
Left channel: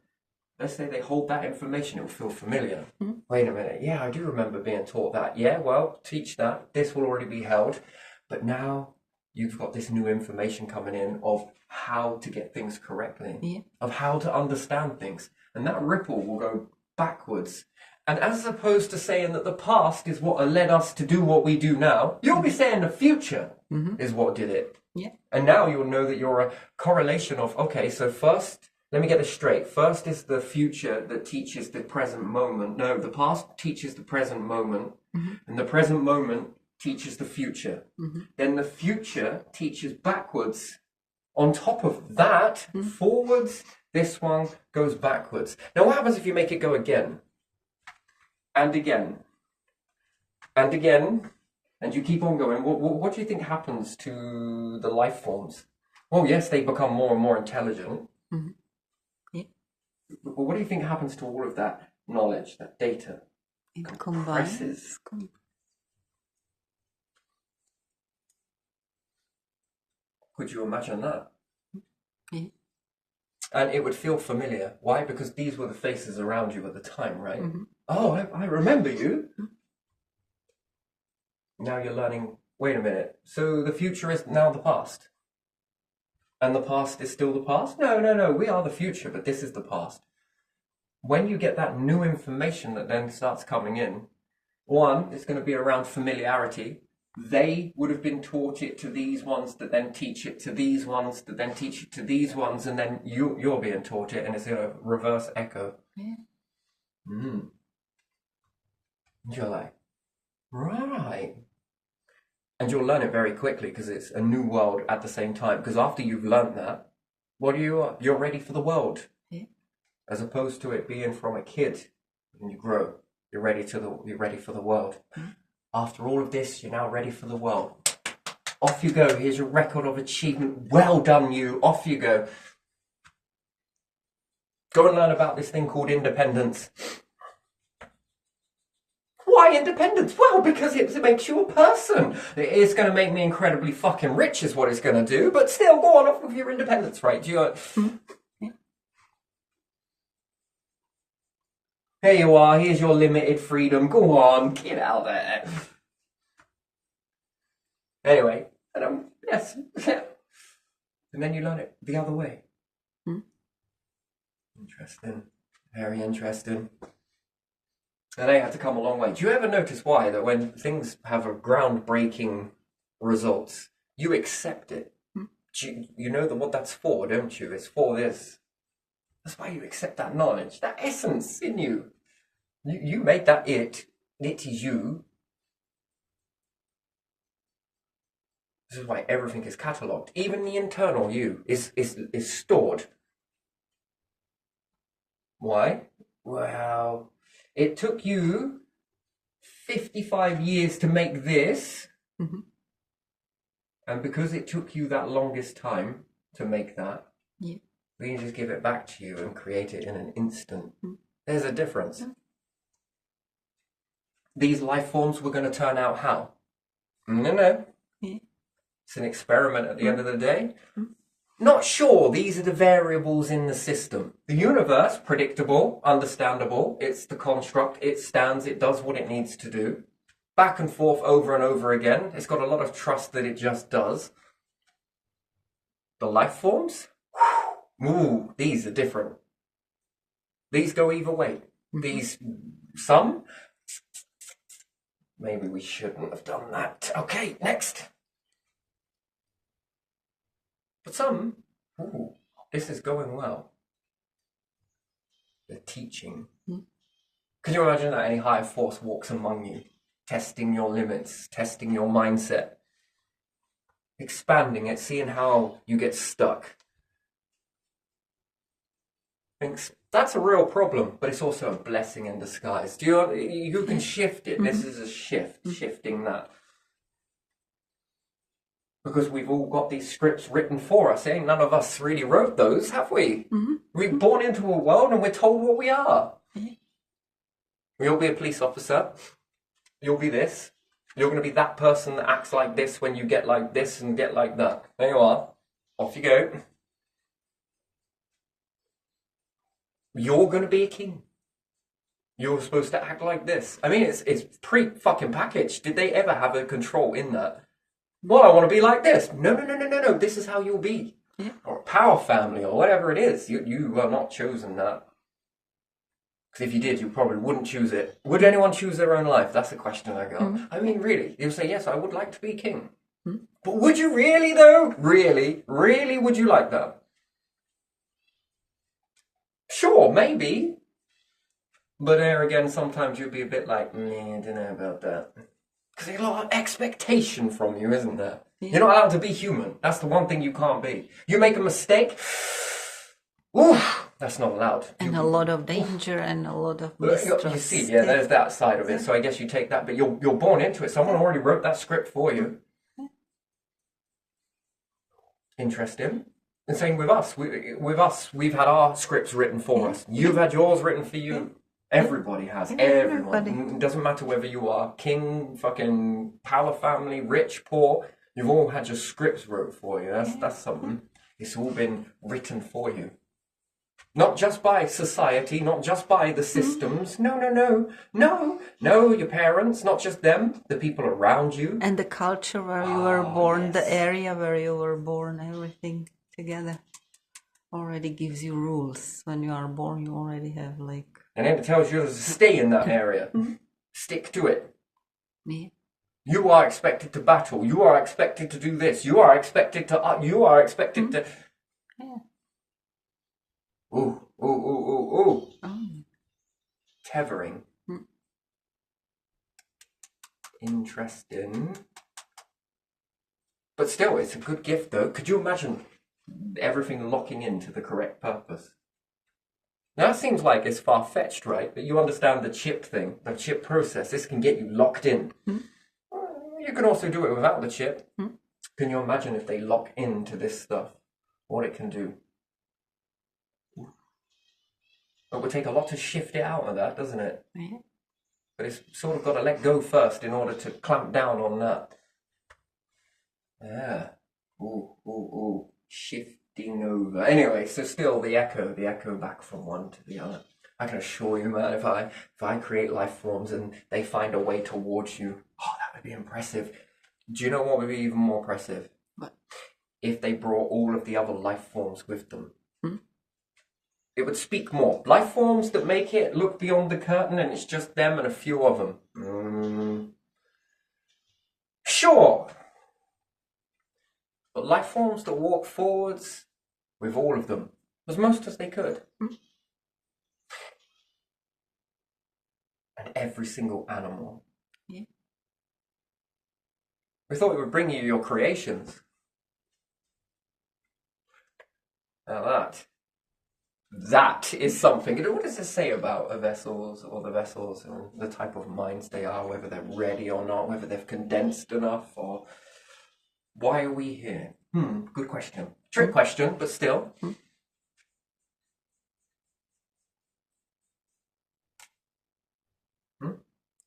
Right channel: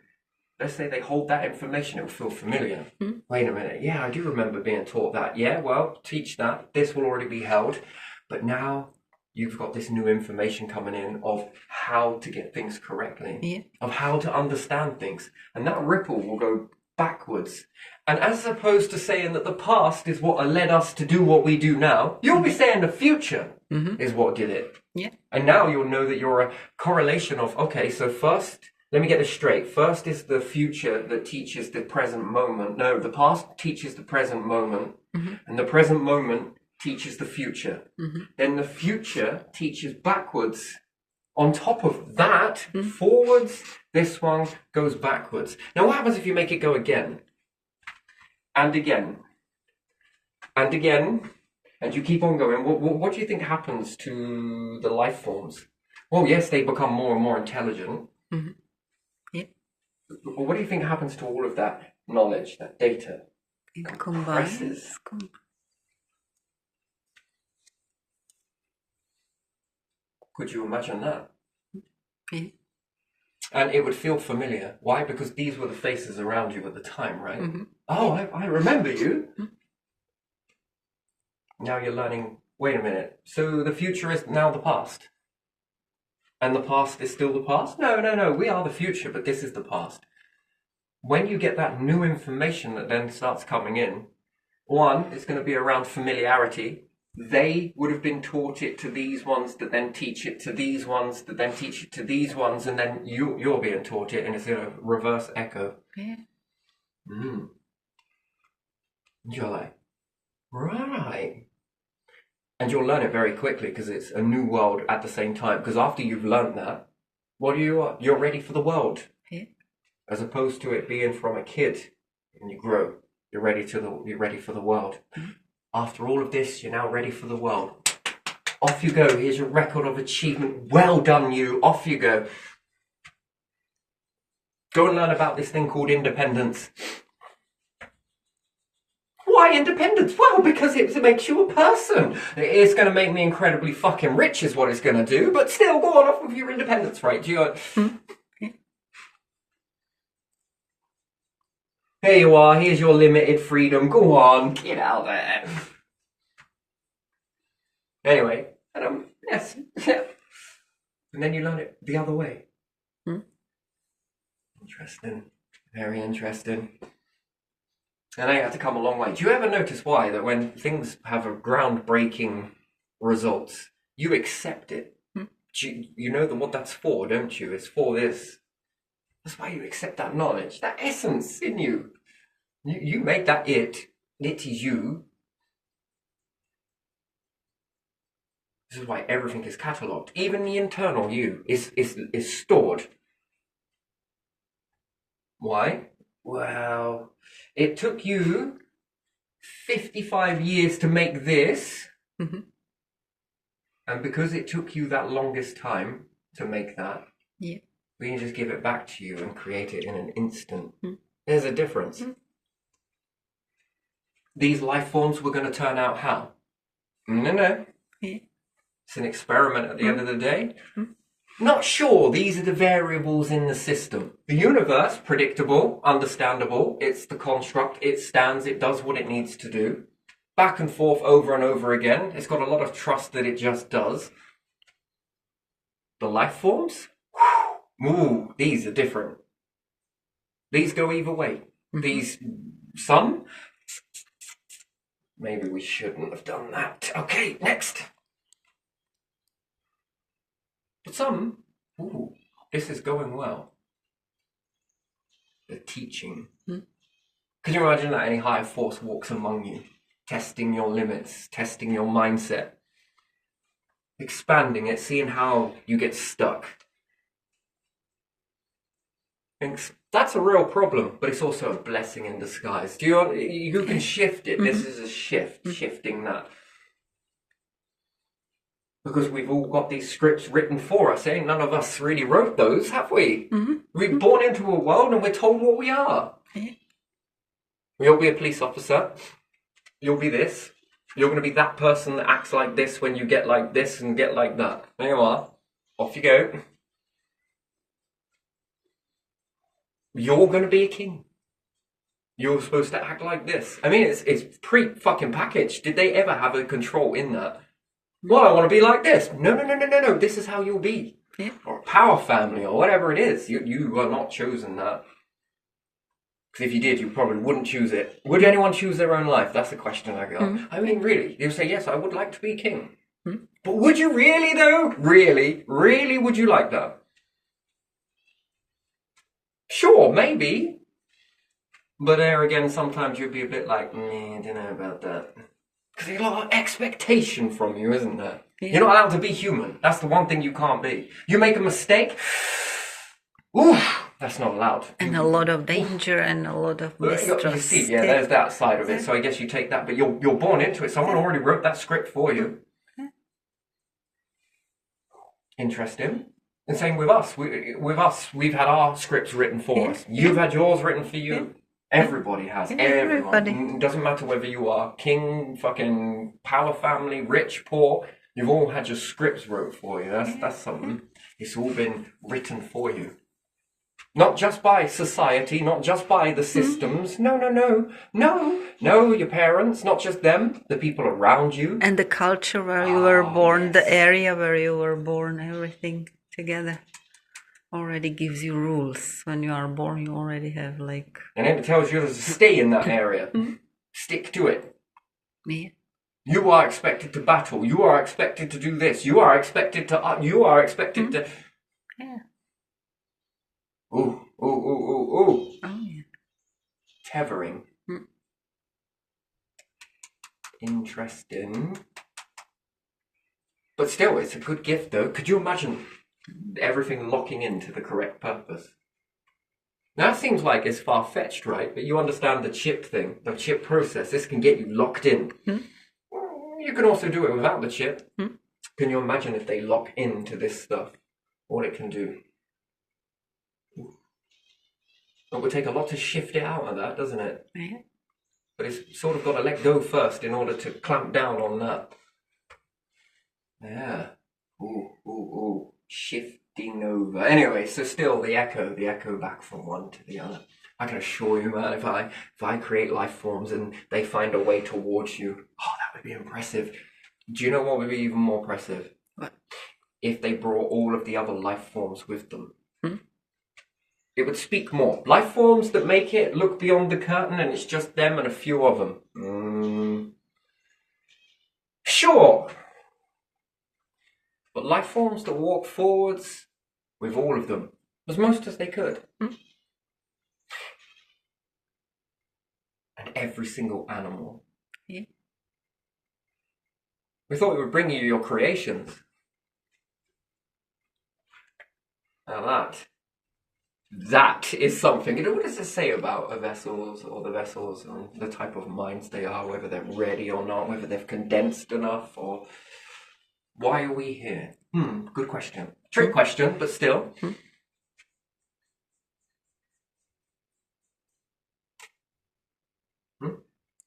Let's say they hold that information, it will feel familiar. Wait a minute, yeah, I do remember being taught that. Yeah, well, teach that. This will already be held. But now you've got this new information coming in of how to get things correctly, of how to understand things. And that ripple will go backwards. And as opposed to saying that the past is what led us to do what we do now, you'll be saying the future is what did it. Yeah. And now you'll know that you're a correlation of, okay, so first, let me get this straight. First is the future that teaches the present moment. No, the past teaches the present moment, and the present moment teaches the future. Then the future teaches backwards. On top of that, forwards, this one goes backwards. Now, what happens if you make it go again? And again. And again. And you keep on going. What do you think happens to the life forms? Well, yes, they become more and more intelligent. Yeah. But what do you think happens to all of that knowledge, that data? It Compresses. combines. Could you imagine that? Yeah. And it would feel familiar. Why? Because these were the faces around you at the time, right? Oh, I remember you. Now you're learning, wait a minute, so the future is now the past? And the past is still the past? No, we are the future, but this is the past. When you get that new information that then starts coming in, one, it's going to be around familiarity. They would have been taught it to these ones that then teach it to these ones that then teach it to these ones, and then you're being taught it, and it's going to reverse echo. Yeah. You're like, right. And you'll learn it very quickly because it's a new world at the same time. Because after you've learned that, what are you? You're ready for the world. Yeah. As opposed to it being from a kid and you grow, you're ready for the world. After all of this, you're now ready for the world. Off you go. Here's your record of achievement. Well done, you. Off you go. Go and learn about this thing called independence. Why independence? Well, because it makes you a person. It's going to make me incredibly fucking rich is what it's going to do, but still, go on off with your independence, right? Do you... Here you are, here's your limited freedom. Go on, get out there. Anyway, and yes, yeah. And then you learn it the other way. Interesting. Very interesting. And they had to come a long way. Do you ever notice why that when things have a groundbreaking results, you accept it? You know what that's for, don't you? It's for this. That's why you accept that knowledge, that essence in you. You made that it. It is you. This is why everything is catalogued. Even the internal you is stored. Why? Well, it took you 55 years to make this. And because it took you that longest time to make that, we can just give it back to you and create it in an instant. There's a difference. these life forms were going to turn out how? No. Yeah. It's an experiment at the end of the day. Not sure. These are the variables in the system. The universe, predictable, understandable. It's the construct. It stands. It does what it needs to do. Back and forth over and over again. It's got a lot of trust that it just does. The life forms? Ooh, these are different. These go either way. Some? Maybe we shouldn't have done that. Okay, next. But some, ooh, this is going well. The teaching. Can you imagine that any higher force walks among you, testing your limits, testing your mindset, expanding it, seeing how you get stuck? Thinks that's a real problem, but it's also a blessing in disguise. You can shift it. This is a shift, shifting that. Because we've all got these scripts written for us, eh? None of us really wrote those, have we? We're born into a world and we're told what we are. You'll be a police officer. You'll be this. You're going to be that person that acts like this when you get like this and get like that. There you are. Off you go. You're going to be a king. You're supposed to act like this. I mean, it's pre-fucking packaged. Did they ever have a control in that? Well, I want to be like this. No. This is how you'll be. Yeah. Or a power family or whatever it is. You are not chosen that. Because if you did, you probably wouldn't choose it. Would anyone choose their own life? That's the question I got. I mean, really. You say, yes, I would like to be king. But would you really, though? Really? Really, would you like that? Sure, maybe. But there again, sometimes you'd be a bit like, I don't know about that. Because there's a lot of expectation from you, isn't there? Yeah. You're not allowed to be human. That's the one thing you can't be. You make a mistake, that's not allowed. And a lot of danger and a lot of mistrust. You see, there's that side of it. So I guess you take that, but you're born into it. Someone already wrote that script for you. Interesting. And same with us. We've had our scripts written for us. You've had yours written for you. Everybody has. Everybody. It doesn't matter whether you are king, fucking power family, rich, poor. You've all had your scripts wrote for you. That's something. It's all been written for you. Not just by society, not just by the systems. No, your parents, not just them, the people around you. And the culture where you were born, the area where you were born, everything together already gives you rules. When you are born, you already have like... And it tells you to stay in that area. Stick to it. Yeah. You are expected to battle. You are expected to do this. You are expected to... to... Yeah. Ooh. Oh, yeah. Tethering. Interesting. But still, it's a good gift, though. Could you imagine everything locking into the correct purpose? Now, that seems like it's far-fetched, right? But you understand the chip thing, the chip process. This can get you locked in. You can also do it without the chip. Can you imagine if they lock into this stuff? What it can do? It would take a lot to shift it out of that, doesn't it? Yeah. But it's sort of got to let go first in order to clamp down on that. Yeah. Ooh. Shifting over. Anyway, so still the echo back from one to the other. I can assure you, man, if I create life forms and they find a way towards you, that would be impressive. Do you know what would be even more impressive? What? If they brought all of the other life forms with them. It would speak more. Life forms that make it look beyond the curtain and it's just them and a few of them. Sure. But life forms that walk forwards with all of them, as most as they could. And every single animal. Yeah. We thought we would bring you your creations. Now that is something. What does it say about the vessels and the type of minds they are, whether they're ready or not, whether they've condensed enough, or why are we here? Good question. Trick question, but still.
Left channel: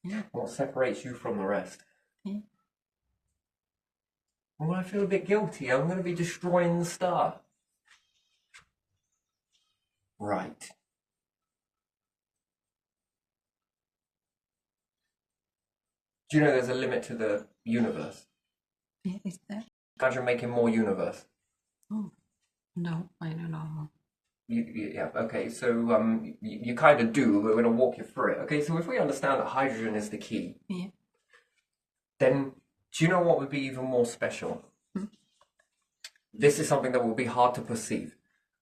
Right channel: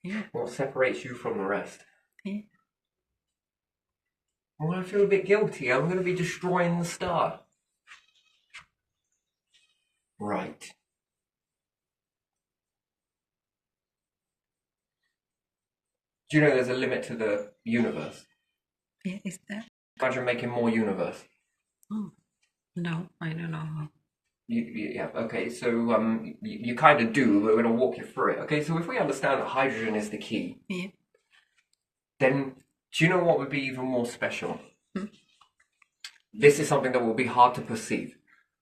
Yeah. What separates you from the rest? Yeah. Well, I feel a bit guilty. I'm going to be destroying the star. Right. Do you know there's a limit to the universe? Yeah, is that? Imagine making more universe. Oh, no, I don't know. Yeah, okay, so you kind of do. We're going to walk you through it. Okay, so if we understand that hydrogen is the key, Yeah. then do you know what would be even more special? Hmm? This is something that will be hard to perceive.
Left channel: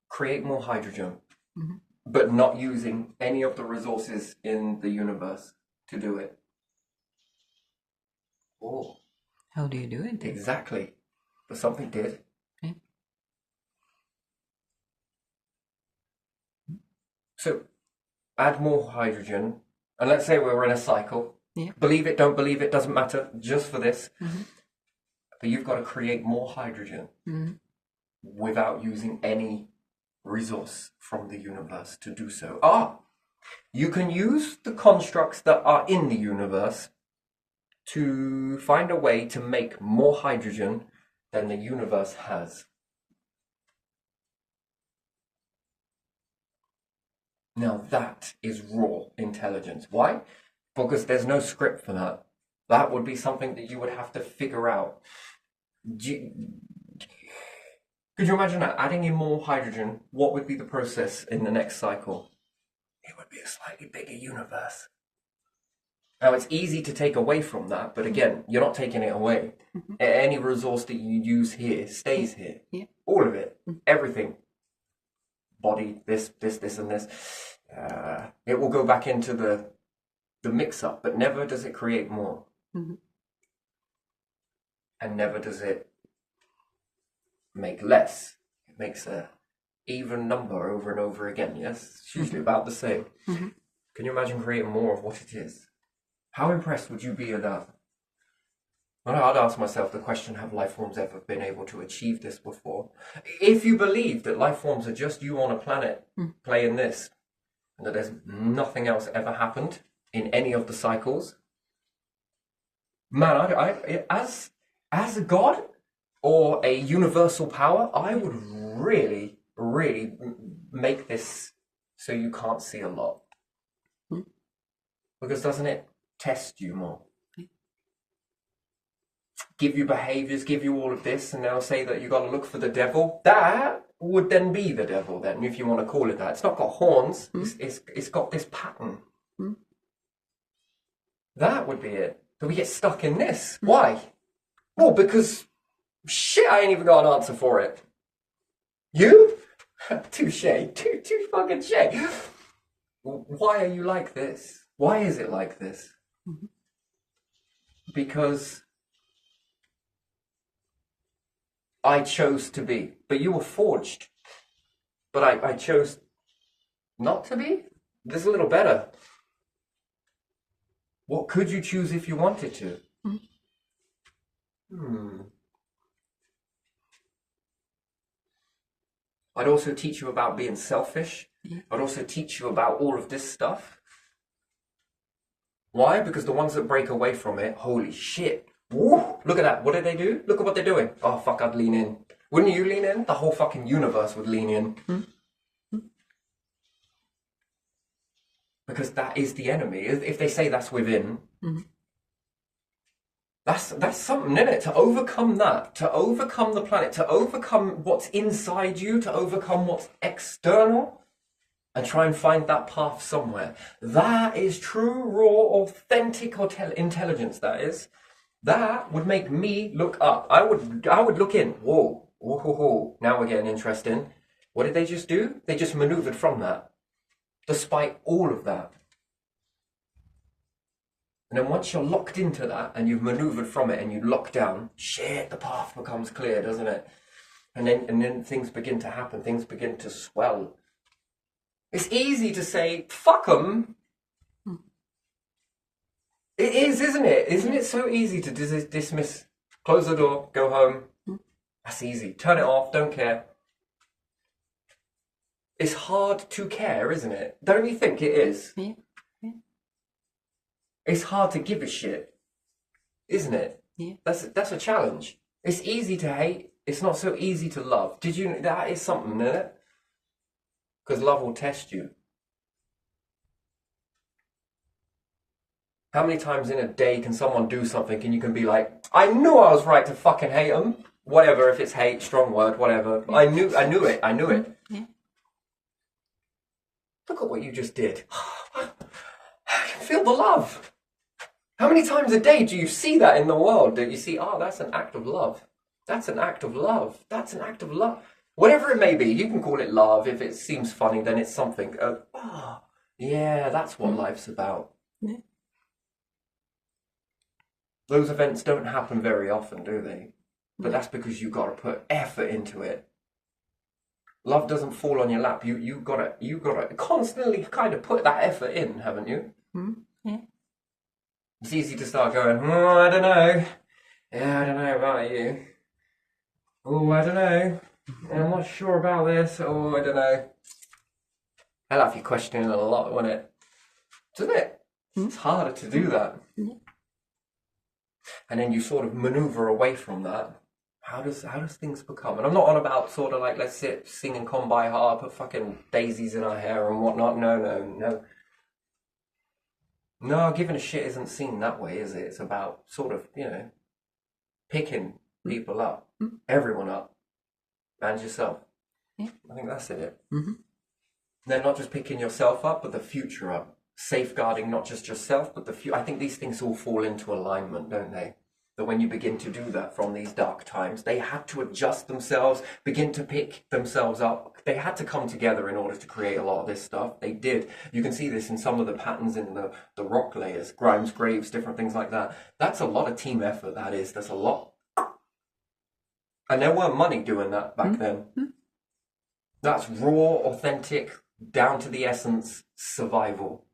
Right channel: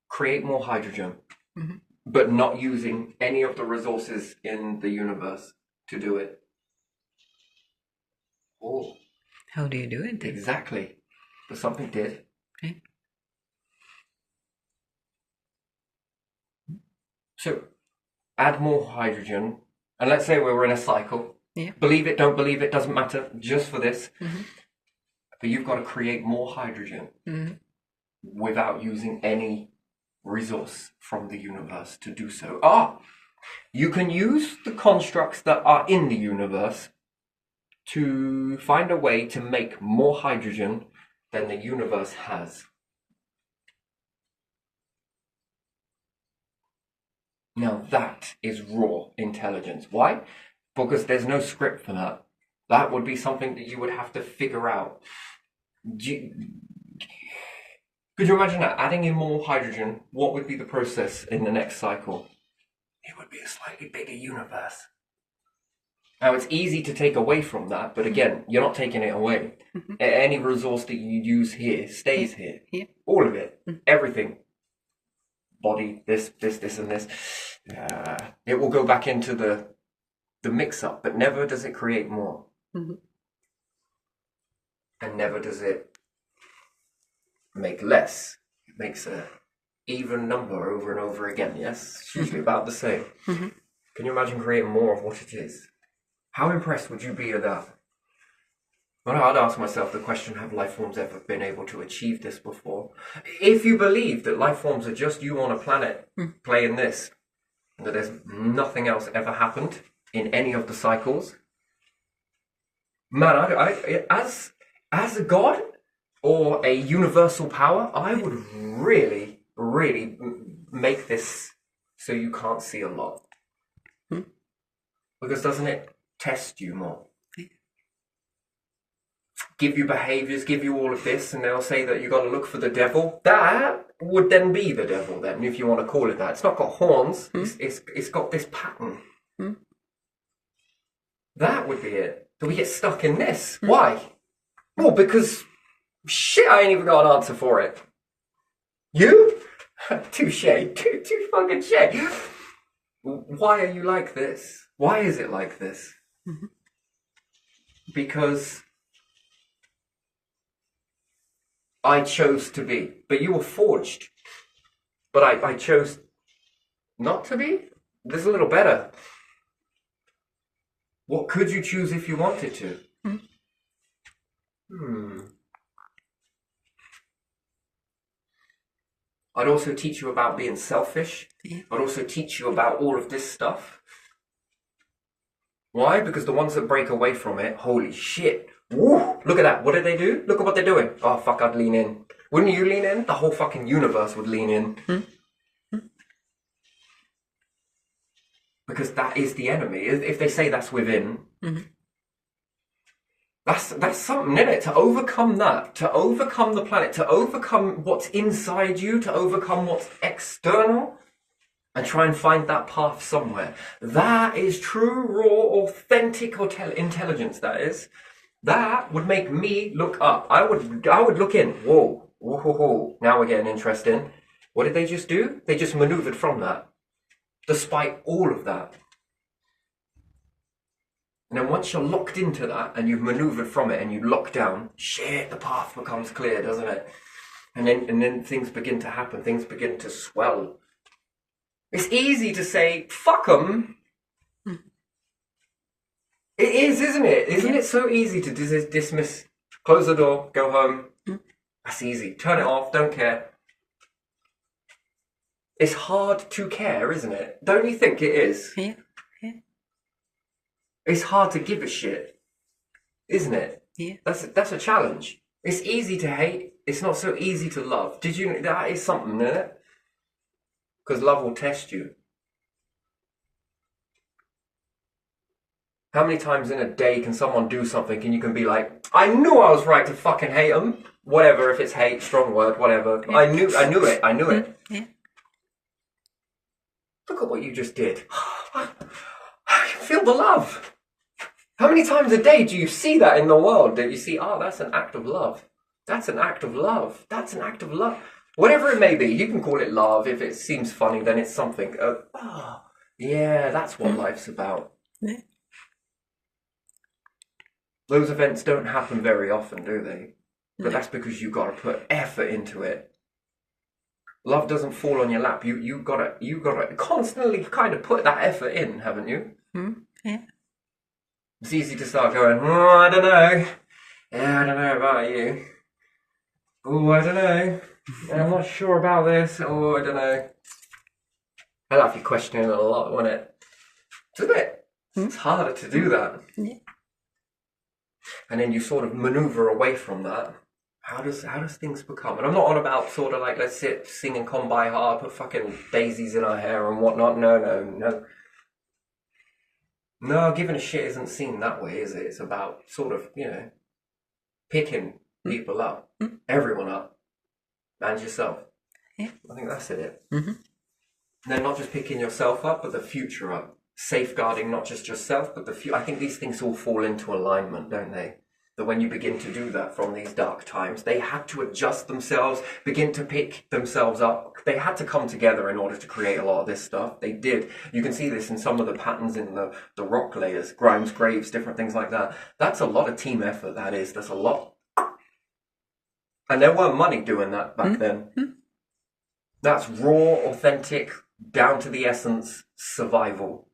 Create more hydrogen, Mm-hmm. but not using any of the resources in the universe to do it. Oh, How do you do it then? exactly. But something did. Okay. So add more hydrogen, and let's say we were in a cycle. Yeah. Believe it, don't believe it, doesn't matter, just for this. Mm-hmm. But you've got to create more hydrogen Mm-hmm. without using any resource from the universe to do so. You can use the constructs that are in the universe to find a way to make more hydrogen than the universe has. Now that is raw intelligence. Why? Because there's no script for that. That would be something that you would have to figure out. Could you imagine that? Adding in more hydrogen, what would be the process in the next cycle? It would be a slightly bigger universe. Now, it's easy to take away from that, but again, you're not taking it away. Mm-hmm. Any resource that you use here stays here. Yeah. All of it. Everything. Body, this, and this. It will go back into the mix-up, but never does it create more. Mm-hmm. And never does it make less. It makes a even number over and over again, yes? It's usually about the same. Mm-hmm. Can you imagine creating more of what it is? How impressed would you be at that? Well, I'd ask myself the question, have life forms ever been able to achieve this before? If you believe that life forms are just you on a planet playing this, and that there's nothing else ever happened in any of the cycles, man, I as a god or a universal power, I would really, really make this so you can't see a lot. Because doesn't it test you more? Give you behaviors, give you all of this, and they'll say that you got to look for the devil. That would then be the devil, then, if you want to call it that. It's not got horns. It's got this pattern. That would be it. But we get stuck in this. Why? Well, because shit, I ain't even got an answer for it. You? Touche. Too fucking shit. Why are you like this? Why is it like this? Because I chose to be. But you were forged. But I chose not to be? This is a little better. What could you choose if you wanted to? I'd also teach you about being selfish. I'd also teach you about all of this stuff. Why? Because the ones that break away from it, holy shit. Woo! Look at that. What did they do? Look at what they're doing. Oh, fuck, I'd lean in. Wouldn't you lean in? The whole fucking universe would lean in. Because that is the enemy. If they say that's within, that's something, isn't it? To overcome that, to overcome the planet, to overcome what's inside you, to overcome what's external, and try and find that path somewhere. That is true, raw, authentic intelligence, that is. That would make me look up. I would look in. Whoa. Now we're getting interesting. What did they just do? They just maneuvered from that. Despite all of that. And then once you're locked into that and you've maneuvered from it and you lock down, shit, the path becomes clear, doesn't it? And then things begin to happen. Things begin to swell. It's easy to say, fuck them. It is, isn't it? Isn't it so easy to dismiss, close the door, go home? That's easy. Turn it off, don't care. It's hard to care, isn't it? Don't you think it is? Yeah. It's hard to give a shit, isn't it? Yeah. That's a challenge. It's easy to hate. It's not so easy to love. Did you? That is something, isn't it? Because love will test you. How many times in a day can someone do something and you can be like, I knew I was right to fucking hate them. Whatever, if it's hate, strong word, whatever. Yeah. I knew it. Yeah. Look at what you just did. I can feel the love. How many times a day do you see that in the world? Do you see, oh, that's an act of love. That's an act of love. That's an act of love. Whatever it may be, you can call it love. If it seems funny, then it's something. Yeah, that's what life's about. Yeah. Those events don't happen very often, do they? But that's because you've got to put effort into it. Love doesn't fall on your lap. You gotta constantly kind of put that effort in, haven't you? Yeah. It's easy to start going, oh, I don't know. Yeah, I don't know about you. Oh, I don't know. I'm not sure about this. Oh, I don't know. I'll have you questioning a lot, won't it? Isn't it? It's harder to do that. Yeah. And then you sort of maneuver away from that. How does things become? And I'm not on about sort of like, let's sit, sing and come by hard, put fucking daisies in our hair and whatnot. No. No, giving a shit isn't seen that way, is it? It's about sort of, picking people up, everyone up, and yourself. Yeah. I think that's it. Mm-hmm. Then not just picking yourself up, but the future up. Safeguarding not just yourself, but the future. I think these things all fall into alignment, don't they? That when you begin to do that from these dark times, they had to adjust themselves, begin to pick themselves up. They had to come together in order to create a lot of this stuff. They did. You can see this in some of the patterns in the rock layers, Grimes, Graves, different things like that. That's a lot of team effort, that is. That's a lot. And there weren't money doing that back then. That's raw, authentic, down to the essence survival.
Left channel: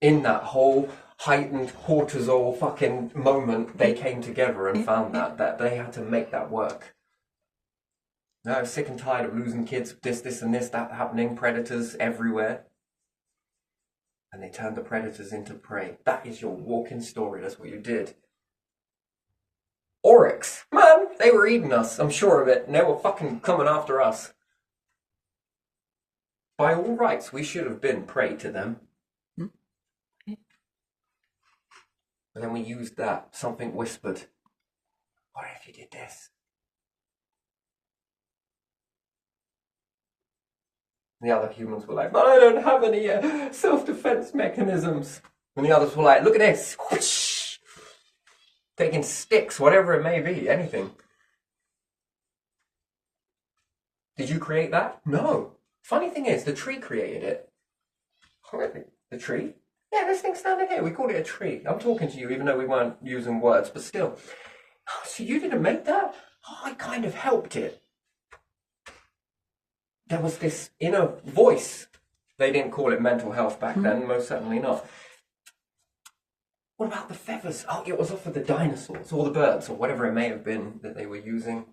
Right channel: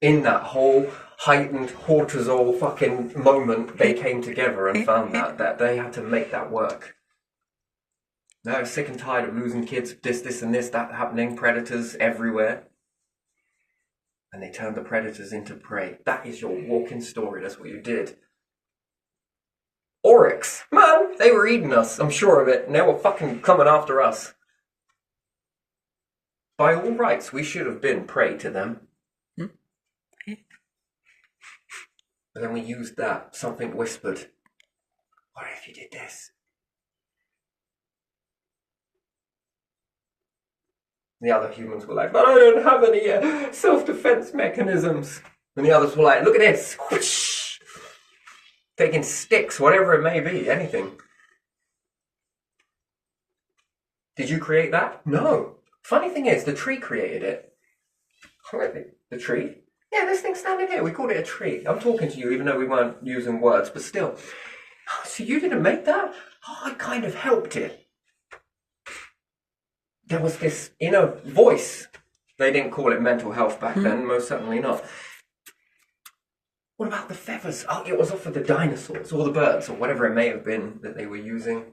In that whole heightened cortisol fucking moment, they came together and found that they had to make that work. Now, sick and tired of losing kids, this and this, that happening, predators everywhere. And they turned the predators into prey. That is your walking story. That's what you did. Oryx, man, they were eating us. I'm sure of it. And they were fucking coming after us. By all rights, we should have been prey to them. But then we used that. Something whispered, what if you did this? The other humans were like, but I don't have any self-defense mechanisms. And the others were like, look at this. Whoosh. Taking sticks, whatever it may be, anything. Did you create that? No. Funny thing is, the tree created it. The tree? Yeah, this thing's standing here. We called it a tree. I'm talking to you even though we weren't using words, but still. Oh, so you didn't make that? Oh, I kind of helped it. There was this inner voice. They didn't call it mental health back then, most certainly not. What about the feathers? Oh, it was off of the dinosaurs or the birds or whatever it may have been that they were using.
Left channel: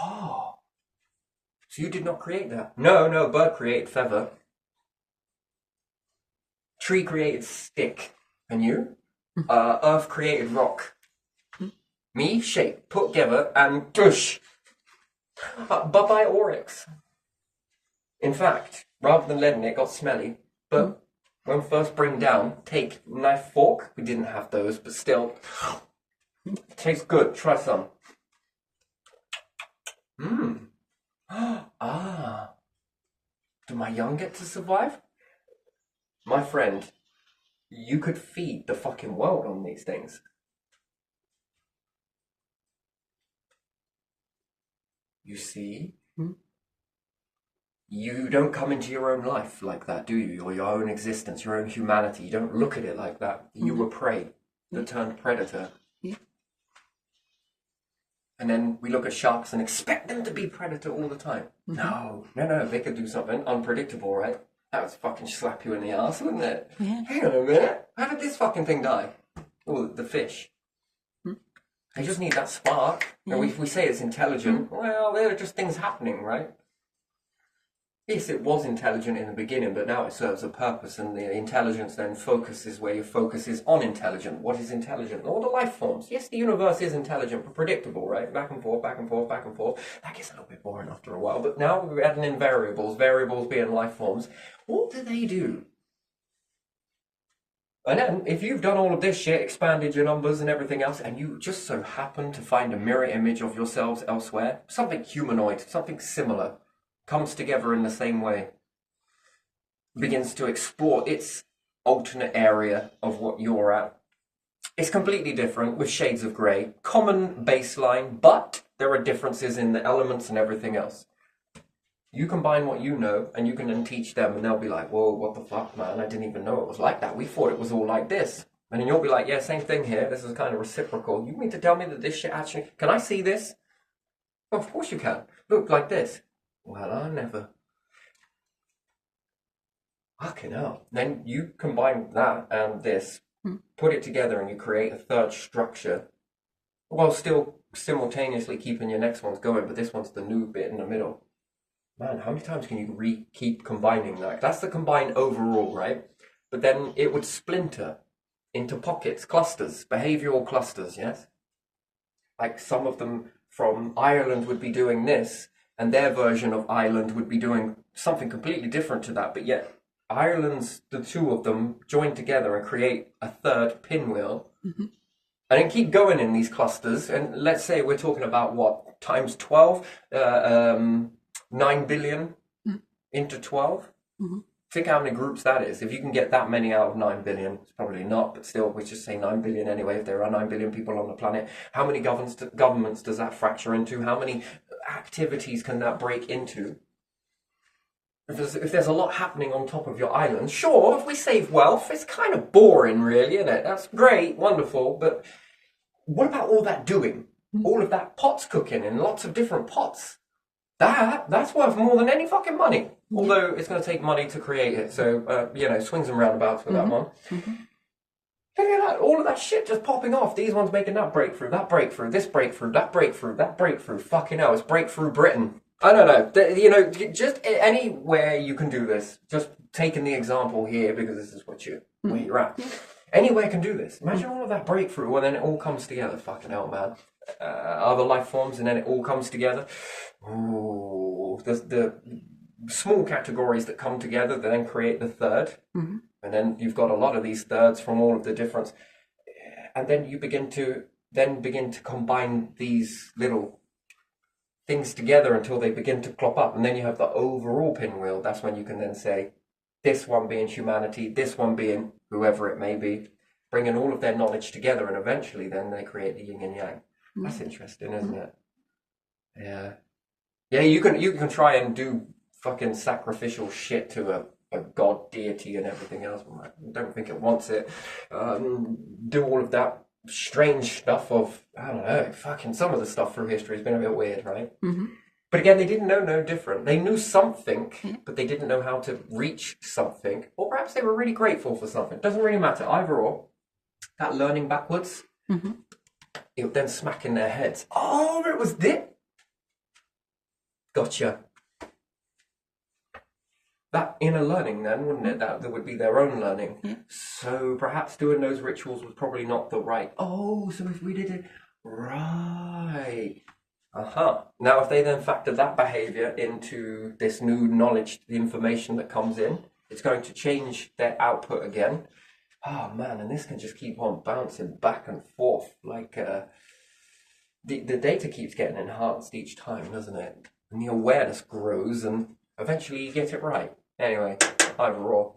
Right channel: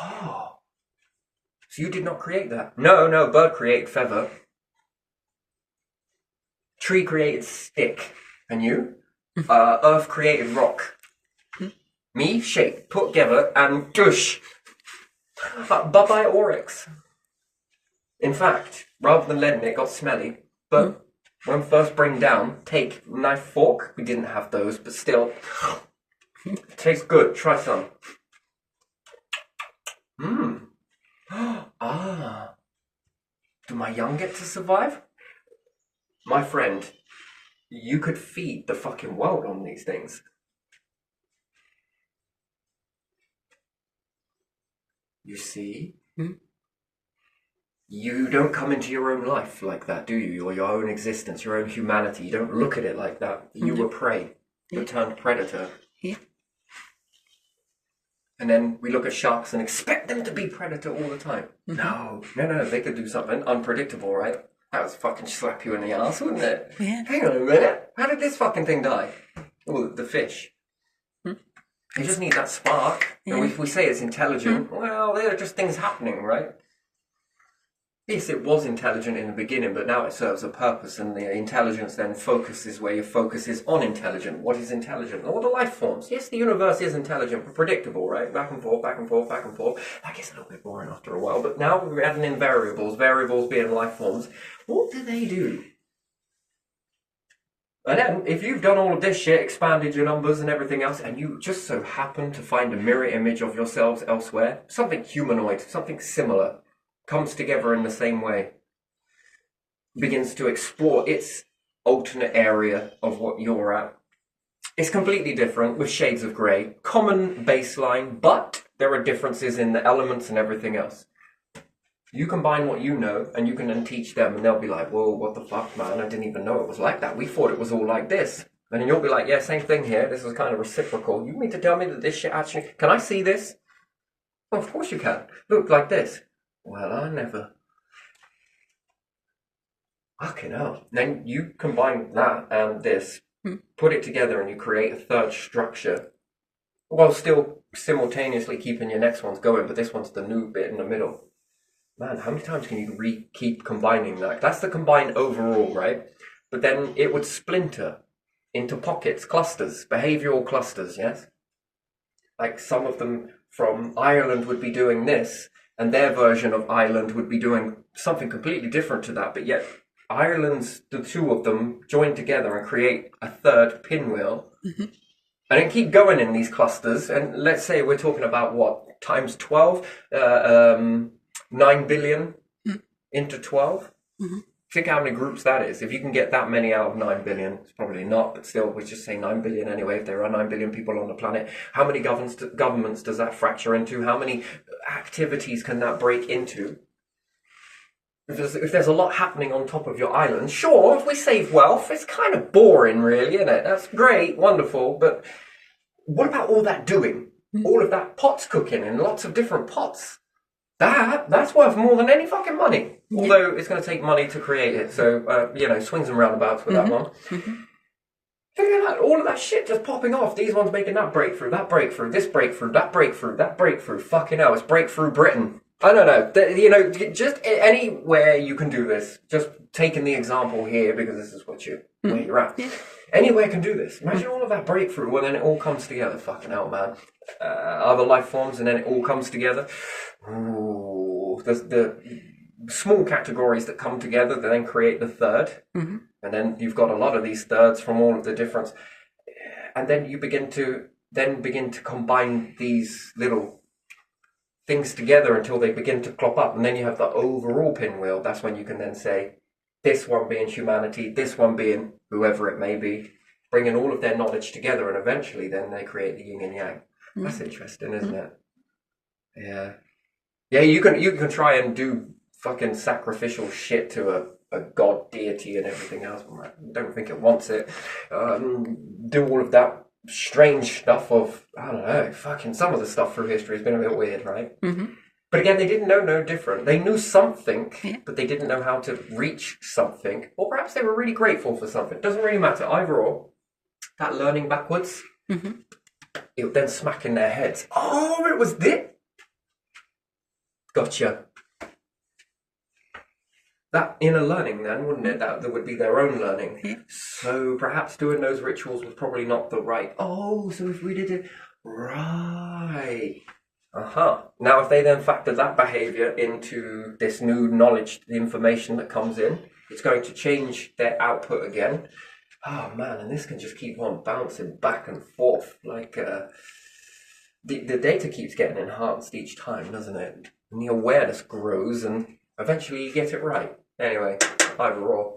Oh. So you did not create that? No, bird created feather. Tree created stick. And you? Earth created rock. Me, shape, put together, and dush. Bye-bye Oryx. In fact, rather than letting it got smelly, but when first bring down, take knife, fork. We didn't have those, but still. Tastes good. Try some. Do my young get to survive? My friend, you could feed the fucking world on these things. You see? You don't come into your own life like that, do you? Or your own existence, your own humanity. You don't look at it like that. You were prey, that turned predator. Yeah. And then we look at sharks and expect them to be predator all the time. No, they could do something unpredictable, right? That would fucking slap you in the ass, wouldn't it? Yeah. Hang on a minute. How did this fucking thing die? Oh, the fish. They just need that spark. Yeah. And we say it's intelligent. Well, they're just things happening, right? Yes, it was intelligent in the beginning, but now it serves a purpose, and the intelligence then focuses where your focus is on intelligent. What is intelligent? All the life forms. Yes, the universe is intelligent, but predictable, right? Back and forth, back and forth, back and forth. That gets a little bit boring after a while, but now we're adding in variables, variables being life forms. What do they do? And then, if you've done all of this shit, expanded your numbers and everything else, and you just so happen to find a mirror image of yourselves elsewhere, something humanoid, something similar, comes together in the same way, begins to explore its alternate area of what you're at. It's completely different with shades of grey, common baseline, but there are differences in the elements and everything else. You combine what you know, and you can then teach them, and they'll be like, whoa, what the fuck, man, I didn't even know it was like that. We thought it was all like this. And then you'll be like, yeah, same thing here, this is kind of reciprocal. You mean to tell me that this shit actually, can I see this? Well, of course you can. Look, like this. Well, I never. Fucking hell. Then you combine that and this, put it together, and you create a third structure, while still simultaneously keeping your next ones going, but this one's the new bit in the middle. Man, how many times can you keep combining that? That's the combined overall, right? But then it would splinter into pockets, clusters, behavioral clusters, yes? Like some of them from Ireland would be doing this, and their version of Ireland would be doing something completely different to that, but yet Ireland's, the two of them join together and create a third pinwheel, and then keep going in these clusters. And let's say we're talking about what, times 12, 9 billion into 12. Think how many groups that is. If you can get that many out of 9 billion, it's probably not, but still, we'll just say 9 billion anyway. If there are 9 billion people on the planet, how many governments does that fracture into? How many activities can that break into? If there's a lot happening on top of your island, sure, if we save wealth, it's kind of boring, really, isn't it? That's great, wonderful, but what about all that doing? All of that pots cooking in lots of different pots? That's worth more than any fucking money. Although it's going to take money to create it, so, swings and roundabouts with that one. Look at that, all of that shit just popping off. These ones making that breakthrough, this breakthrough, that breakthrough. Fucking hell, it's breakthrough Britain. I don't know, just anywhere you can do this. Just taking the example here because this is where you're at. Yeah. Anywhere can do this. Imagine all of that breakthrough when then it all comes together. Fucking hell, man. Other life forms and then it all comes together. Ooh, the small categories that come together that then create the third. And then you've got a lot of these thirds from all of the difference. And then you begin to combine these little things together until they begin to clop up, and then you have the overall pinwheel. That's when you can then say, this one being humanity, this one being whoever it may be, bringing all of their knowledge together, and eventually then they create the yin and yang. That's interesting, isn't it? Yeah, you can try and do fucking sacrificial shit to a god, deity and everything else. I don't think it wants it. Do all of that strange stuff of, I don't know, fucking some of the stuff through history has been a bit weird, right? But again, they didn't know no different. They knew something, but they didn't know how to reach something. Or perhaps they were really grateful for something. Doesn't really matter, either or. That learning backwards, it would then smack in their heads. Oh, it was this? Gotcha. That inner learning then, wouldn't it? That would be their own learning. So perhaps doing those rituals was probably not the right. Oh, so if we did it right. Now if they then factor that behavior into this new knowledge, the information that comes in, it's going to change their output again. Oh man, and this can just keep on bouncing back and forth. Like the data keeps getting enhanced each time, doesn't it? And the awareness grows and eventually you get it right. Anyway, either or.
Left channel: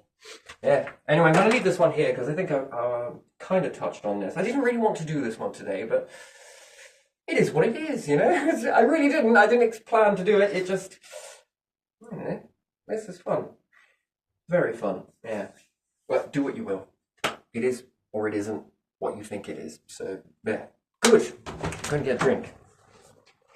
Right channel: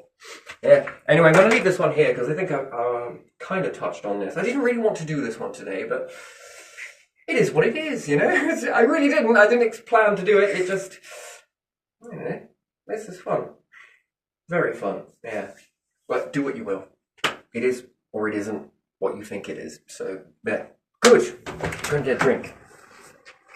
Yeah. Anyway, I'm going to leave this one here because I think I kind of touched on this. I didn't really want to do this one today, but it is what it is, you know? I really didn't. I didn't plan to do it. It just, this is fun. Very fun, yeah. But do what you will. It is or it isn't what you think it is. So, yeah. Good. Go and get a drink.